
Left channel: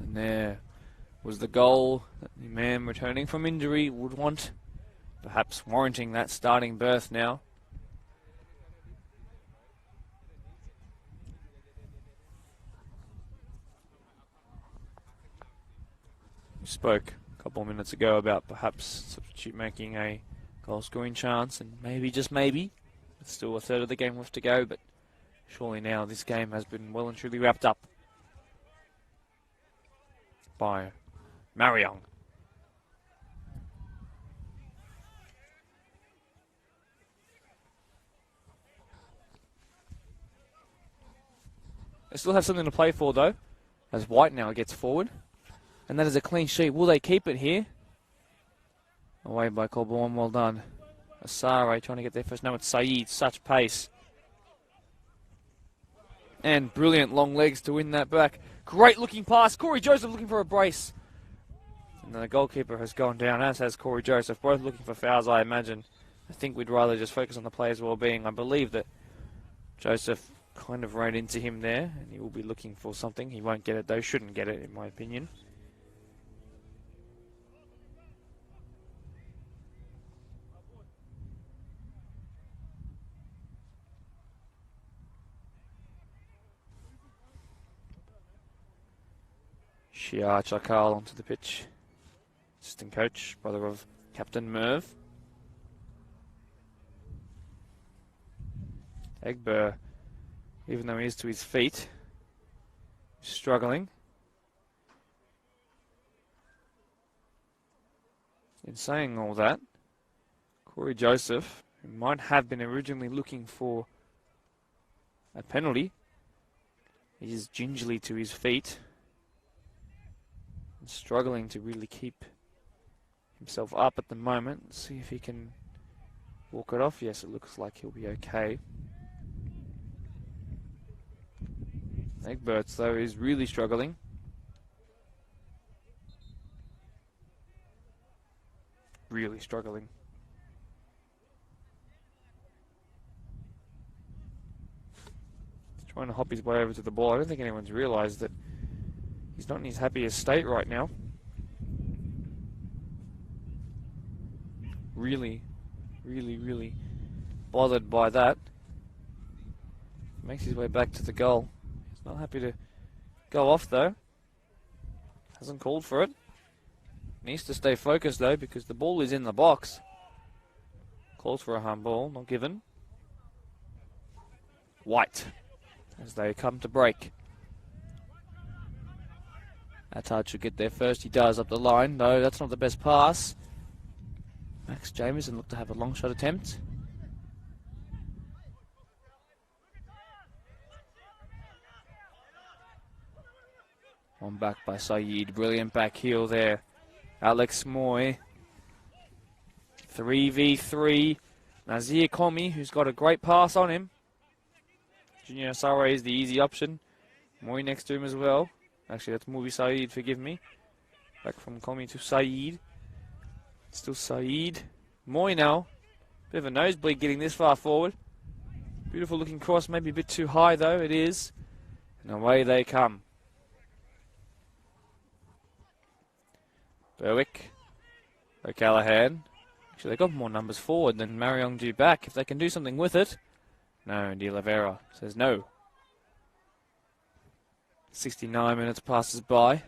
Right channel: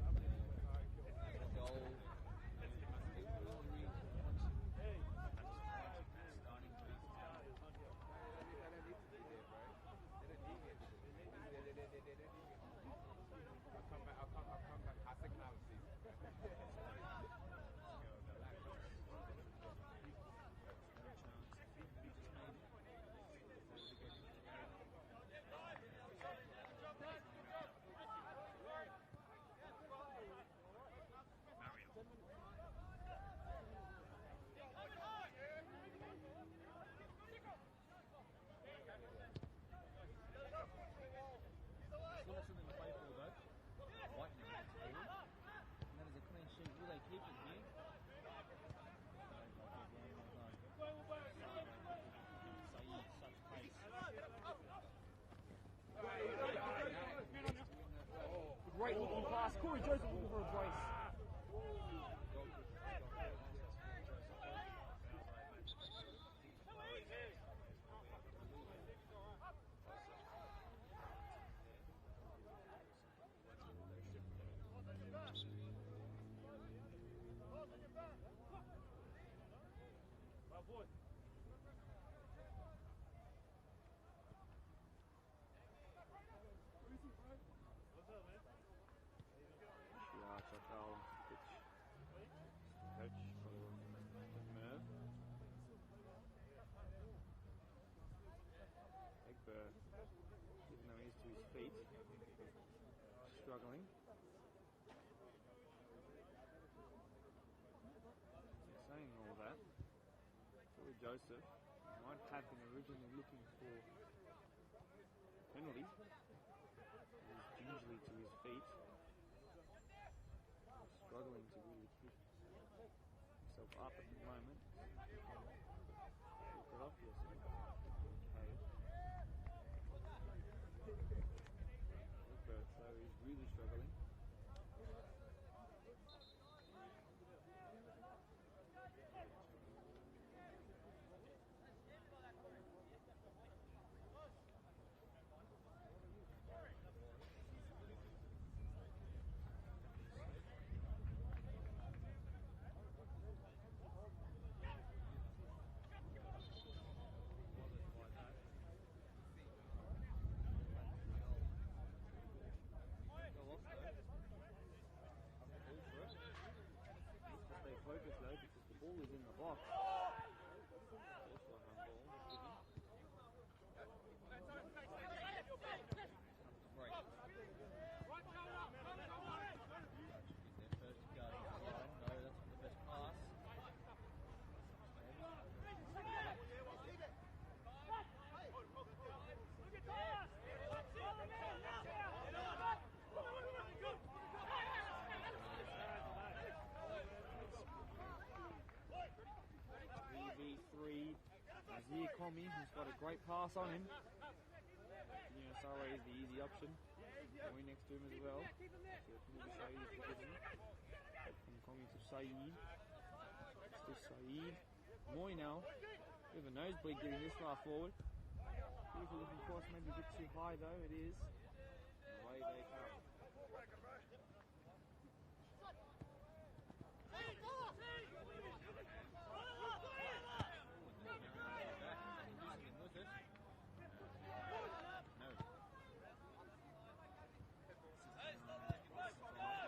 And there was the goal that the man returning from injury would want, perhaps warranting that starting berth now. We spoke a couple of minutes ago about perhaps substitute making a goal-scoring chance, and maybe, just maybe, it's still a third of the game left to go, but surely now this game has been well and truly wrapped up by Marayong. They still have something to play for though, as White now gets forward. And that is a clean sheet. Will they keep it here? Away by Colborne, well done. Asare trying to get there first. No, it's Saeed, such pace. And brilliant long legs to win that back. Great looking pass. Corey Joseph looking for a brace. And the goalkeeper has gone down, as has Corey Joseph. Both looking for fouls, I imagine. I think we'd rather just focus on the player's well-being. I believe that Joseph kind of ran into him there, and he will be looking for something. He won't get it though, shouldn't get it in my opinion. Shia Chakal onto the pitch. Assistant coach, brother of Captain Merv. Egbert, even though he is to his feet, struggling. In saying all that, Corey Joseph, who might have been originally looking for a penalty, is gingerly to his feet. Struggling to really keep himself up at the moment. Let's see if he can walk it off. Yes, it looks like he'll be okay. Egberts, though, is really struggling. Really struggling. He's trying to hop his way over to the ball. I don't think anyone's realised that he's not in his happiest state right now. Really bothered by that. Makes his way back to the goal. He's not happy to go off though. Hasn't called for it. Needs to stay focused though because the ball is in the box. Calls for a handball, not given. White as they come to break. Attard should get there first. He does up the line. No, that's not the best pass. Max Jameson looked to have a long shot attempt. On back by Saeed. Brilliant back heel there. Alex Moy. 3v3. Nazir Komi, who's got a great pass on him. Junior Sare is the easy option. Moy next to him as well. Actually, that's Mubi Saeed, forgive me. Back from Komi to Saeed. Still Saeed. Moy now. Bit of a nosebleed getting this far forward. Beautiful looking cross, maybe a bit too high though, it is. And away they come. Berwick. O'Callaghan. Actually, they got more numbers forward than Marayong do back. If they can do something with it. No, De Oliveira says no. 69 minutes passes by.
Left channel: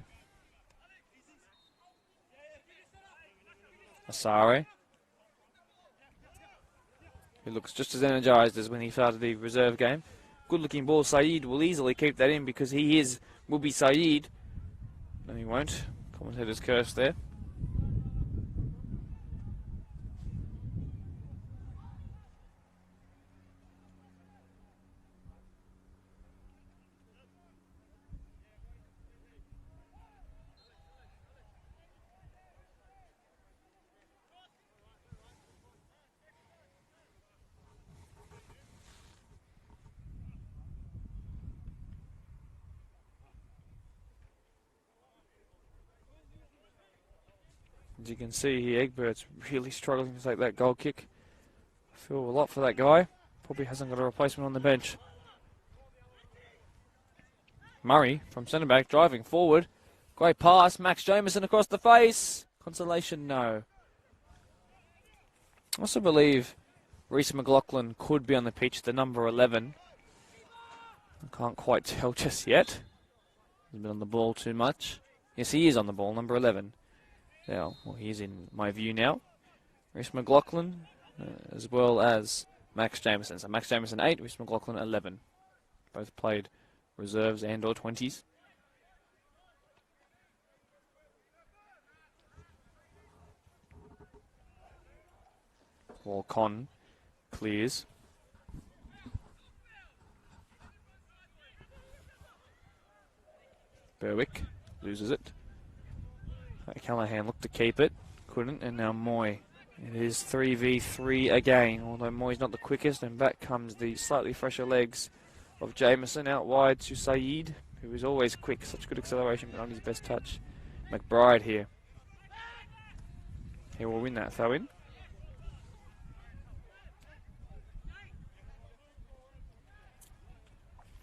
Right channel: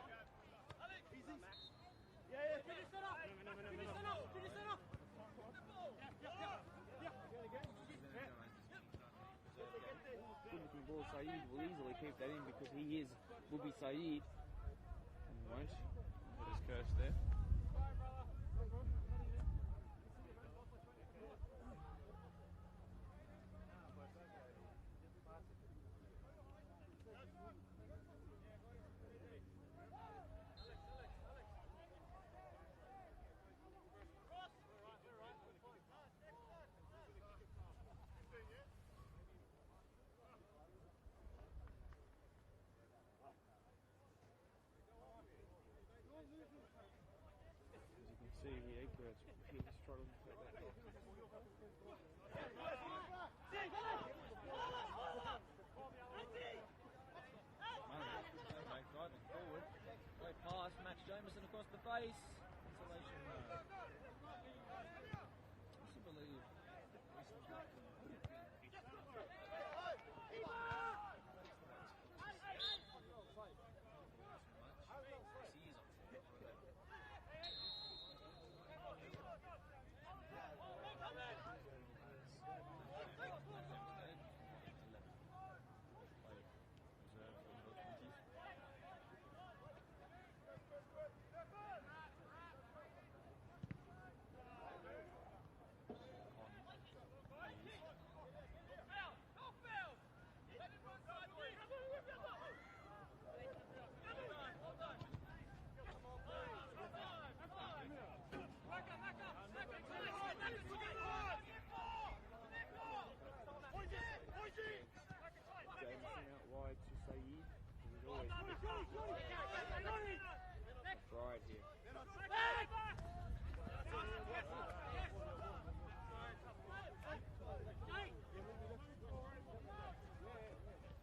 Asare. He looks just as energised as when he started the reserve game. Good looking ball. Saeed will easily keep that in because he will be Saeed. No, he won't. Commentator's curse there. As you can see here, Egbert's really struggling to take that goal kick. I feel a lot for that guy. Probably hasn't got a replacement on the bench. Murray from centre back driving forward. Great pass. Max Jameson across the face. Consolation, no. I also believe Reece McLaughlin could be on the pitch, the number 11. I can't quite tell just yet. He's been on the ball too much. Yes, he is on the ball, number 11. Yeah, well, he's in my view now. Reece McLaughlin, as well as Max Jameson. So Max Jameson 8, Reece McLaughlin 11. Both played reserves and or 20s. Or Con clears. Berwick loses it. Callahan looked to keep it, couldn't, and now Moy. It is 3v3 again, although Moy's not the quickest, and back comes the slightly fresher legs of Jameson out wide to Saeed, who is always quick, such good acceleration on his best touch. McBride here. He will win that throw in.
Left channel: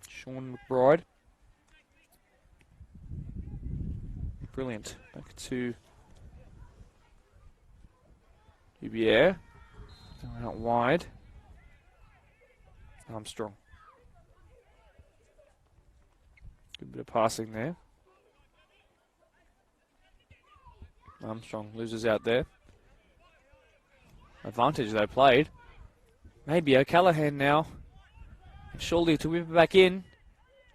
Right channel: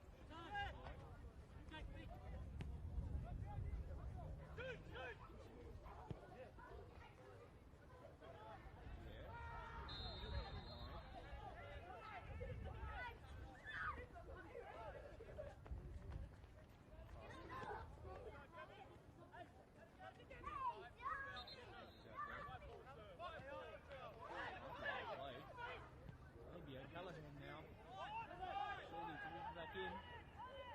Sean McBride. Brilliant. Back to Hubier. Out wide. Armstrong. Good bit of passing there. Armstrong loses out there. Advantage though played. Maybe O'Callaghan now. Surely to whip it back in.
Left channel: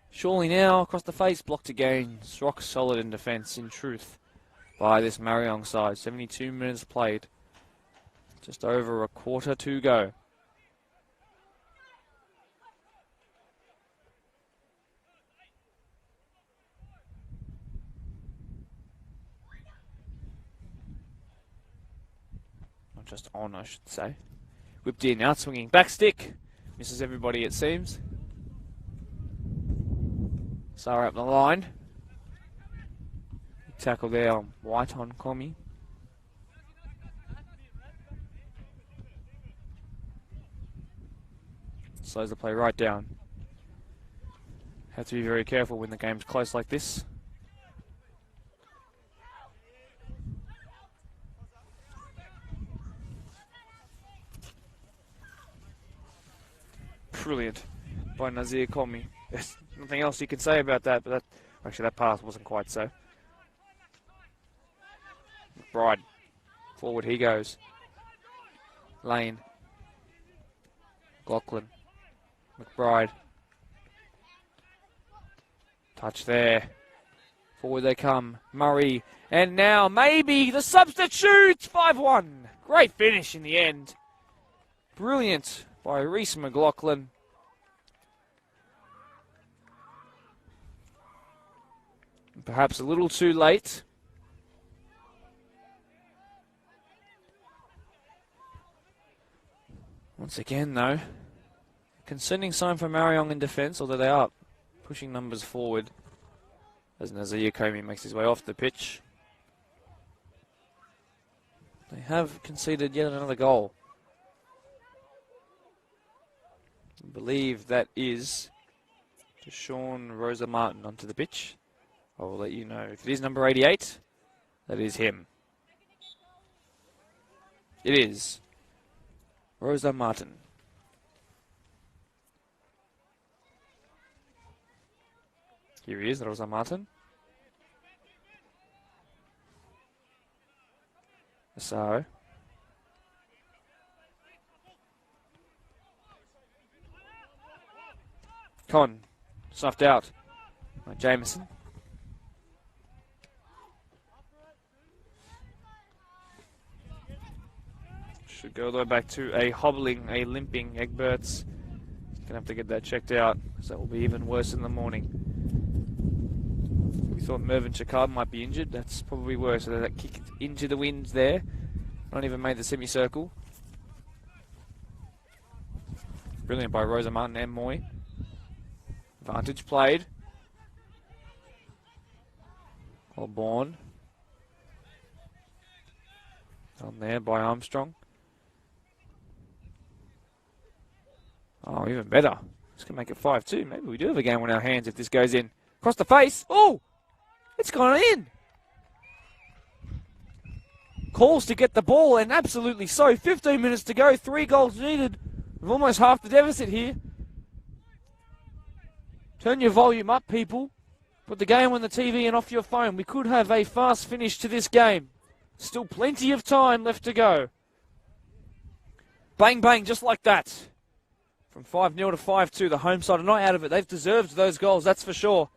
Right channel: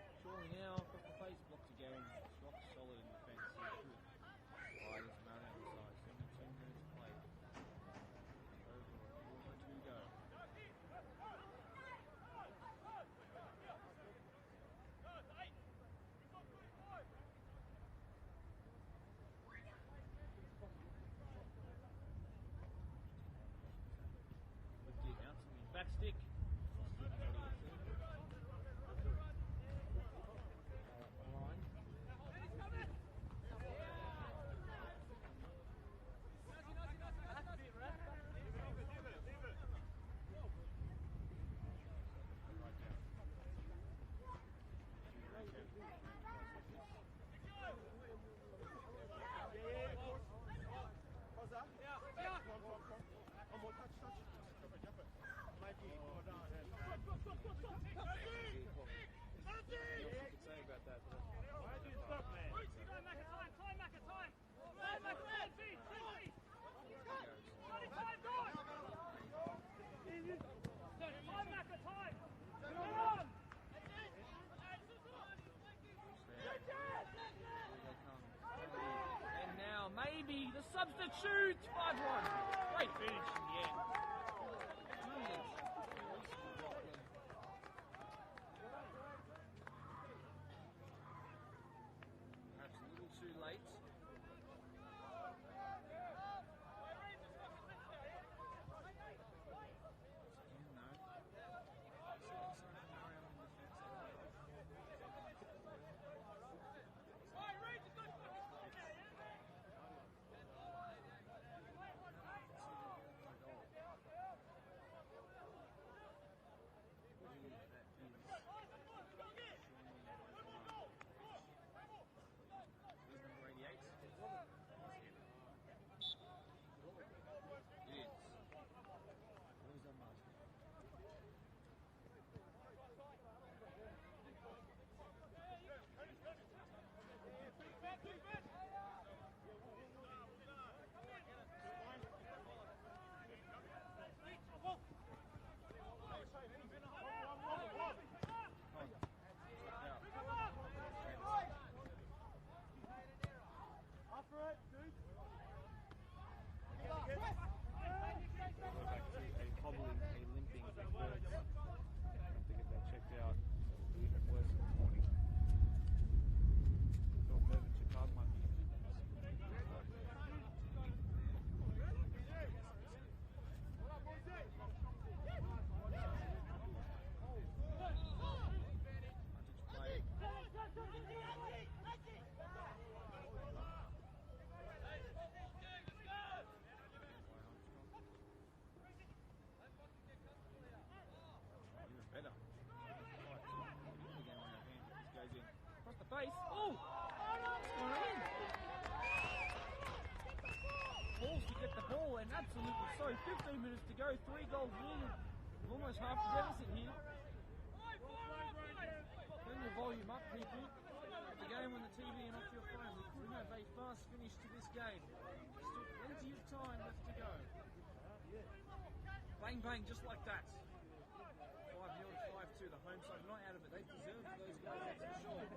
Surely now, across the face, blocked again. It's rock solid in defence, in truth, by this Marayong side. 72 minutes played. Just over a quarter to go. Not just on, I should say. Whipped in, out swinging, back stick. Misses everybody, it seems. Sarah up the line. Tackle there on White on Komi. Slows the play right down. Have to be very careful when the game's close like this. Brilliant. by Nazir Komi. There's nothing else you can say about that, but actually that pass wasn't quite so. McBride, forward he goes. Lane. Lachlan. McBride. Touch there. Forward they come. Murray. And now maybe the substitute. 5-1. Great finish in the end. Brilliant by Reece McLaughlin. Perhaps a little too late. Once again, though, concerning sign for Marayong in defence, although they are pushing numbers forward as Nazir Komi makes his way off the pitch. They have conceded yet another goal. I believe that is to Sean Rosa Martin onto the pitch. I will let you know. If it is number 88, that is him. It is Rosa Martin. Here he is, Rosa Martin. So, Con, snuffed out by Jameson. Should go all the way back to a hobbling, a limping Egberts. Gonna have to get that checked out, so that will be even worse in the morning. We thought Mervyn Chakard might be injured. That's probably worse. So that kick into the wind there. Not even made the semicircle. Brilliant by Rosa Martin and Moy. Vantage played. Well born. On there by Armstrong. Oh, even better. It's going to make it 5-2. Maybe we do have a game on our hands if this goes in. Across the face. Oh! It's gone in. Calls to get the ball, and absolutely so. 15 minutes to go. 3 goals needed. We've almost half the deficit here. Turn your volume up, people. Put the game on the TV and off your phone. We could have a fast finish to this game. Still plenty of time left to go. Bang, bang, just like that. From 5-0 to 5-2, the home side are not out of it. They've deserved those goals, that's for sure.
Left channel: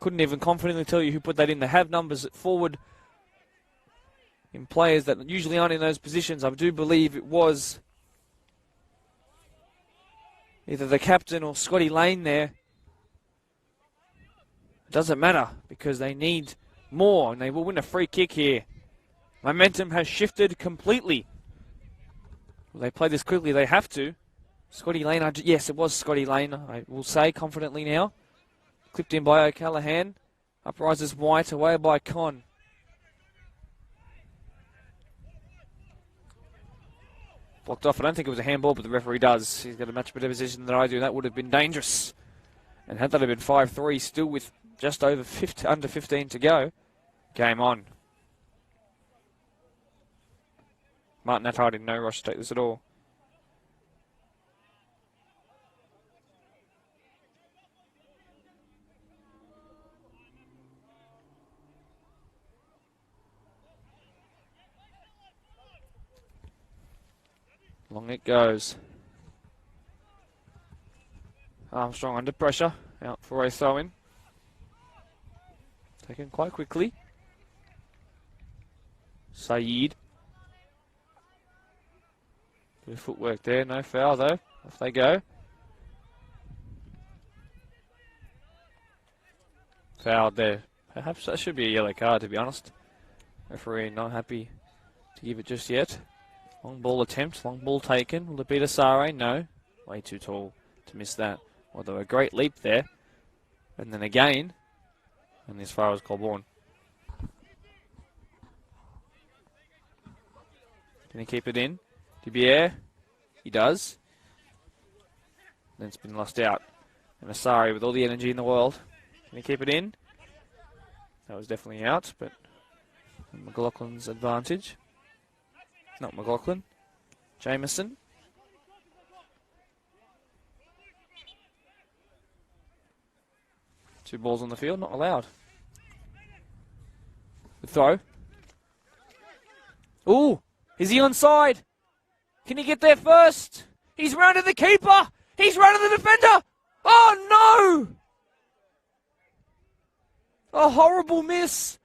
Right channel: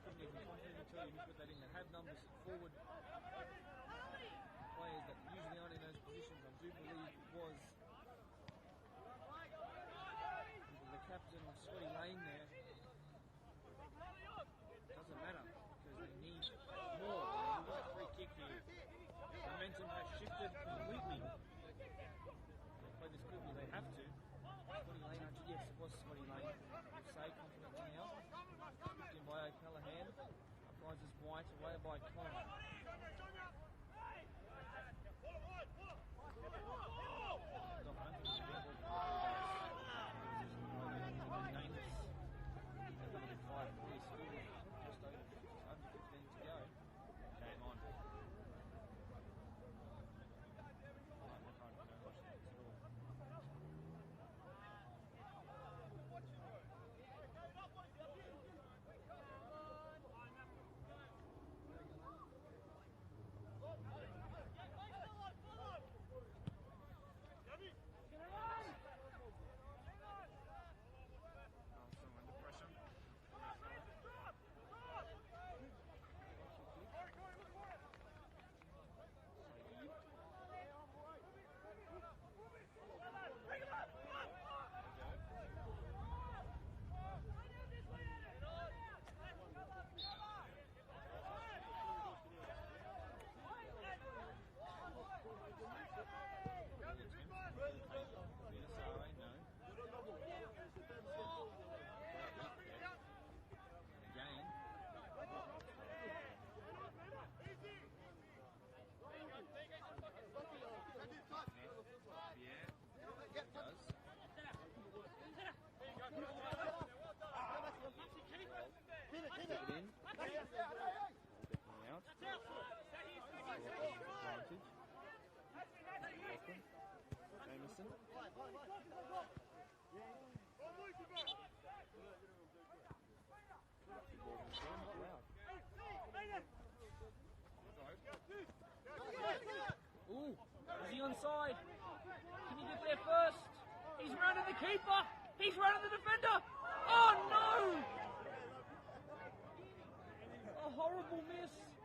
Couldn't even confidently tell you who put that in. They have numbers forward in players that usually aren't in those positions. I do believe it was either the captain or Scotty Lane there. Doesn't matter because they need more and they will win a free kick here. Momentum has shifted completely. Will they play this quickly? They have to. Scotty Lane, yes, it was Scotty Lane, I will say confidently now. Clipped in by O'Callaghan. Up rises White, away by Con. Blocked off. I don't think it was a handball, but the referee does. He's got a much better position than I do. That would have been dangerous. And had that have been 5-3, still with just over under 15 to go, game on. Martin Attard in no rush to take this at all. Long it goes. Armstrong under pressure. Out for a throw-in. Taken quite quickly. Saeed. Bit of footwork there. No foul though. Off they go. Fouled there. Perhaps that should be a yellow card, to be honest. Referee not happy to give it just yet. Long ball attempt, long ball taken. Will it be to Sare? No. Way too tall to miss that. Although a great leap there. And then again. And as far as Colborne. Can he keep it in? Dubier? He does. Then it's been lost out. And Asari with all the energy in the world. Can he keep it in? That was definitely out, but McLaughlin's advantage. Not McLaughlin. Jameson. 2 balls on the field, not allowed. The throw. Ooh, is he onside? Can he get there first? He's rounded the keeper. He's rounded the defender. Oh, no! A horrible miss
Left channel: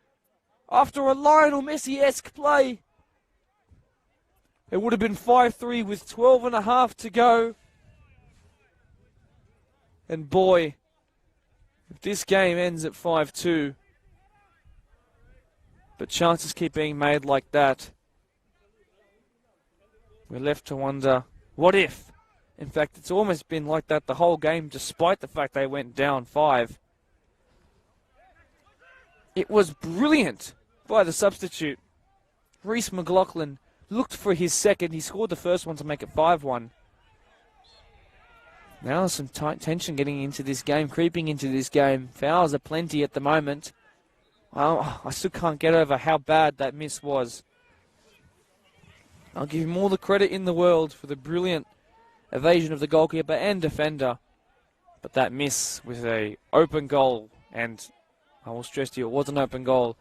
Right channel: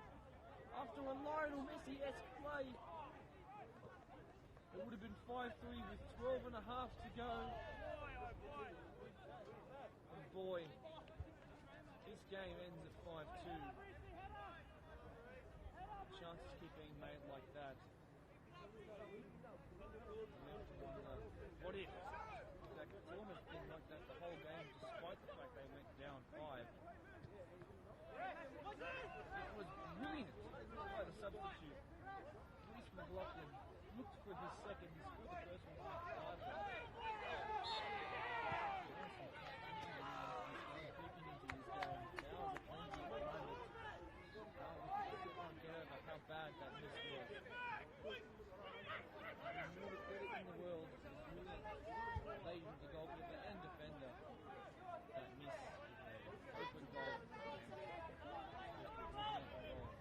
after a Lionel Messi-esque play. It would have been 5-3 with 12 and a half to go. And boy, if this game ends at 5-2, but chances keep being made like that, we're left to wonder, what if? In fact, it's almost been like that the whole game, despite the fact they went down 5. It was brilliant by the substitute. Reece McLaughlin looked for his second. He scored the first one to make it 5-1. Now there's some tight tension getting into this game, creeping into this game. Fouls are plenty at the moment. Oh, I still can't get over how bad that miss was. I'll give him all the credit in the world for the brilliant evasion of the goalkeeper and defender. But that miss with a open goal, and I will stress to you, it was an open goal.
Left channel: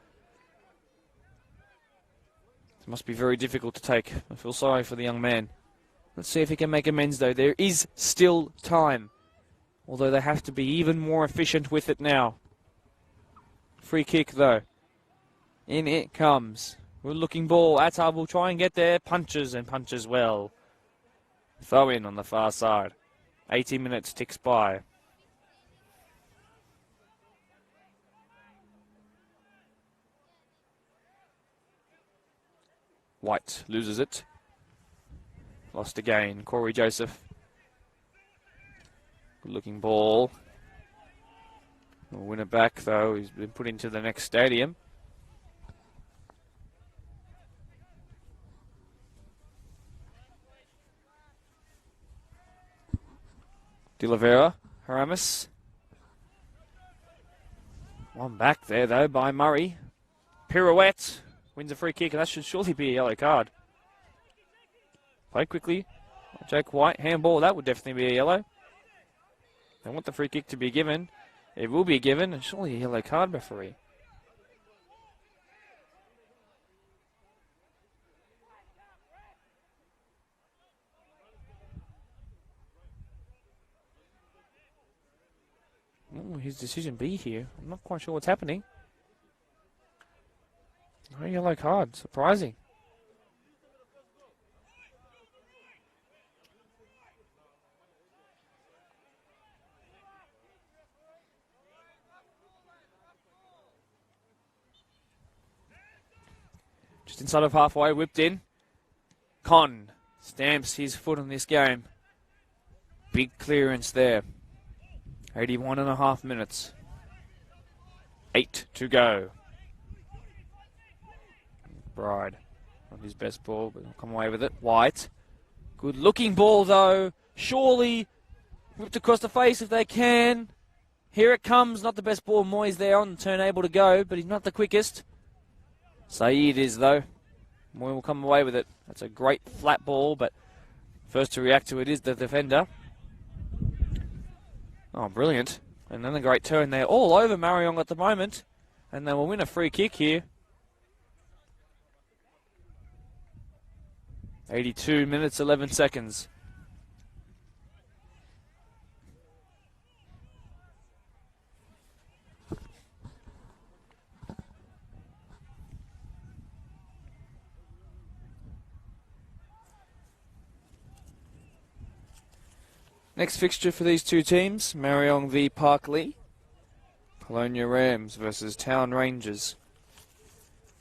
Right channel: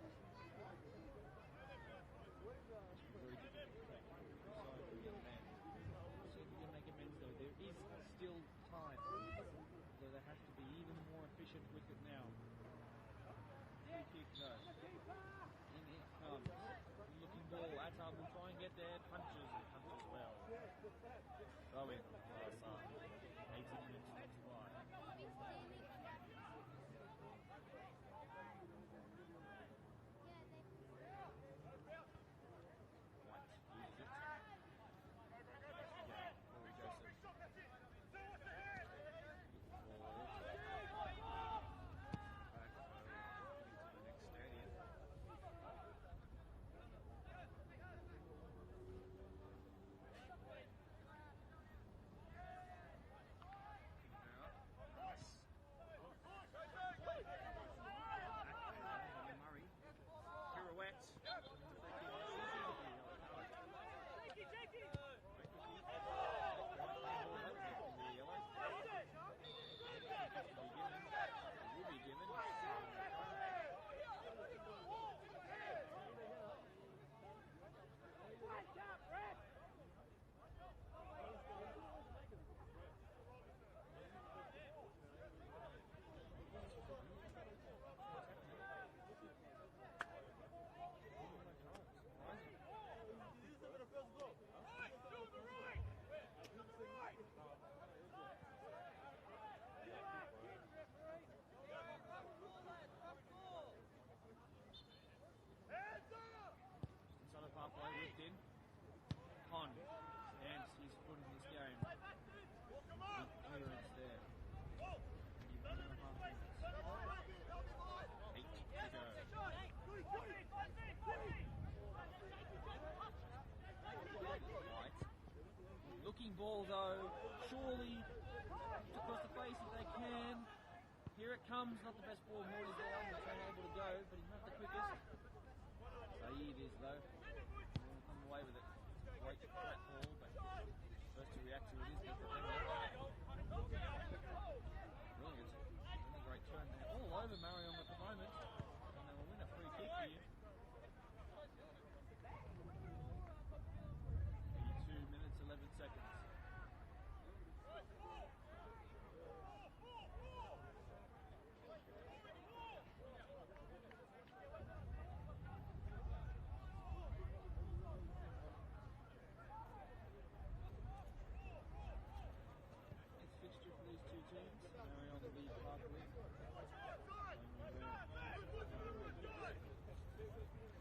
It must be very difficult to take. I feel sorry for the young man. Let's see if he can make amends, though. There is still time, although they have to be even more efficient with it now. Free kick, though. In it comes. Good looking ball. Attar will try and get there. Punches and punches well. Throw in on the far side. 80 minutes ticks by. White loses it. Lost again. Corey Joseph. Good looking ball. We'll win it back, though. He's been put into the next stadium. De Oliveira, Haramis. One back there, though, by Murray. Pirouette. Wins a free kick, and that should surely be a yellow card. Play quickly. Jake White, handball. That would definitely be a yellow. They want the free kick to be given. It will be given, and surely a yellow card, referee. What will his decision be here? I'm not quite sure what's happening. No yellow card. Surprising. Just inside of halfway, whipped in. Con stamps his foot on this game. Big clearance there. 81.5 minutes. 8 to go. Bride. Not his best ball, but come away with it. White. Good looking ball, though. Surely whipped across the face if they can. Here it comes. Not the best ball. Moyes there on the turn, able to go, but he's not the quickest. Saeed is, though. Moy will come away with it. That's a great flat ball, but first to react to it is the defender. Oh, brilliant. And then a great turn there. All over Marayong at the moment. And they will win a free kick here. 82 minutes, 11 seconds. Next fixture for these two teams, Marayong v Parkley. Colonia Rams versus Town Rangers.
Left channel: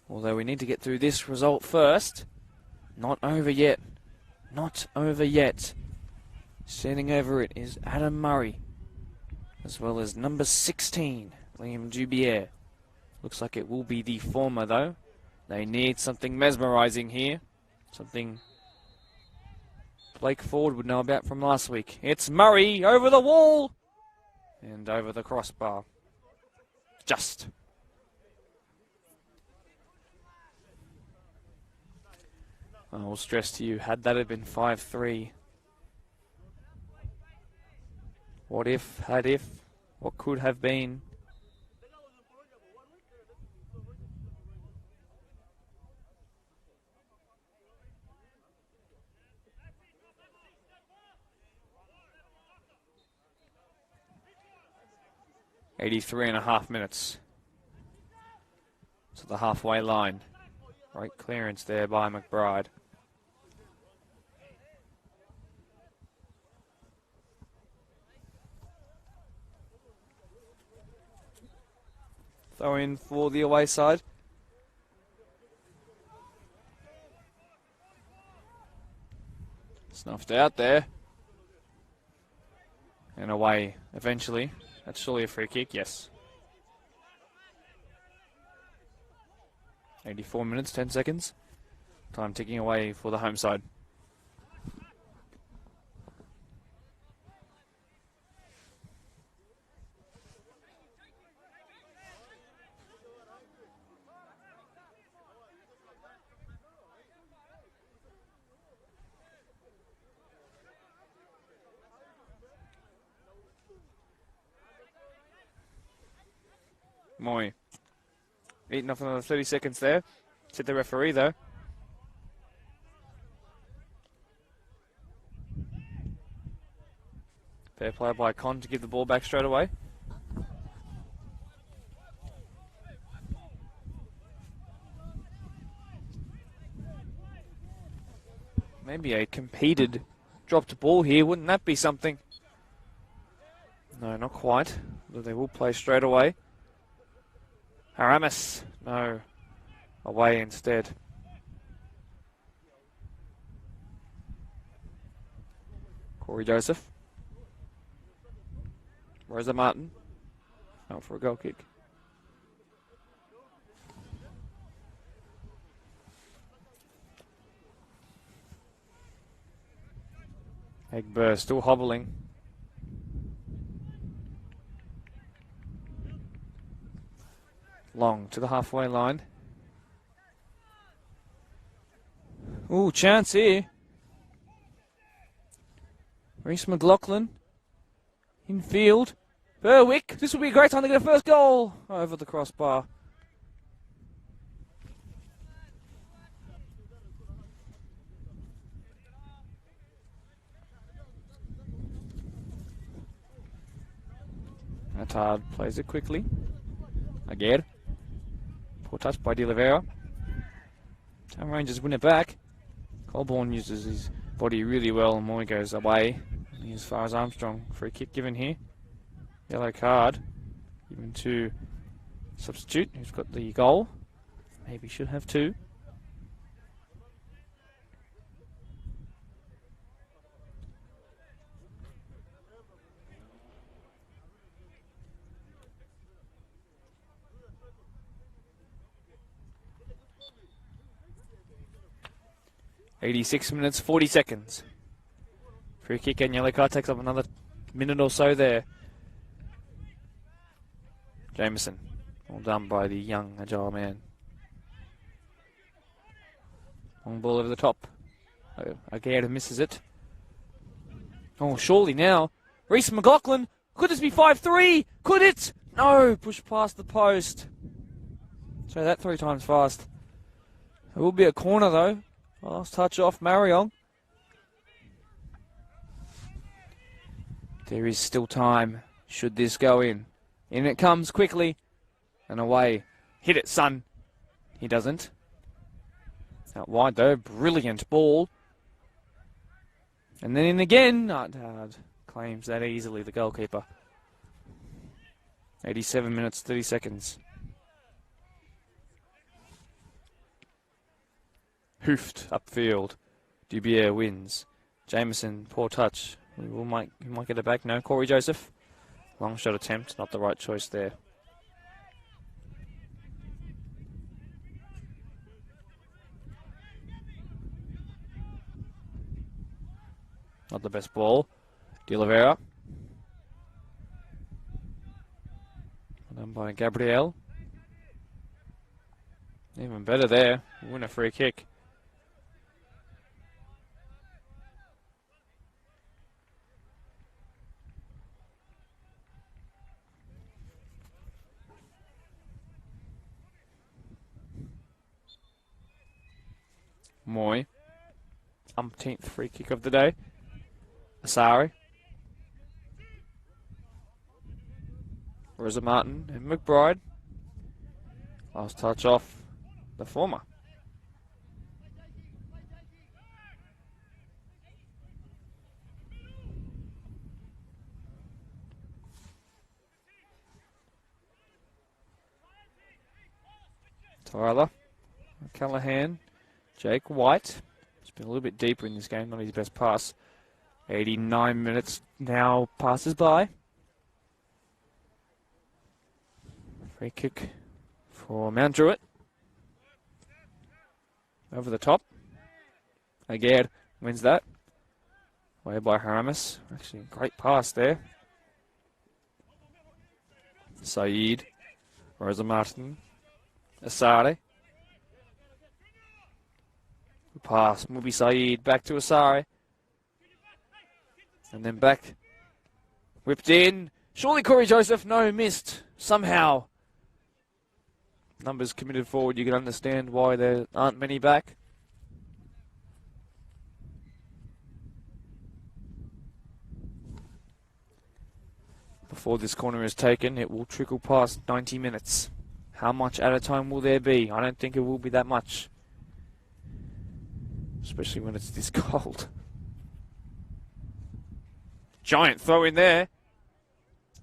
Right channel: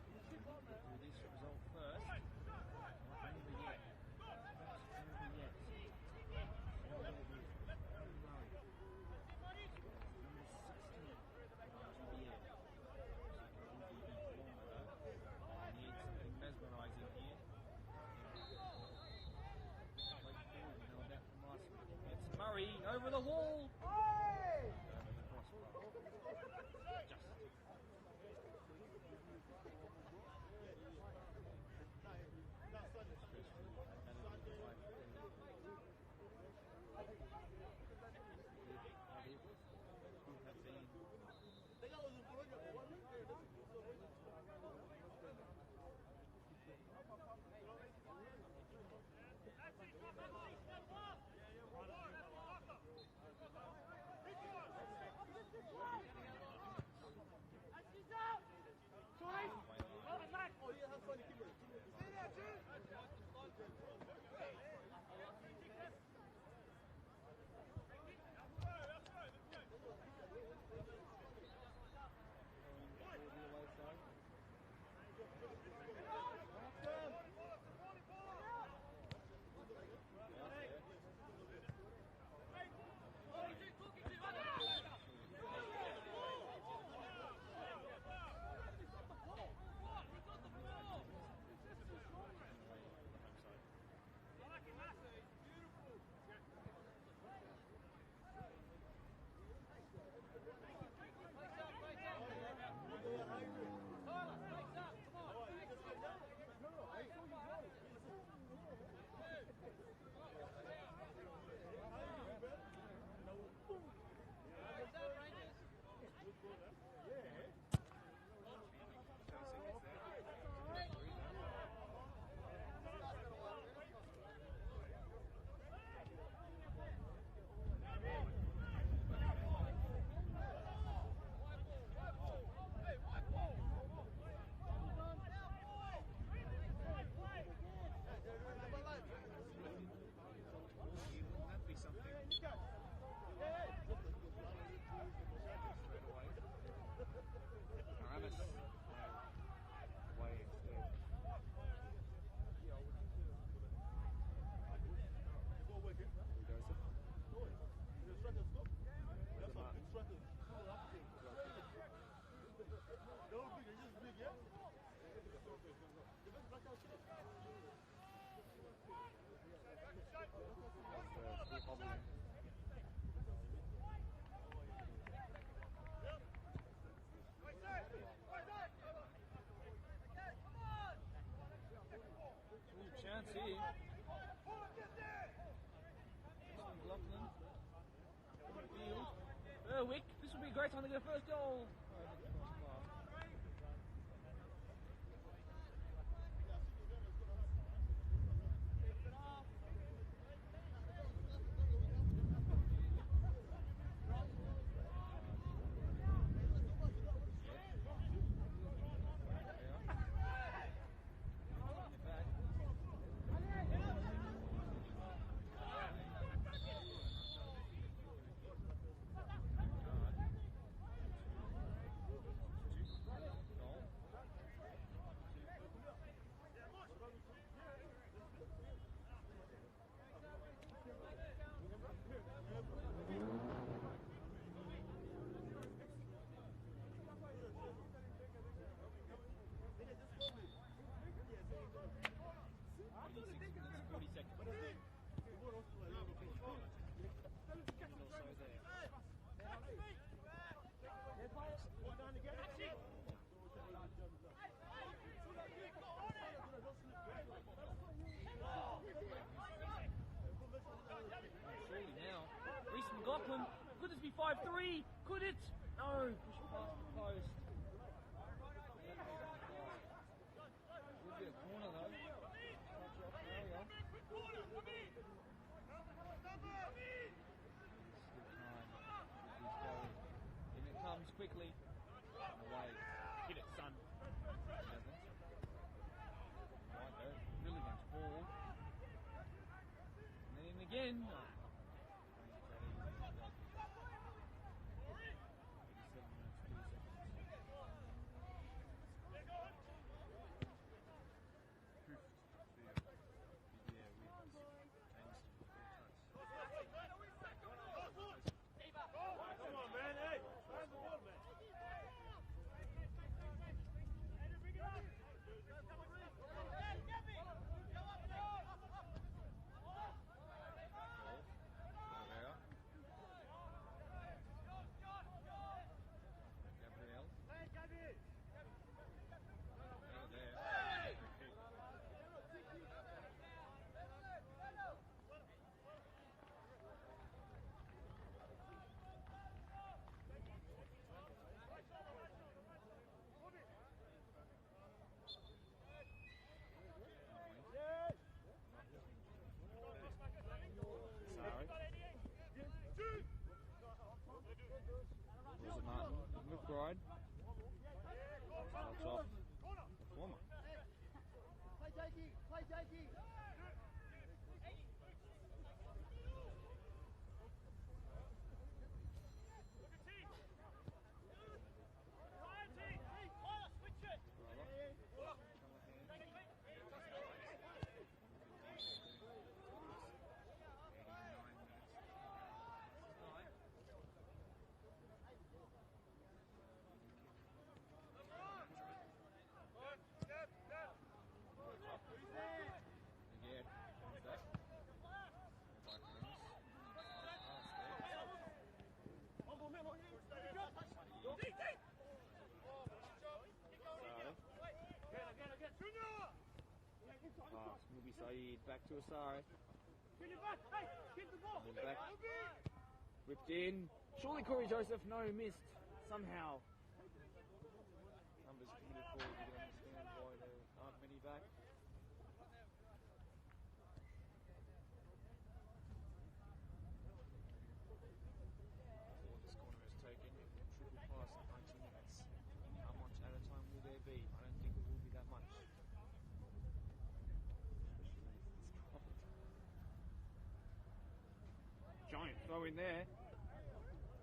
Although we need to get through this result first. Not over yet. Not over yet. Standing over it is Adam Murray, as well as number 16, Liam Dubier. Looks like it will be the former, though. They need something mesmerising here. Something Blake Ford would know about from last week. It's Murray over the wall and over the crossbar. Just. I will stress to you, had that have been 5-3, what if, had if, what could have been, 83.5 minutes to the halfway line. Great clearance there by McBride. Throw in for the away side. Snuffed out there. And away eventually. That's surely a free kick, yes. 84 minutes, 10 seconds. Time ticking away for the home side. Moy. Eating off another 30 seconds there. Hit the referee though. Fair play by Con to give the ball back straight away. Maybe a competed dropped ball here. Wouldn't that be something? No, not quite. But they will play straight away. Aramis, no, away instead. Corey Joseph. Rosa Martin, out for a goal kick. Egberg still hobbling. Long to the halfway line. Ooh, chance here. Reece McLaughlin. In field. Berwick. This will be a great time to get a first goal. Over the crossbar. Attard plays it quickly. Again. Poor touch by De Oliveira. Town Rangers win it back. Colborne uses his body really well and Moy goes away. As far as Armstrong. Free kick given here. Yellow card. Given to substitute who's got the goal. Maybe should have two. .86 minutes, 40 seconds. Free kick and yellow card takes up another minute or so there. Jameson, all done by the young, agile man. Long ball over the top. Aguirre misses it. Oh, surely now. Reece McLaughlin, could this be 5-3? Could it? No, push past the post. Try that 3 times fast. It will be a corner though. Last touch off Marion. There is still time, should this go in. In it comes quickly, and away. Hit it, son. He doesn't. Out wide though, brilliant ball. And then in again, claims that easily, the goalkeeper. 87 minutes, 30 seconds. Hoofed upfield. Dubier wins. Jameson, poor touch. He might get it back. No, Corey Joseph. Long shot attempt, not the right choice there. Not the best ball. De Oliveira. Done by Gabriel. Even better there. Win a free kick. Moy. Umpteenth free kick of the day. Asari. Rosa Martin and McBride. Last touch off the former. Tyler, Callahan, Jake White. He's been a little bit deeper in this game, not his best pass. 89 minutes now passes by. Free kick for Mount Druitt. Over the top. Again, wins that. Way by Haramis. Actually, great pass there. Saeed, Rosa Martin, Asare. Pass, Mubi Saeed, back to Asare. And then back. Whipped in. Surely Corey Joseph, no, missed. Somehow. Numbers committed forward, you can understand why there aren't many back. Before this corner is taken, it will trickle past 90 minutes. How much at a time will there be? I don't think it will be that much. Especially when it's this cold. Giant throw in there.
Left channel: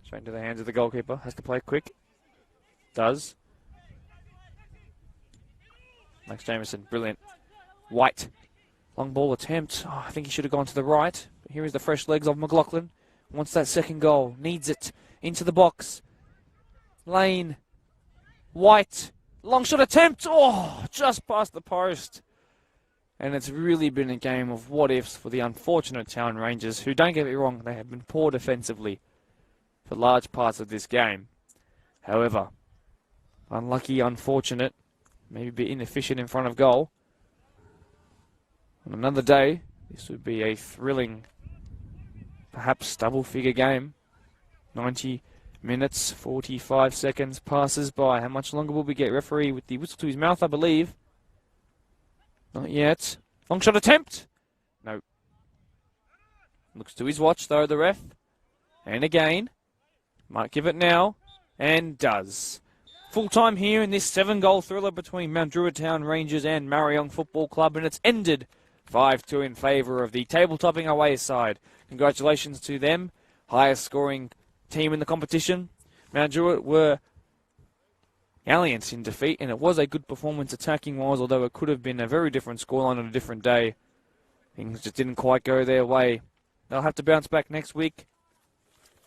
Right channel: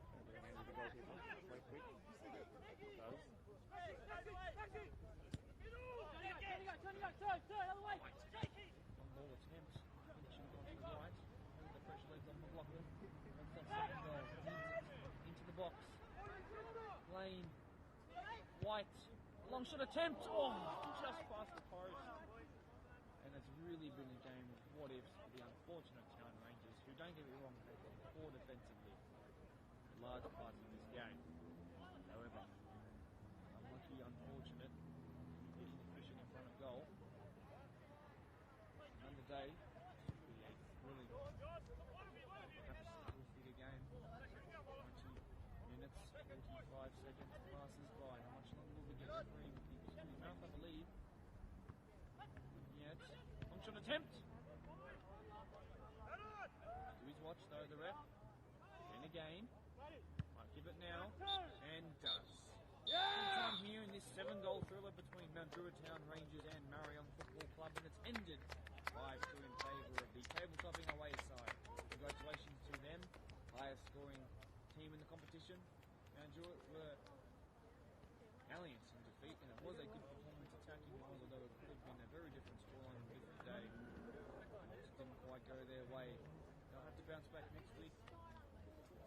Straight into the hands of the goalkeeper. Has to play quick. Does. Max Jameson, brilliant. White. Long ball attempt. Oh, I think he should have gone to the right. But here is the fresh legs of McLaughlin. Wants that second goal. Needs it. Into the box. Lane. White. Long shot attempt. Oh, just past the post. And it's really been a game of what-ifs for the unfortunate Town Rangers, who, don't get me wrong, they have been poor defensively for large parts of this game. However, unlucky, unfortunate, maybe a bit inefficient in front of goal. On another day, this would be a thrilling, perhaps double-figure game. 90 minutes, 45 seconds passes by. How much longer will we get? Referee with the whistle to his mouth, I believe. Not yet. Long shot attempt. No. Looks to his watch, though, the ref. And again. Might give it now. And does. Full time here in this 7-goal thriller between Mount Druitt Town Rangers and Marayong Football Club. And it's ended 5-2 in favour of the table-topping away side. Congratulations to them. Highest scoring team in the competition. Mount Druitt were Alliance in defeat, and it was a good performance attacking-wise, although it could have been a very different scoreline on a different day. Things just didn't quite go their way. They'll have to bounce back next week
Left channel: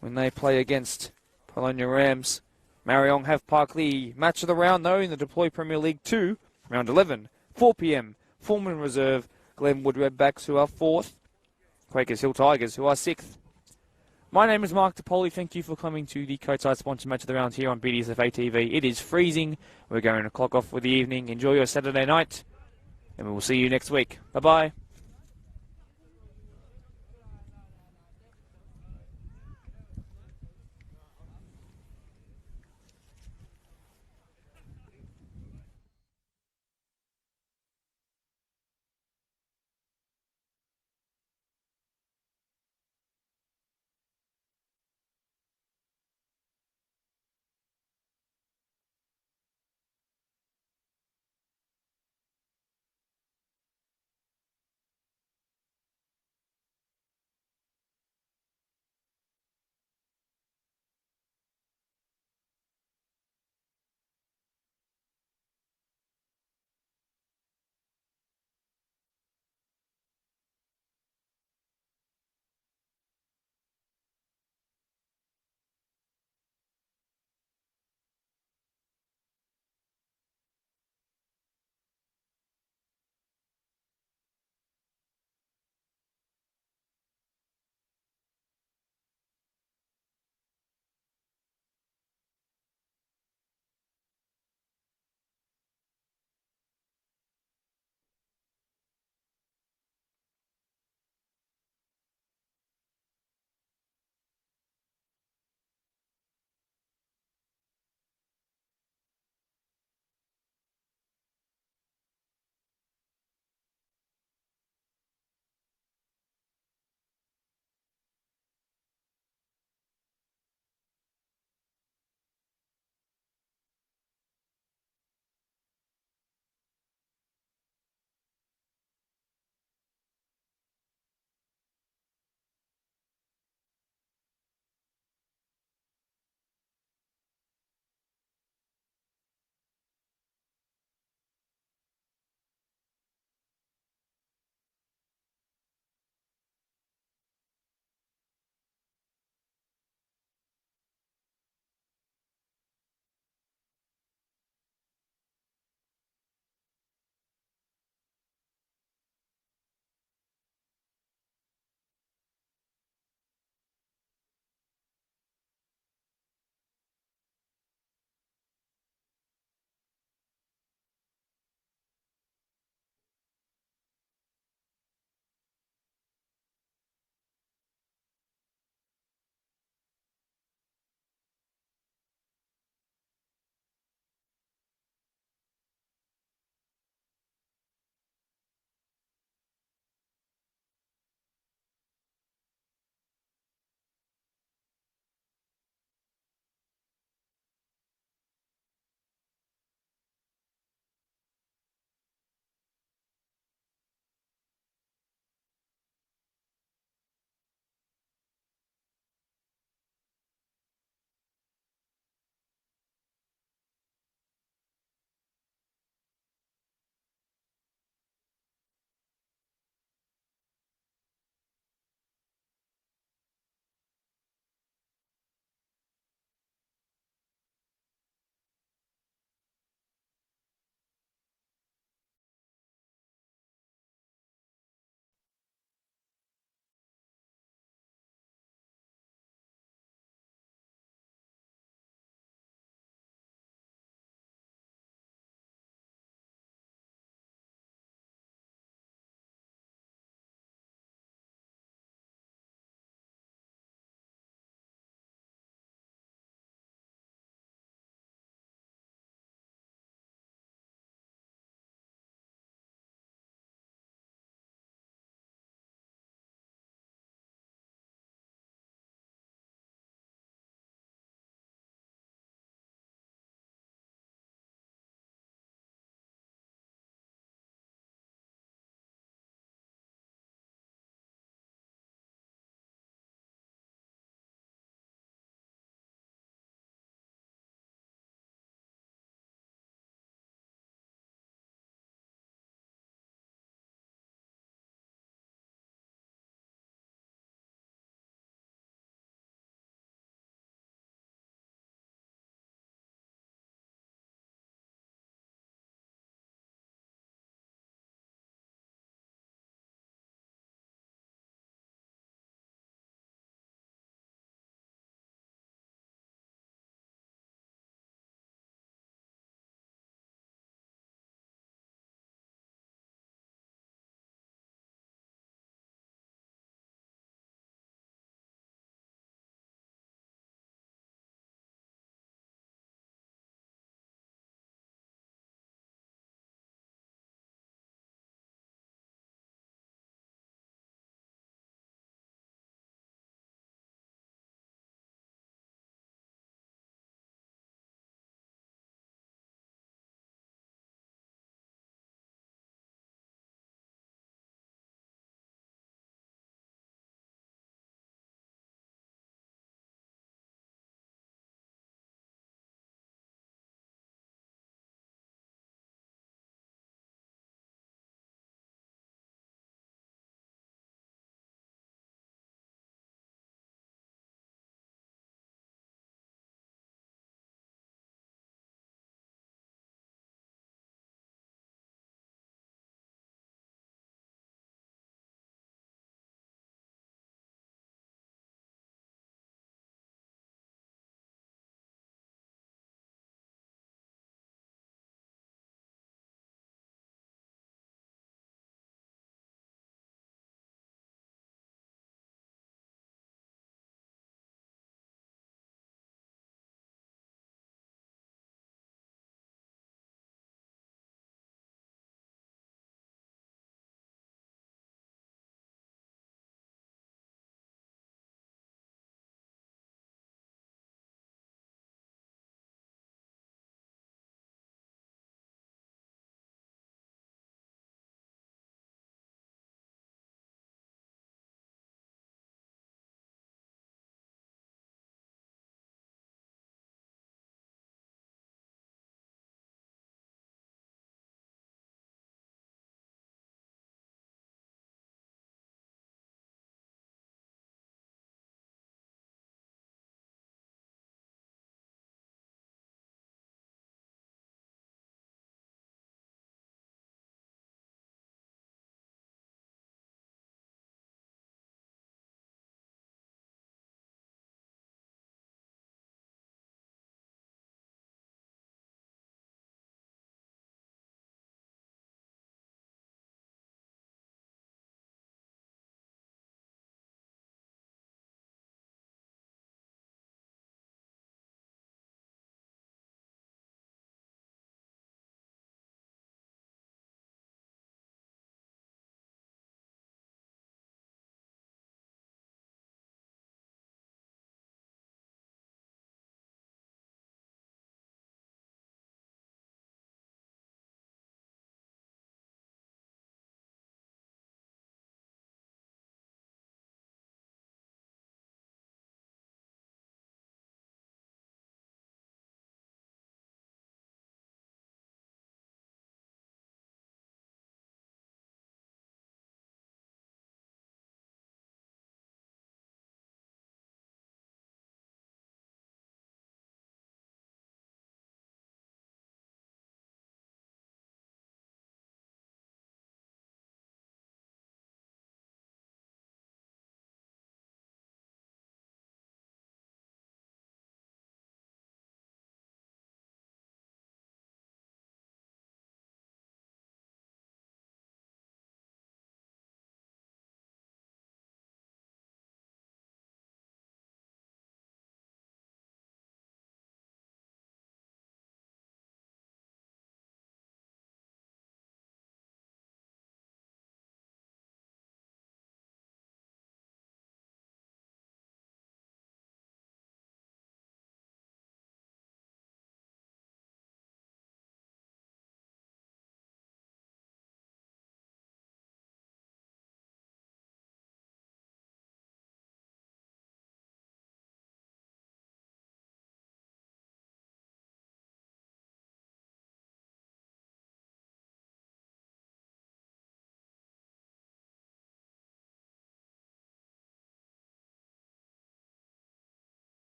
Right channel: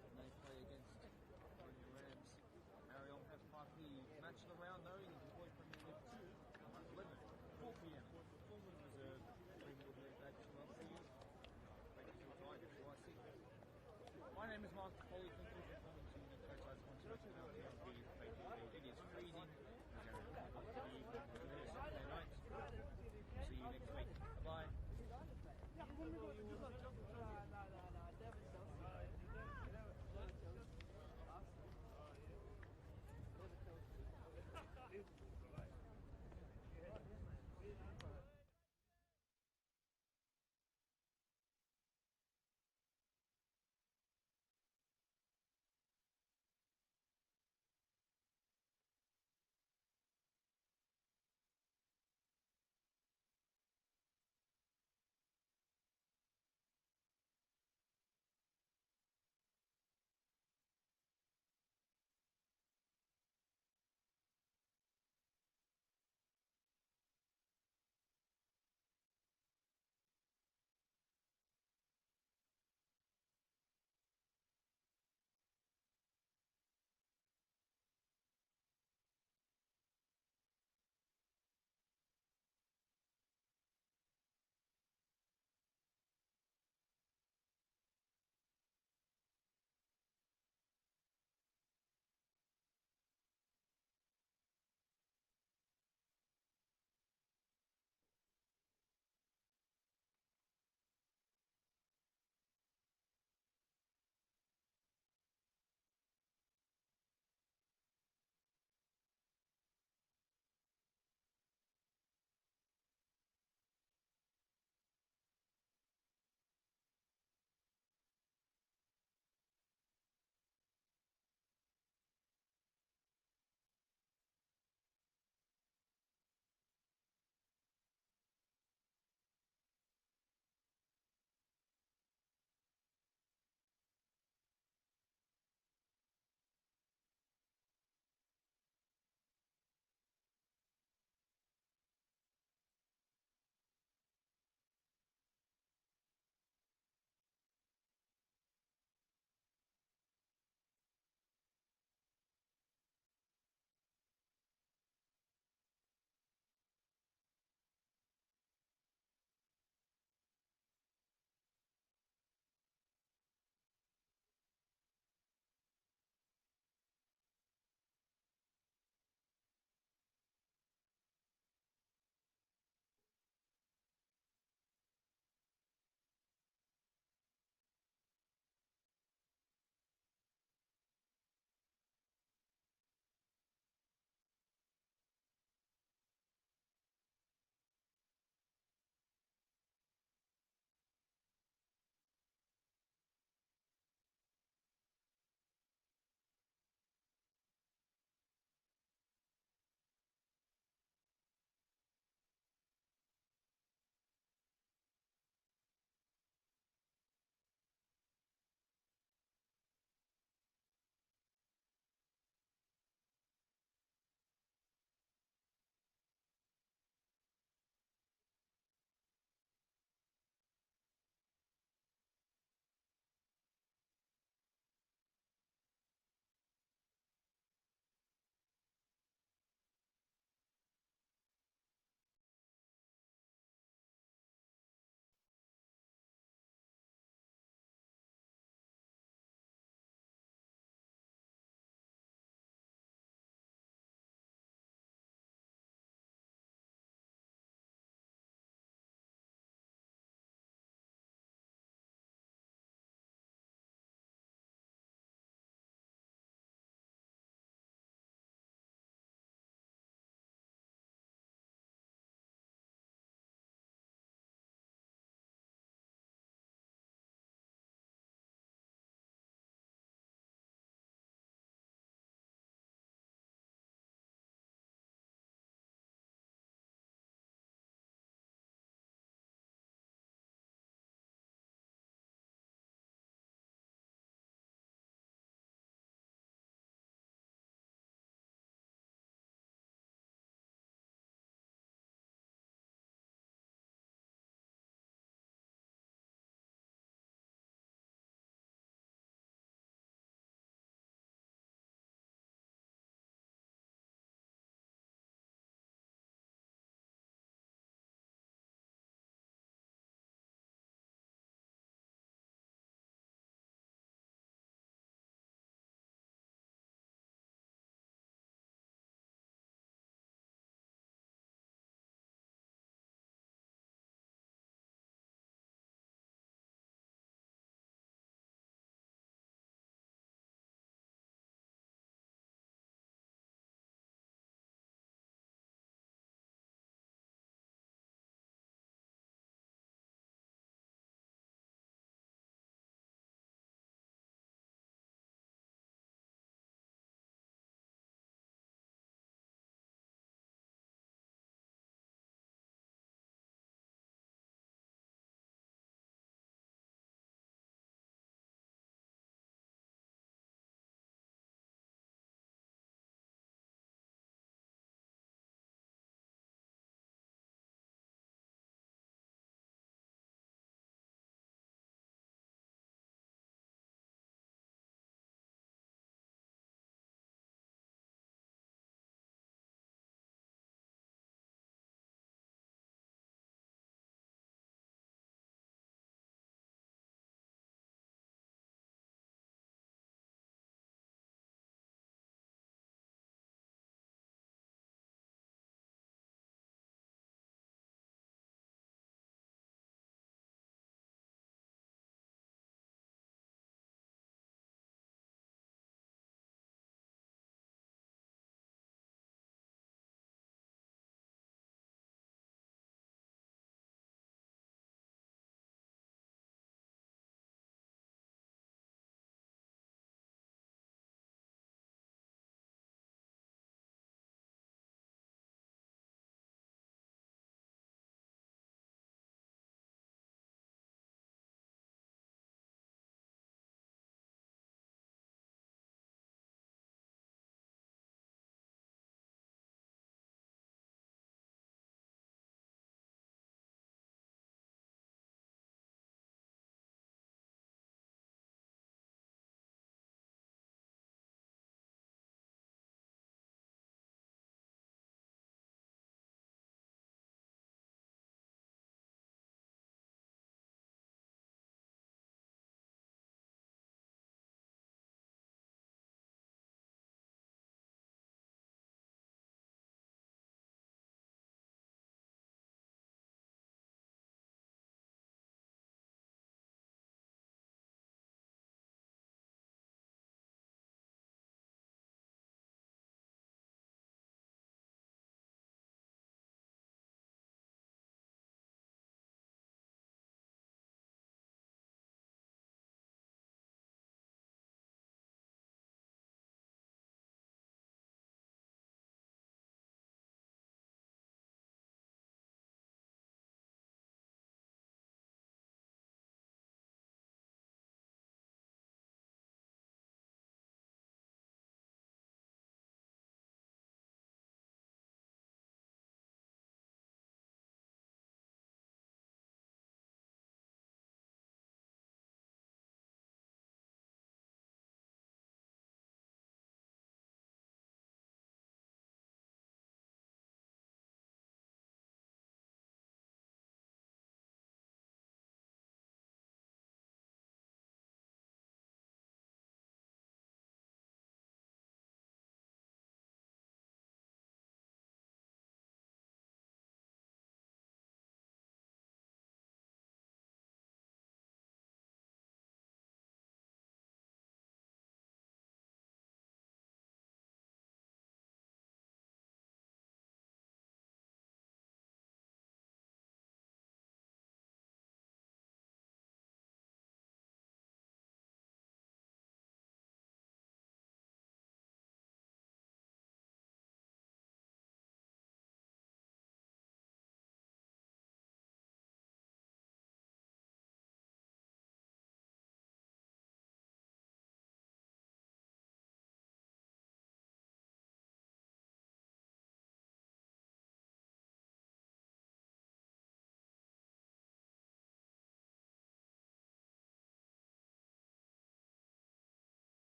when they play against Polonia Rams. Marayong have Parkley match of the round, though, in the Deploy Premier League 2, round 11, 4 p.m. Foreman Reserve, Glenwood Redbacks, who are 4th, Quakers Hill Tigers, who are 6th. My name is Mark DePoli. Thank you for coming to the Coatside Sponsored Match of the Round here on BDSFA TV. It is freezing. We're going to clock off for the evening. Enjoy your Saturday night, and we will see you next week. Bye-bye.